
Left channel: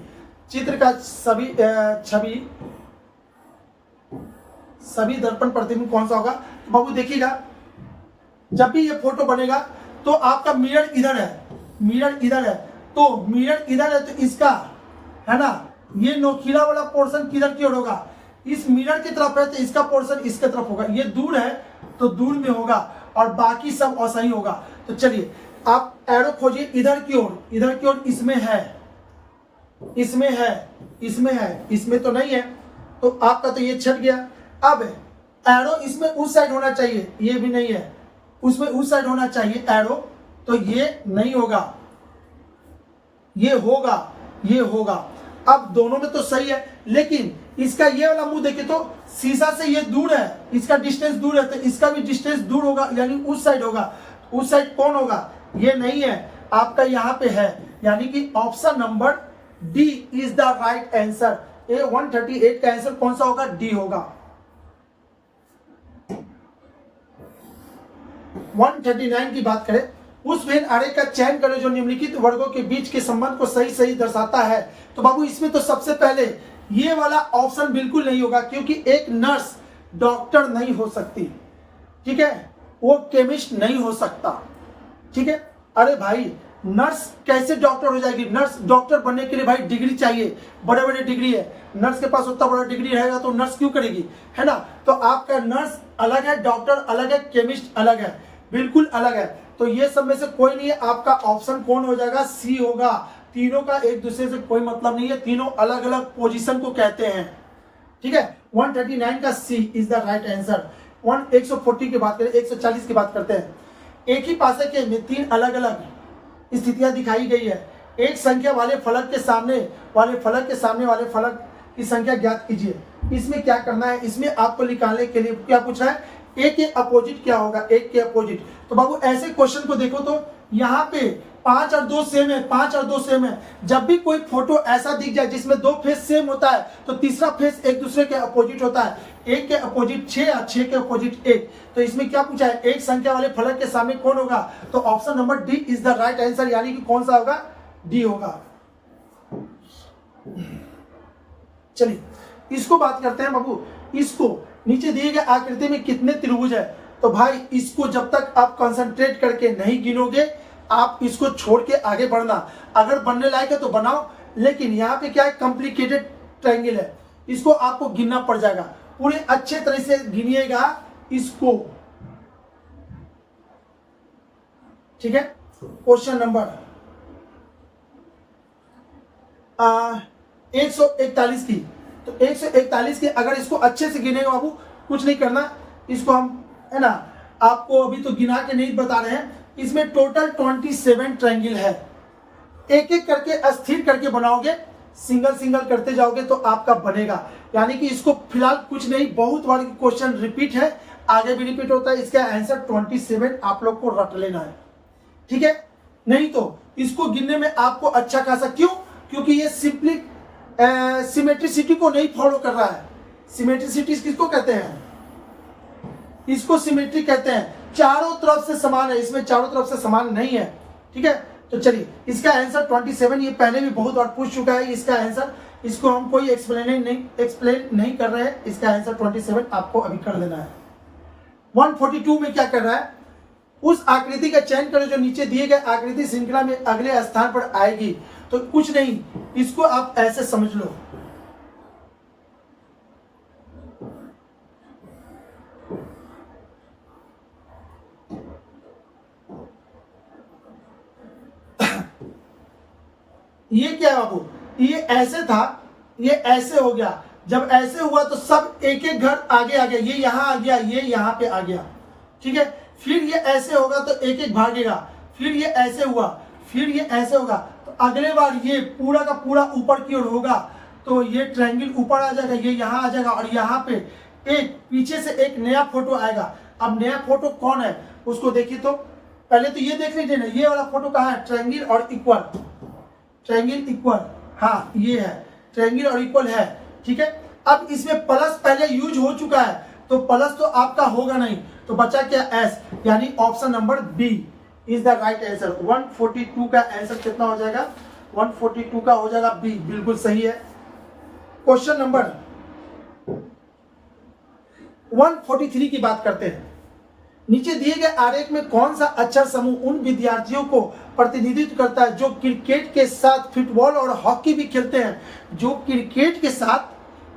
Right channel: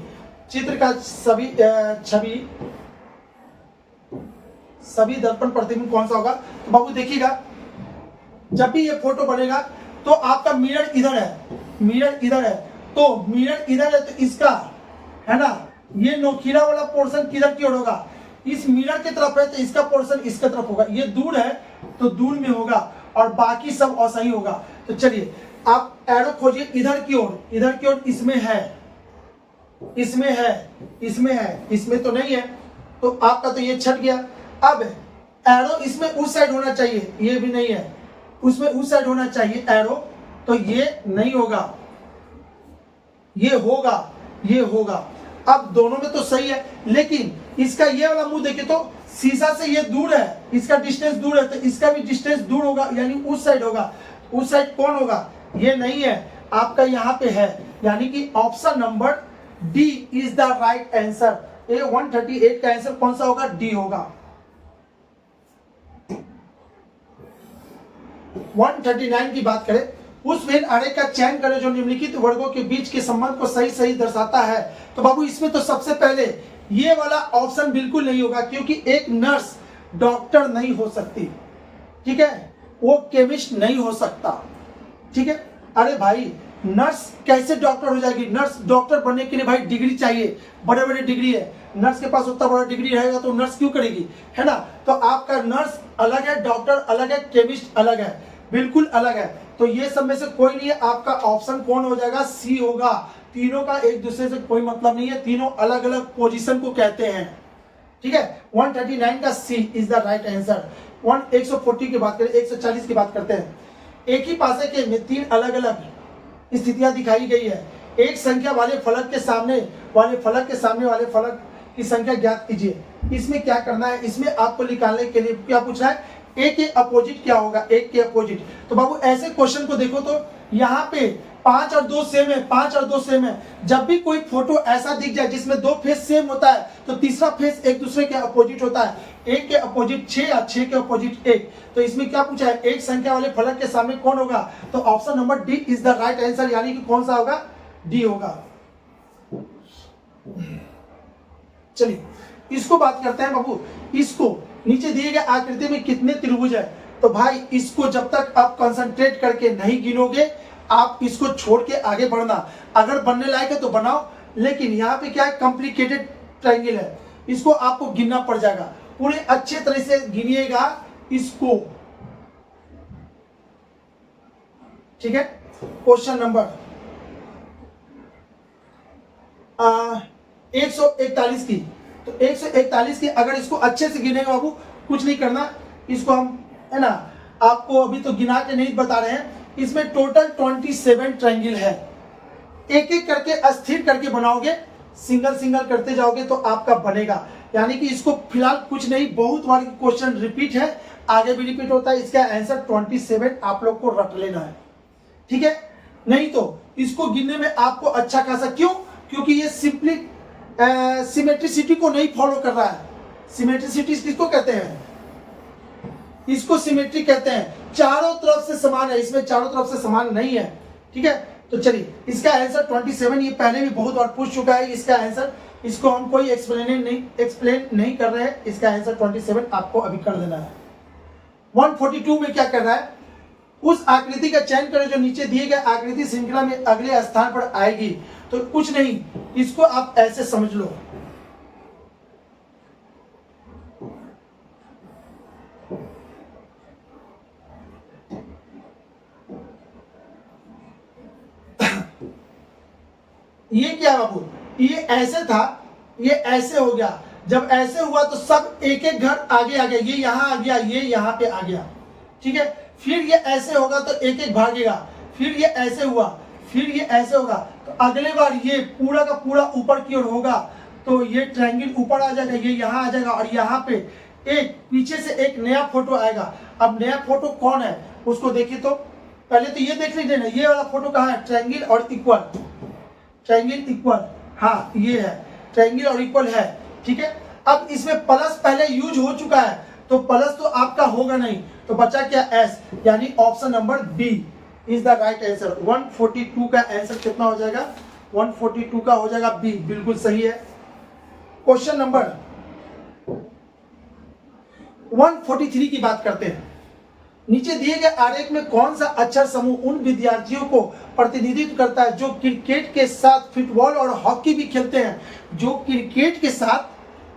चित्र का सभी दर्पण प्रतिबिंब कौन सा होगा? तो बाबू देखिएगा, जब भी ये फोटो बनेगा तो आपका मिरर इधर है, मिरर इधर है, तो मिरर इधर है तो इसका, है ना, ये नोकीला वाला पोर्शन किधर की ओर होगा? इस मिरर की तरफ है तो इसका पोर्शन इसके तरफ होगा। ये दूर है तो दूर में होगा और बाकी सब असही होगा। तो चलिए आप एरो खोजिए इधर की ओर, इधर की ओर इसमें है, इसमें है, इसमें है, इसमें तो नहीं है, तो आपका तो ये छट गया। अब एरो इसमें उस साइड होना चाहिए, ये भी नहीं है, उसमें उस साइड होना चाहिए एरो, तो ये नहीं होगा, ये होगा, ये होगा। अब दोनों में तो सही है, लेकिन इसका ये वाला मुंह देखिए तो शीशा से ये दूर है, इसका डिस्टेंस दूर है, तो इसका भी डिस्टेंस दूर होगा, यानी उस साइड होगा। उस साइड कौन होगा? ये नहीं है, आपका यहां पे है, यानी कि option number D is the right answer. A 138 का आंसर कौन सा होगा? डी होगा। 139 की बात करें, उस वेन आरेख का चयन करें जो निम्नलिखित वर्गों के बीच के संबंध को सही सही दर्शाता है। तो बाबू इसमें तो सबसे पहले ये वाला ऑप्शन बिल्कुल नहीं होगा, क्योंकि एक नर्स डॉक्टर नहीं हो सकती, ठीक है, वो केमिस्ट नहीं हो सकता, ठीक है। अरे भाई नर्स कैसे डॉक्टर हो जाएगी? नर्स डॉक्टर बनने के लिए भाई डिग्री चाहिए, बड़े बड़े डिग्री है, नर्स के पास उतना बड़ा डिग्री रहेगा तो नर्स क्यों करेगी, है ना। तो आपका नर्स अलग है, डॉक्टर अलग है, केमिस्ट अलग है, बिल्कुल अलग है। तो ये सब में से कोई नहीं है, आपका ऑप्शन कौन हो जाएगा? सी होगा। तीनों का एक दूसरे से कोई मतलब नहीं है, तीनों अलग अलग पोजीशन को कहते हैं, ठीक है। 139 का सी इज द राइट आंसर। 140 की बात करें, 140 की बात करते हैं। एक ही पासे के में तीन अलग अलग स्थितियां दिखाई गई है। एक संख्या वाले फलक के सामने वाले फलक के सामने वाले फलक की संख्या ज्ञात कीजिए। इसमें क्या करना है? इसमें आपको निकालने के लिए क्या पूछ रहा है? एक के अपोजिट क्या होगा? एक के अपोजिट। तो बाबू ऐसे क्वेश्चन को देखो तो यहाँ पे 5 और 2 सेम है, 5 और 2 सेम है। जब भी कोई फोटो ऐसा दिख जाए जिसमें 2 फेस सेम होता है, तो तीसरा फेस एक दूसरे के अपोजिट होता है। 1 के अपोजिट 6 और 6 के अपोजिट 1। तो इसमें क्या पूछा है? एक संख्या वाले फलक के सामने कौन होगा? तो option number D is the right answer, यानी कि कौन सा होगा? डी होगा। चलिए इसको बात करते हैं बाबू। इसको नीचे दिए गए आकृति में कितने त्रिभुज है? तो भाई इसको जब तक आप कंसंट्रेट करके नहीं गिनोगे, आप इसको छोड़ के आगे बढ़ना। अगर बनने लायक है तो बनाओ, लेकिन यहाँ पे क्या है? कॉम्प्लिकेटेड ट्रायंगल है, इसको आपको गिनना पड़ जाएगा। पूरे अच्छे तरह से गिनिएगा इसको, ठीक है। क्वेश्चन नंबर 141 की, तो 141 की अगर इसको अच्छे से गिनेगा बाबू, कुछ नहीं करना, इसको हम है ना आपको अभी तो गिना के नहीं बता रहे हैं। इसमें टोटल 27 ट्रायंगल है। एक एक करके स्थिर करके बनाओगे, सिंगल सिंगल करते जाओगे तो आपका बनेगा। यानी कि इसको फिलहाल कुछ नहीं, बहुत बार क्वेश्चन रिपीट है, आगे भी रिपीट होता है। इसका आंसर 27 आप लोग को रट लेना है, ठीक है। नहीं तो इसको गिनने में आपको अच्छा खासा, क्यों? क्योंकि ये सिंपली सिमेट्रिसिटी को नहीं फॉलो कर रहा है। सिमेट्रिसिटी किसको कहते हैं? इसको सिमेट्री कहते हैं। चारों तरफ से समान है, इसमें चारों तरफ से समान नहीं है, ठीक है। तो चलिए इसका आंसर 27, ये पहले भी बहुत बार पूछ चुका है इसका आंसर, इसको हम कोई एक्सप्लेन नहीं कर रहे हैं। इसका आंसर 27 आपको अभी कर देना है। 142 में क्या कर रहा है? उस आकृति का चयन करें जो नीचे दिए गए आकृति श्रृंखला में अगले स्थान पर आएगी। तो कुछ नहीं, इसको आप ऐसे समझ लो, ये क्या बाबू? ये ऐसे था, ये ऐसे हो गया। जब ऐसे हुआ तो सब एक एक घर आगे आ गया, ये यहां आ गया, ये यहां पे आ गया, ठीक है। फिर ये ऐसे होगा तो एक एक भागेगा, फिर ये ऐसे हुआ, फिर ये ऐसे होगा, तो अगले बार ये पूरा का पूरा ऊपर की ओर होगा, तो ये ट्रायंगल ऊपर आ जाएगा, ये यहाँ आ जाएगा, और यहाँ पे एक पीछे से एक नया फोटो आएगा। अब नया फोटो कौन है उसको देखिए। तो पहले तो ये देख लीजिए ना, ये वाला फोटो कहाँ है? ट्रायंगल और इक्वल, ट्रायंगल इक्वल, हाँ ये है ट्रायंगल और इक्वल है, ठीक है। अब इसमें प्लस पहले यूज हो चुका है, तो प्लस तो आपका होगा नहीं, तो बचा क्या? एस, यानी option number B is the right answer. 142 का आंसर कितना हो जाएगा? 142 का हो जाएगा बी, बिल्कुल सही है। क्वेश्चन नंबर 143 की बात करते हैं। नीचे दिए गए आरेख में कौन सा अक्षर समूह उन विद्यार्थियों को प्रतिनिधित्व करता है जो क्रिकेट के साथ फुटबॉल और हॉकी भी खेलते हैं? जो क्रिकेट के साथ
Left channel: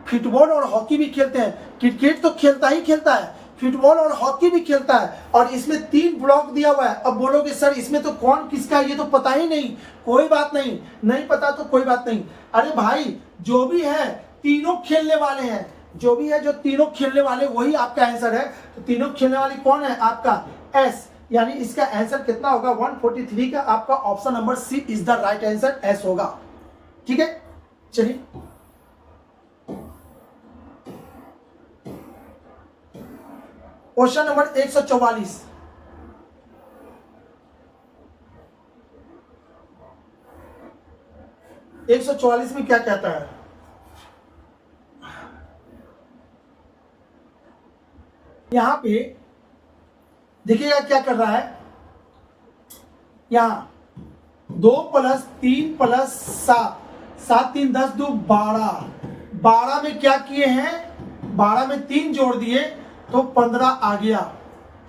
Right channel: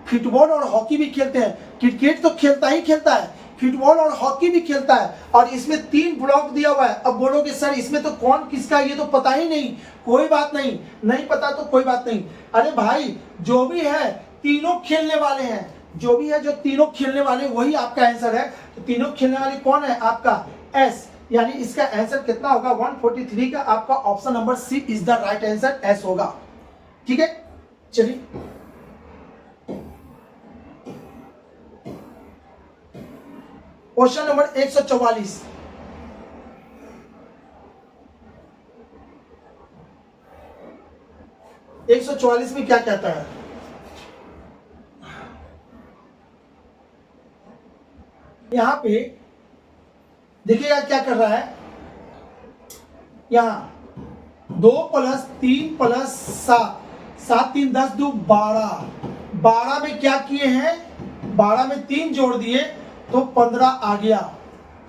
फुटबॉल और हॉकी भी खेलते हैं। क्रिकेट तो खेलता ही खेलता है, फुटबॉल और हॉकी भी खेलता है और इसमें 3 ब्लॉक दिया हुआ है। अब बोलोगे सर इसमें तो कौन किसका, ये तो पता ही नहीं। कोई बात नहीं, नहीं पता तो कोई बात नहीं। अरे भाई जो भी है तीनों खेलने वाले हैं, जो भी है जो तीनों खेलने वाले वही आपका आंसर है। तो तीनों खेलने वाले कौन है आपका एस, यानी इसका आंसर कितना होगा 143 का आपका option number C is the right answer, S होगा। ठीक है, चलिए क्वेश्चन नंबर 144। में क्या कहता है, यहां पे देखिएगा क्या कर रहा है। यहां 2 + 3 + 7, 7 3 10 2 12, 12 में क्या किए हैं, 12 में 3 जोड़ दिए तो 15 आ गया।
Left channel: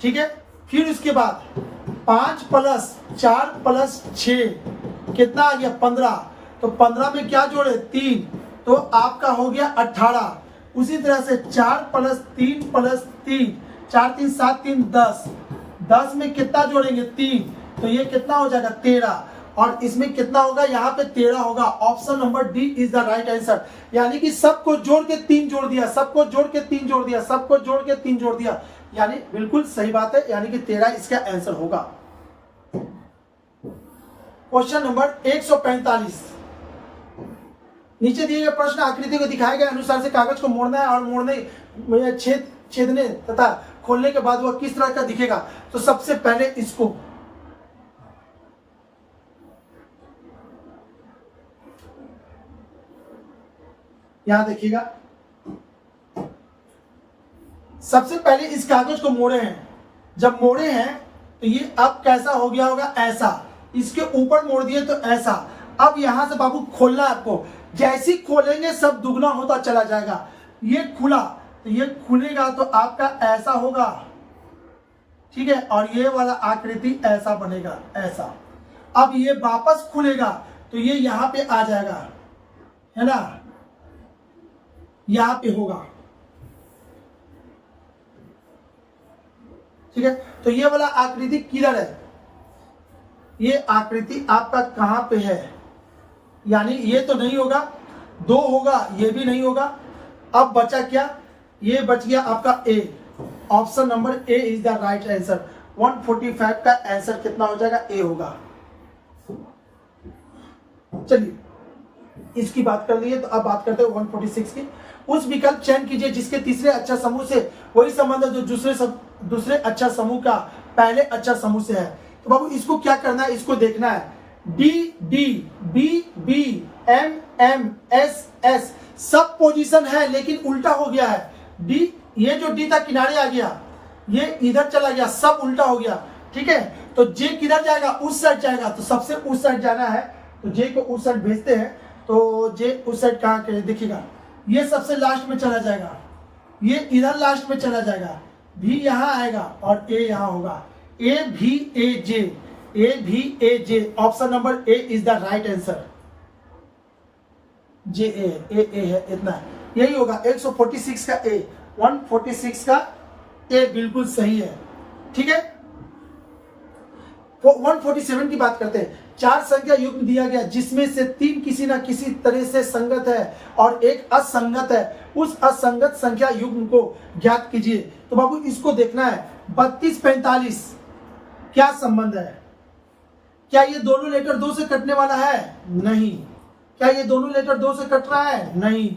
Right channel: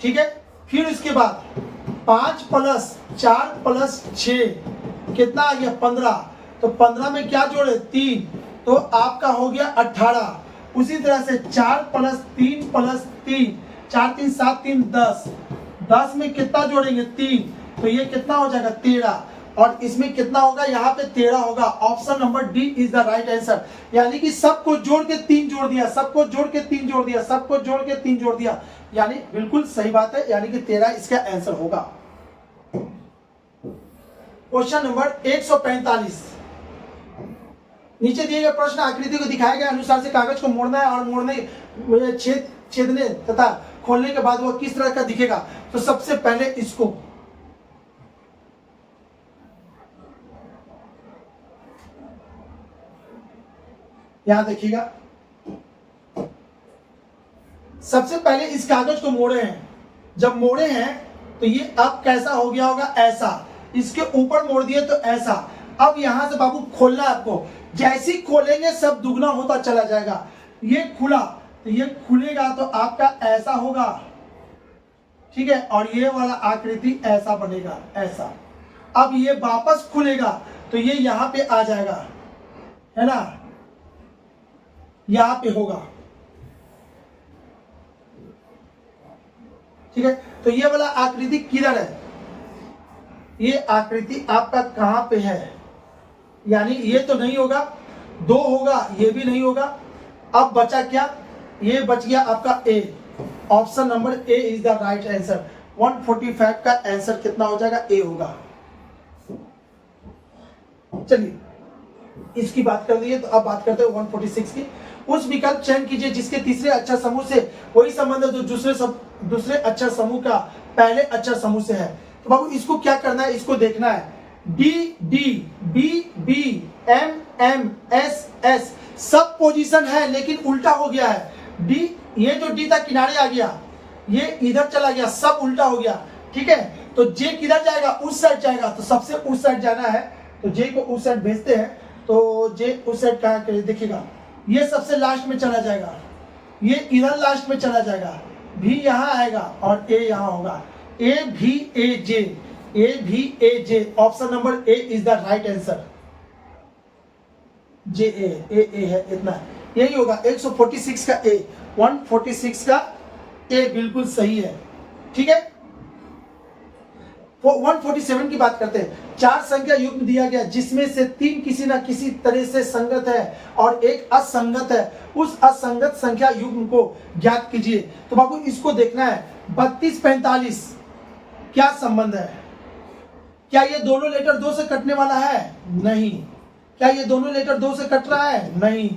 ठीक है, फिर इसके बाद 5 + 4 + 6 कितना आ गया 15, तो 15 में क्या जोड़े 3, तो आपका हो गया 18। उसी तरह से 4 + 3 + 3, 4 3 7 3 10, 10 में कितना जोड़ेंगे 3, तो ये कितना हो जाएगा 13, और इसमें कितना होगा यहाँ पे 13 होगा। Option number D is the right answer, यानी कि सबको जोड़ के 3 जोड़ दिया, सबको जोड़ के 3 जोड़ दिया, सबको जोड़ के 3 जोड़ दिया, यानी बिल्कुल सही बात है, यानी कि 13 इसका आंसर होगा। क्वेश्चन नंबर 145, नीचे दिए गए प्रश्न आकृति को दिखाए गए अनुसार से कागज को मोड़ना है और मोड़ने छेदने तथा खोलने के बाद वह किस तरह का दिखेगा। तो सबसे पहले इसको यहां देखिएगा, सबसे पहले इस कागज को मोड़े हैं, जब मोड़े हैं तो ये अब कैसा हो गया होगा ऐसा, इसके ऊपर मोड़ दिए तो ऐसा। अब यहां से बाबू खोलना है आपको, जैसे ही खोलेंगे सब दुगना होता चला जाएगा। ये खुला तो ये खुलेगा तो आपका ऐसा होगा, ठीक है, और ये वाला आकृति ऐसा बनेगा ऐसा। अब ये वापस खुलेगा तो ये यहां पे आ जाएगा, है ना, यहां पे होगा। ठीक है, तो ये वाला आकृति किधर है, ये आकृति आपका कहां पे है, यानी ये तो नहीं होगा, 2 होगा, ये भी नहीं होगा। अब बचा क्या, ये बच गया आपका A, option number A is the right answer. 145 का आंसर कितना हो जाएगा, ए होगा। चलिए इसकी बात कर लिए, तो अब बात करते हैं 146 की। उस विकल्प चयन कीजिए जिसके तीसरे अक्षर समूह से वही संबंध जो दूसरे अक्षर समूह का पहले अक्षर समूह से है। तो बाबू इसको क्या करना है, इसको देखना है। D D, B B, M M, S S सब पोजीशन है लेकिन उल्टा हो गया है। डी, ये जो डी था किनारे आ गया, ये इधर चला गया, सब उल्टा हो गया। ठीक है, तो जे किधर जाएगा, उस साइड जाएगा, तो सबसे उस साइड जाना है, तो जे को उस साइड भेजते हैं। तो जे उस साइड कहाँ के लिए देखिएगा, ये सबसे लास्ट में चला जाएगा, ये इधर लास्ट में चला जाएगा, भी यहाँ आएगा और ए यहाँ होगा। ए भी ए जे, ए भी A J, option number A is the right answer. J A है, इतना यही होगा। 146 का ए, 146 का ए बिल्कुल सही है। ठीक है, 147 की बात करते हैं। 4 संख्या युग्म दिया गया जिसमें से 3 किसी ना किसी तरह से संगत है और एक असंगत है, उस असंगत संख्या युग्म को ज्ञात कीजिए। तो बाबू इसको देखना है, 32 45 क्या संबंध है, क्या ये दोनों लेटर 2 से कटने वाला है, नहीं। क्या ये दोनों लेटर 2 से कट रहा है, नहीं।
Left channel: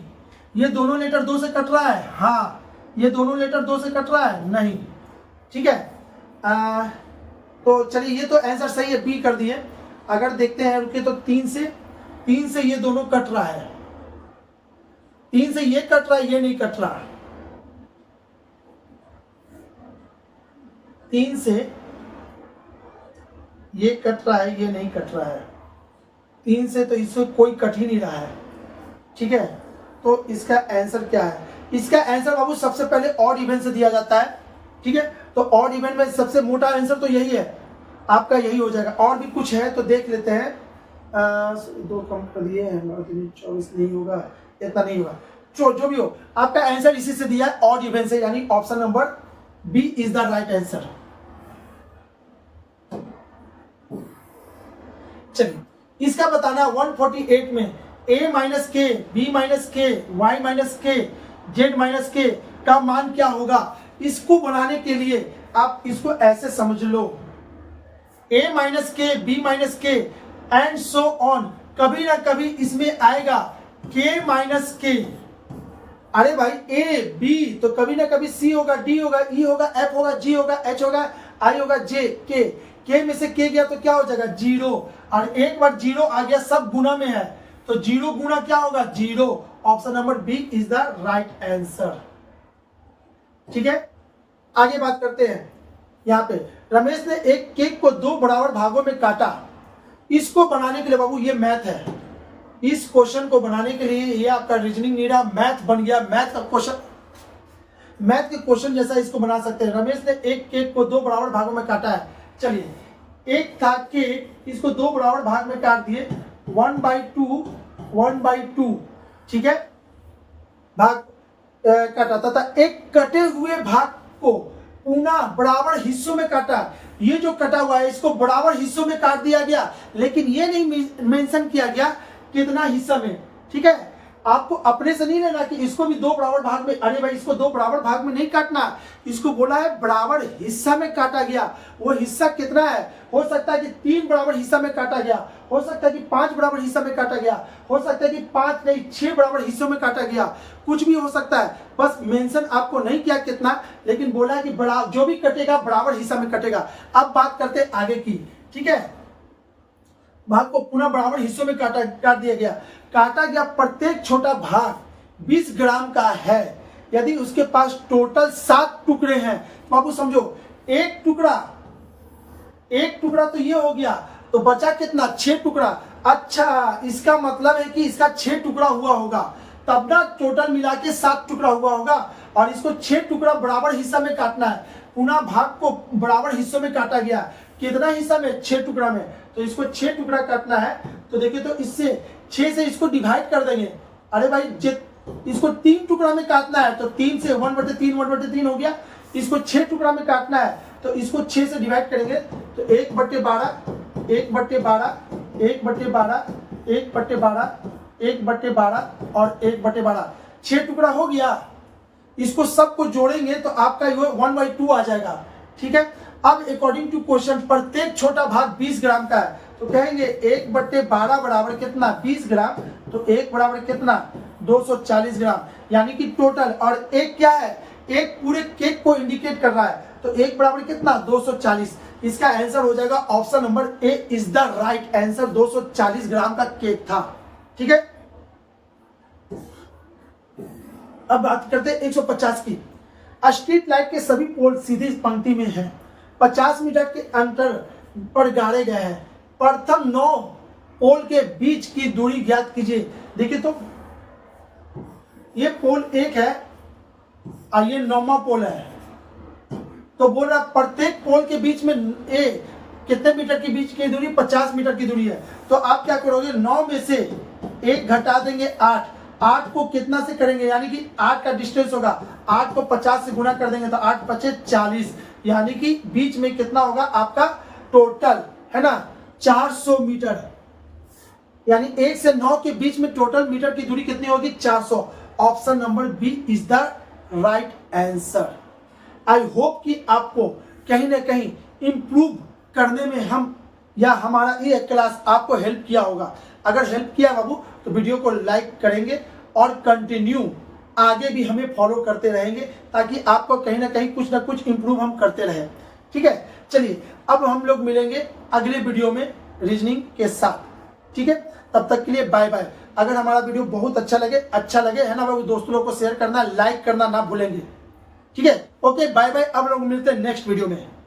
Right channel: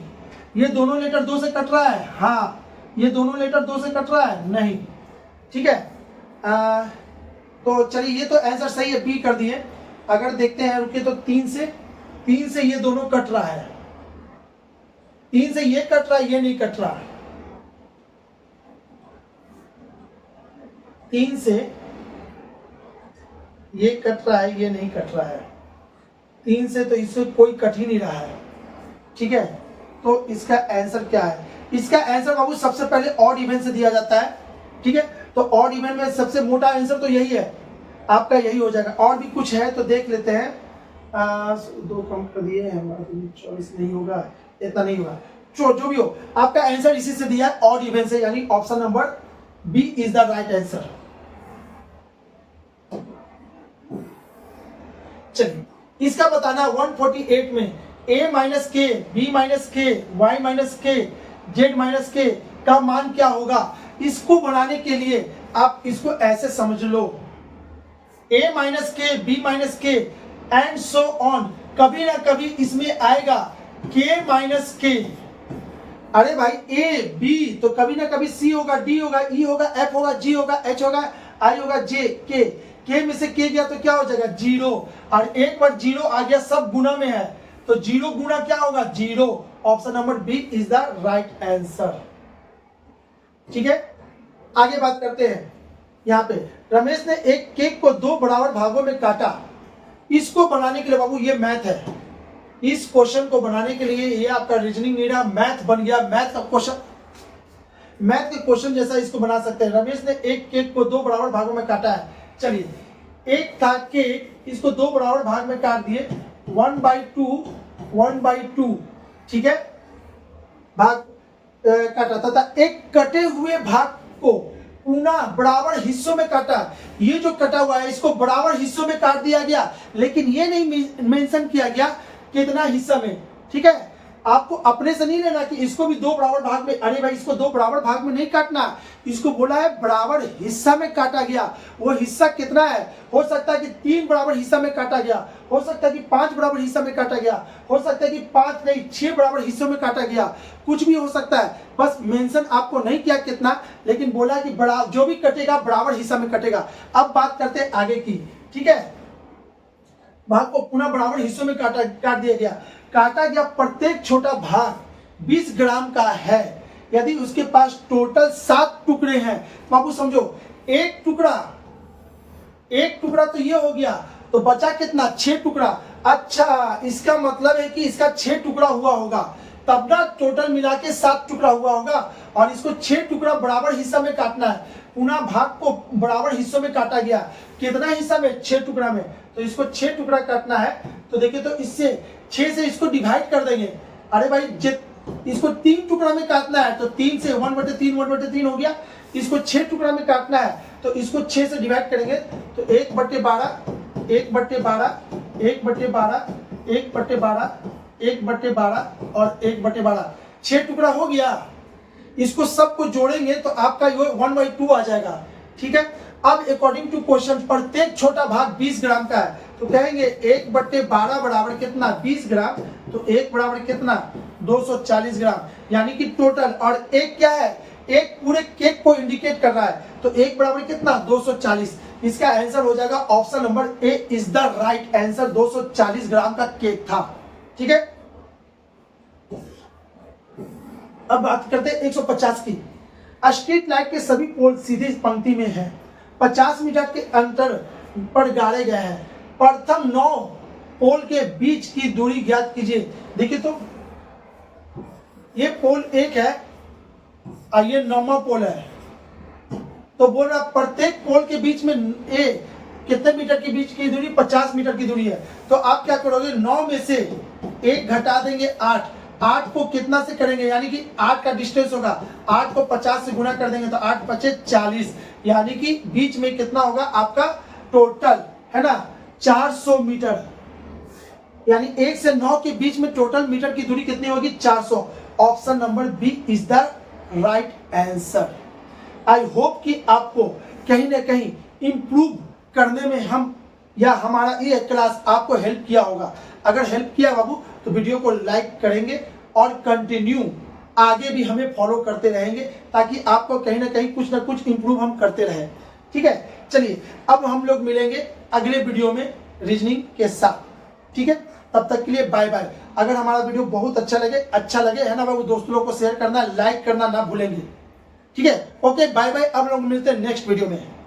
ये दोनों लेटर 2 से कट रहा है, हाँ। ये दोनों लेटर 2 से कट रहा है, नहीं। ठीक है, तो चलिए ये तो आंसर सही है, बी कर दिए। अगर देखते हैं रुके तो 3 से ये दोनों कट रहा है, 3 से ये कट रहा है, ये नहीं कट रहा। 3 से ये कट रहा है, ये नहीं कट रहा है। 3 से तो इससे कोई कट ही नहीं रहा है। ठीक है, तो इसका आंसर क्या है, इसका आंसर बाबू सबसे पहले ऑड इवन से दिया जाता है। ठीक है, तो ऑड इवन में सबसे मोटा आंसर तो यही है, आपका यही हो जाएगा। और भी कुछ है तो देख लेते हैं। 2 कम कर दिए हैं, 24 नहीं होगा, इतना नहीं होगा। जो भी हो, आपका आंसर इसी से दिया है, ऑड इवन से, यानी option number B is the right answer. चलिए इसका बताना 148 में a minus K, B minus K, Y minus K, Z minus K का मान क्या होगा। इसको बनाने के लिए आप इसको ऐसे समझ लो, a minus K, B minus के एंड सो ऑन, कभी ना कभी इसमें आएगा k माइनस के। अरे भाई a b तो कभी ना कभी c होगा, d होगा, e होगा, f होगा, g होगा, h होगा, i होगा, j, k में से k गया तो क्या हो जाएगा जीरो, और एक बार जीरो आ गया सब गुना में है तो जीरो गुना क्या होगा zero. Option number B is the right answer. ठीक है, आगे बात करते हैं। यहाँ पे रमेश ने एक केक को 2 बराबर भागों में काटा। इसको बनाने के लिए बाबू ये मैथ है, इस क्वेश्चन को बनाने के लिए ये आपका रीजनिंग नहीं रहा, मैथ बन गया। मैथ का क्वेश्चन, मैथ के क्वेश्चन जैसा इसको बना सकते हैं। रमेश ने एक केक को 2 बराबर भागों में काटा है। चलिए एक था केक, इसको 2 बराबर भाग में काट दिए, 1/2 1/2। ठीक है, भाग काटा तथा एक कटे हुए भाग को पुनः बराबर हिस्सों में काटा। ये जो कटा हुआ है इसको बराबर हिस्सों में काट दिया गया, लेकिन ये नहीं मेंशन किया गया कितना हिस्सा में। ठीक है, आपको अपने से नहीं लेना कि इसको भी 2 बराबर भाग में, अरे भाई इसको 2 बराबर भाग में नहीं काटना, इसको बोला है बराबर हिस्सा में काटा गया। वो हिस्सा कितना है, हो सकता है कि 3 बराबर हिस्सा में काटा गया, हो सकता है कि 5 बराबर हिस्सा में काटा गया, हो सकता है कि 5 नहीं 6 बराबर हिस्सों में काटा गया, कुछ भी हो सकता है। बस मेंशन आपको नहीं किया कितना, लेकिन बोला कि बड़ा जो भी कटेगा बराबर हिस्सा में कटेगा। अब बात करते हैं आगे की। ठीक है, भाग को पुनः बराबर हिस्सों में काट दिया गया। काटा गया प्रत्येक छोटा भाग 20 ग्राम का है। यदि उसके पास टोटल 7 टुकड़े हैं, बाबू समझो एक टुकड़ा तो ये हो गया, तो बचा कितना 6 टुकड़ा। अच्छा, इसका मतलब है कि इसका 6 टुकड़ा हुआ होगा, तब ना टोटल मिला के 7 टुकड़ा हुआ होगा, और इसको 6 टुकड़ा बराबर हिस्सा में काटना है। पुनः भाग को बराबर हिस्सों में काटा गया, कितना हिस्सा में 6 टुकड़ा में, तो इसको 6 टुकड़ा काटना है। तो देखिए, तो इससे 6 से इसको डिवाइड कर देंगे। अरे भाई इसको 3 टुकड़ा में काटना है, तो 3 से 1/3 हो गया। इसको 6 टुकड़ा में काटना है, तो इसको 6 से डिवाइड करेंगे, तो 1/12 1/12 1/12 1/12 1/12 और 1/12 6 टुकड़ा हो गया। इसको सबको जोड़ेंगे तो आपका 1/2 आ जाएगा। ठीक है, अब अकॉर्डिंग टू क्वेश्चन प्रत्येक छोटा भाग 20 ग्राम का है, तो कहेंगे 1/12 बराबर कितना 20 ग्राम, तो 1 बराबर कितना 240 ग्राम, यानी कि टोटल। और एक क्या है, एक पूरे केक को इंडिकेट कर रहा है, तो 1 बराबर कितना 240। इसका आंसर हो जाएगा option number A is the right answer. 240 ग्राम का केक था। ठीक है, अब बात करते हैं 150 की। स्ट्रीट लाइट के सभी पोल सीधी पंक्ति में हैं, 50 मीटर के अंतर पर गाड़े गए हैं। प्रथम 9 पोल के बीच की दूरी ज्ञात कीजिए। देखिए, तो ये पोल 1 है और ये 9वां पोल है, तो बोल रहा प्रत्येक पोल के बीच में कितने मीटर के बीच की दूरी 50 मीटर की दूरी है। तो आप क्या करोगे, 9 में से 1 घटा देंगे 8 को कितना से करेंगे, यानी कि 8 का डिस्टेंस होगा, 8 को 50 से गुना कर देंगे तो 8 × 40, यानी कि बीच में कितना होगा आपका टोटल, है ना 400 मीटर। यानी 1 से 9 के बीच में टोटल मीटर की दूरी कितनी होगी 400। Option number B is the right answer. I hope कि आपको कहीं ना कहीं इंप्रूव करने में हमारा ये क्लास आपको हेल्प किया होगा। अगर हेल्प किया बाबू तो वीडियो को लाइक करेंगे और कंटिन्यू आगे भी हमें फॉलो करते रहेंगे, ताकि आपको कहीं ना कहीं कुछ ना कुछ इंप्रूव हम करते रहें। ठीक है, चलिए अब हम लोग मिलेंगे अगले वीडियो में रीजनिंग के साथ। ठीक है, तब तक के लिए बाय बाय। अगर हमारा वीडियो बहुत अच्छा लगे है ना बाबू, दोस्तों लोग को शेयर करना, लाइक करना ना भूलेंगे। ठीक है, ओके बाय बाय। अब लोग मिलते हैं नेक्स्ट वीडियो में।